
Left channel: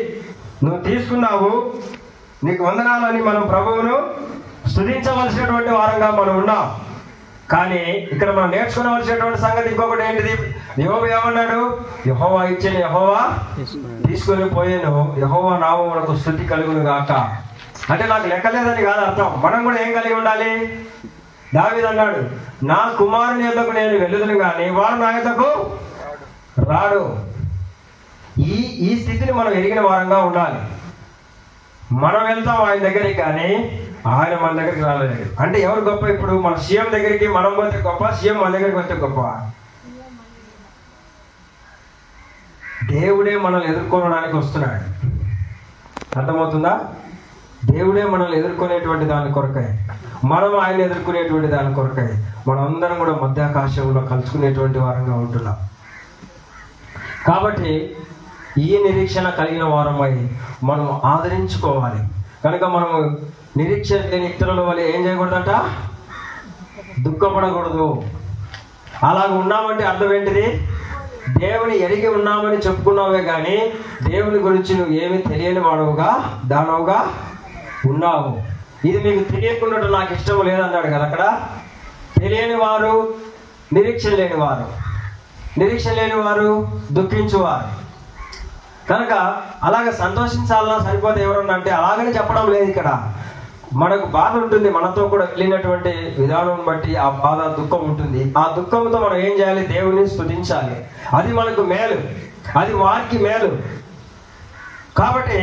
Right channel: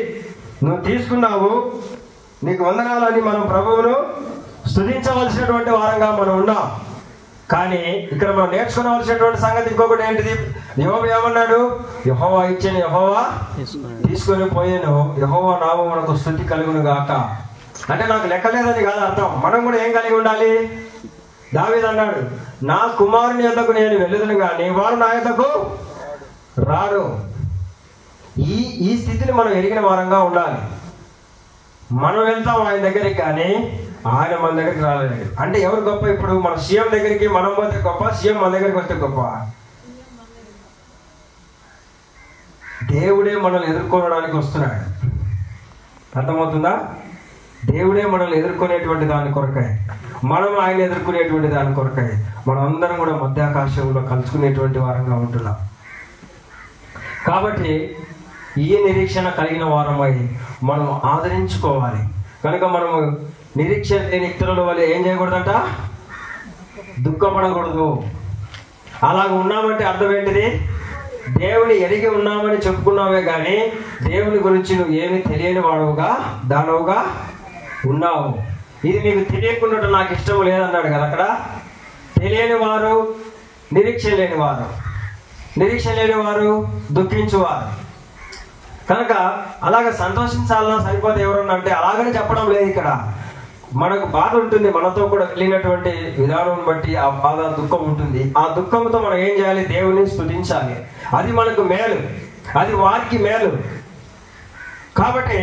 నువ్వు తీసుకున్నావు, నీకు వందనాలని మనం ప్రభువును స్తుతించవలసినటువంటి వారంగా మనం ఉన్నాం. కానీ ఇక్కడ మనం నేర్చుకోవలసినటువంటి సంగతి ఇంకొకటి ఏంటిది? యెహోవా ఏమన్నాడు? యెహోవా ఇచ్చిన యెహోవా తీసుకుని పోయాను, యెహోవా నామమునకు స్తుతి కలుగును గాక. అంటే నాకు లెక్కలేదని కాదు అర్థం. మనం కూడా ఏం కలిగి ఉండాలి? దావీదు అన్నాడు, నా కుమారుని యొద్దకు నేను వెళ్ళుదును కానీ వారు నా యొద్దకు రాడు. ఈ స్థితిని మనం ఎరిగిన వారంగా ఉండాలి. మనం వెళ్తాం ఆయన దగ్గరికి, కానీ ఆయన మన దగ్గరికి రాలేదు. అంటే ఎవరు గొప్ప? ఇప్పుడు మన సీఎం దగ్గరికి మనం పోతే గొప్ప, సీఎం మన దగ్గరికి వస్తే గొప్ప? దేవుడే మనల్ని ఎదుర్కోవడానికి వస్తున్నాడు. అర్థమవుతుందా? దేవుడే మనల్ని ఎదుర్కొనేటువంటి దాని కొరకాయ, మనం ఆయన ఎదుర్కొనేటువంటి దాని కొరకాయ మనందరం కూడా మధ్యాకాశంలో కలుసుకునేటువంటి వారంగా ఉంటున్నాం. కాబట్టి ఈ నిరీక్షణ కలిగిన వారమై మనం ఆదరించుకోవాలి. కనుక మనం నిరీక్షణ లేని ఇతరుల వల్ల ఏం చేయకూడదంట? దుఃఖపడకూడదు. అలా ఉన్నామంటే అర్థం ఏంటిది? దేవుని ఎరిగి ఉన్నామని చెప్పుకున్నామే కానీ దేవుని గురించి నువ్వు ఏమి తెలియని వాడుగా దానవుగా ఉన్నావు. ఇది మీకు తెలియకుండా నాకు ఇష్టం లేదన్నాడు కదా అక్కడ. తెలియని వారు నిరీక్షణ లేని వారు, నిరీక్షణ లేని వారు దుఃఖించువారు. కనుక అలాగ సంతోషించాలన్నా సరిపోతే ఎవరన్నా అంటే అలాగనే చెప్పడం లేదు. ఇక్కడ మనకు బాధ ఉంటుంది, మనతో కూడా వెళ్ళినటువంటి విధానం బట్టి ఆ బాధ, దుఃఖం ఉంటుంది. ఆ దుఃఖంతో మనం ఏం చేయాలి? దేవుని స్తుతించాలి. అది మనకు మేలు, అది వారికి మేలు. కాబట్టి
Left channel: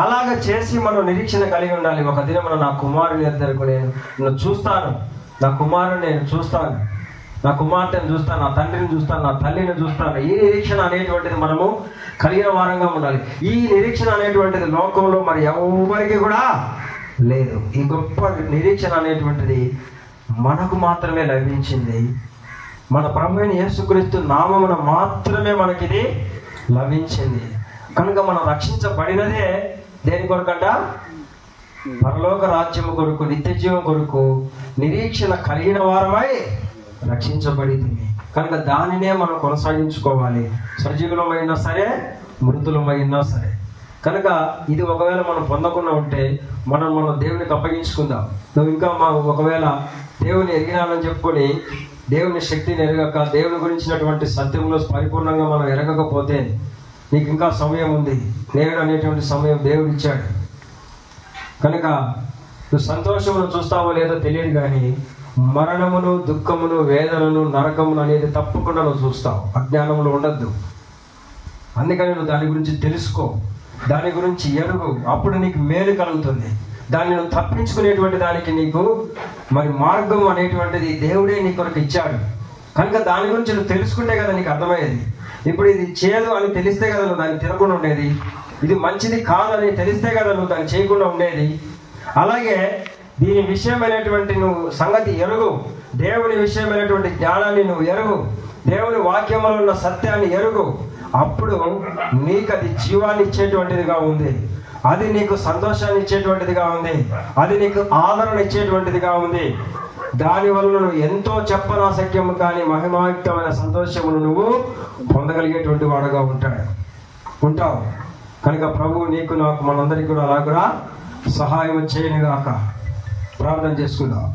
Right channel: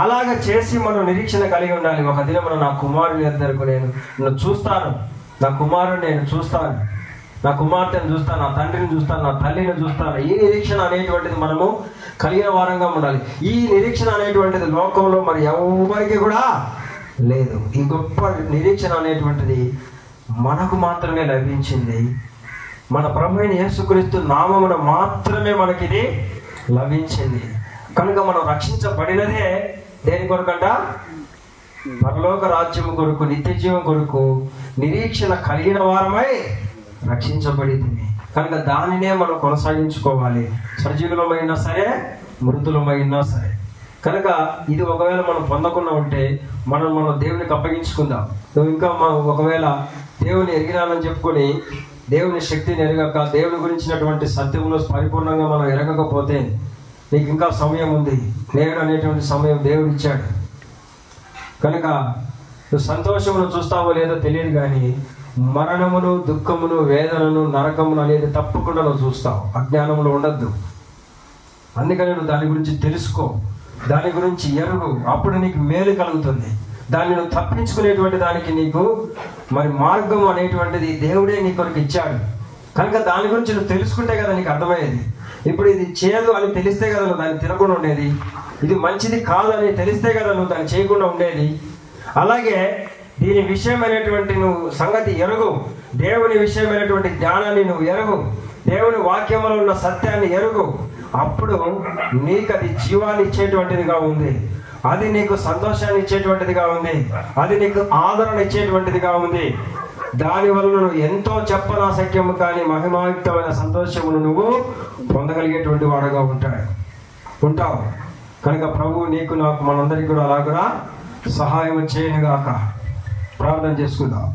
అలాగ చేసి మనం నిరీక్షణ కలిగి ఉండాలి. ఒక దినం నా కుమారుని దగ్గరకు నేను చూస్తాను, నా కుమారుని నేను చూస్తాను, నా కుమార్తెను చూస్తాను, నా తండ్రిని చూస్తాను, నా తల్లిని చూస్తాను. ఈ నిరీక్షణ అనేటువంటిది మనము కలిగిన వారంగా ఉండాలి. ఈ నిరీక్షణ అనేటువంటిది లోకంలో మరి ఎవరికి కూడా లేదు. ఈ గొప్ప నిరీక్షణ అనేటువంటిది మనకు మాత్రమే లభించింది. మన ప్రభువైన యేసుక్రీస్తు నామమున మాత్రమే మనకిది లభించింది. కనుక మనం రక్షించబడినదే దేని కొరకంట? పరలోక రాజ్యము కొరకు, నిత్య జీవం కొరకు నిరీక్షణ కలిగిన వారమై రక్షించబడింది. కనుక దానినే మనం కొనసాగించుకోవాలి. సజీవులమైనా సరే, మృతులమైనా సరే. కనుక ఇది ఒకవేళ మనం పొందకుండా ఉంటే మనం దేవునికి అప్పగించుకుందాం. నువ్వు ఇంకా ఒకవేళ దేవుని ఎరిగినానని చెప్పుకొని దేవుని శక్తిని ఎరగక, దేవుని గురించినటువంటి సత్యంలో పరిపూర్ణంగా మనం ఎరగకపోతే నీకు ఇంకా సమయం ఉంది. నేడు అనేటువంటి సమయం దేవుడు ఇచ్చాడు. కనుక నువ్వు సంతోషమును చూస్తావో లేదో తెలియదు, కానీ మరణమును, దుఃఖమును, వేదనను, నరకమును అనేది తప్పకుండా నువ్వు చూస్తావు. అజ్ఞానములు ఉండద్దు. అందుకని నువ్వు దాని గురించి తెలుసుకో, దాని గురించి ఎరుగు. అప్పుడు నీకు మేలు కలుగుతుంది. దాన్ని నువ్వు తప్పించుకునేటువంటి దానికి నీకు మరి మార్గం అనేటువంటిది దేవుడే నీ కొరకు ఇచ్చాడు. కనుక దాని గురించి నువ్వు తెలుసుకుంటే కదా నీకు అర్థమయ్యేది. ఇప్పుడు ఇది చేదు అని తెలిస్తే కదా నువ్వు దాన్ని తినకుండా ఉండేది. ఇది మంచిది కాదని తెలిస్తే కదా నువ్వు దాన్ని చేయకుండా ఉండేది. అలాగే దీని విషయమైనటువంటి నువ్వు సంగతి ఎరుగు, దేవుని విషయమైనటువంటి జ్ఞానాన్ని నువ్వు ఎరుగు, దేవుని వాక్యములో ఉన్న సత్యాన్ని ఎరుగు. అప్పుడు నీకు అది జీవాన్ని ఇచ్చేటువంటిదిగా ఉంది, అది నీకు సంతోషాన్ని ఇచ్చేటువంటిదిగా ఉంది, అది నీకు ఆదరణ ఇచ్చేటువంటిదిగా ఉంది. దానివల్ల నువ్వు ఎంతో చెప్పనాశక్యము కానీ మహిమాయుక్తమైన సంతోషమును నువ్వు పొందగలిగేటువంటి వాడుగా ఉంటావు. కనుక ప్రభు నీకు, నాకు, మనందరికీ కూడా అలాగా సహాయం చేయనుగాక. ప్రార్థన చేసుకుందాం.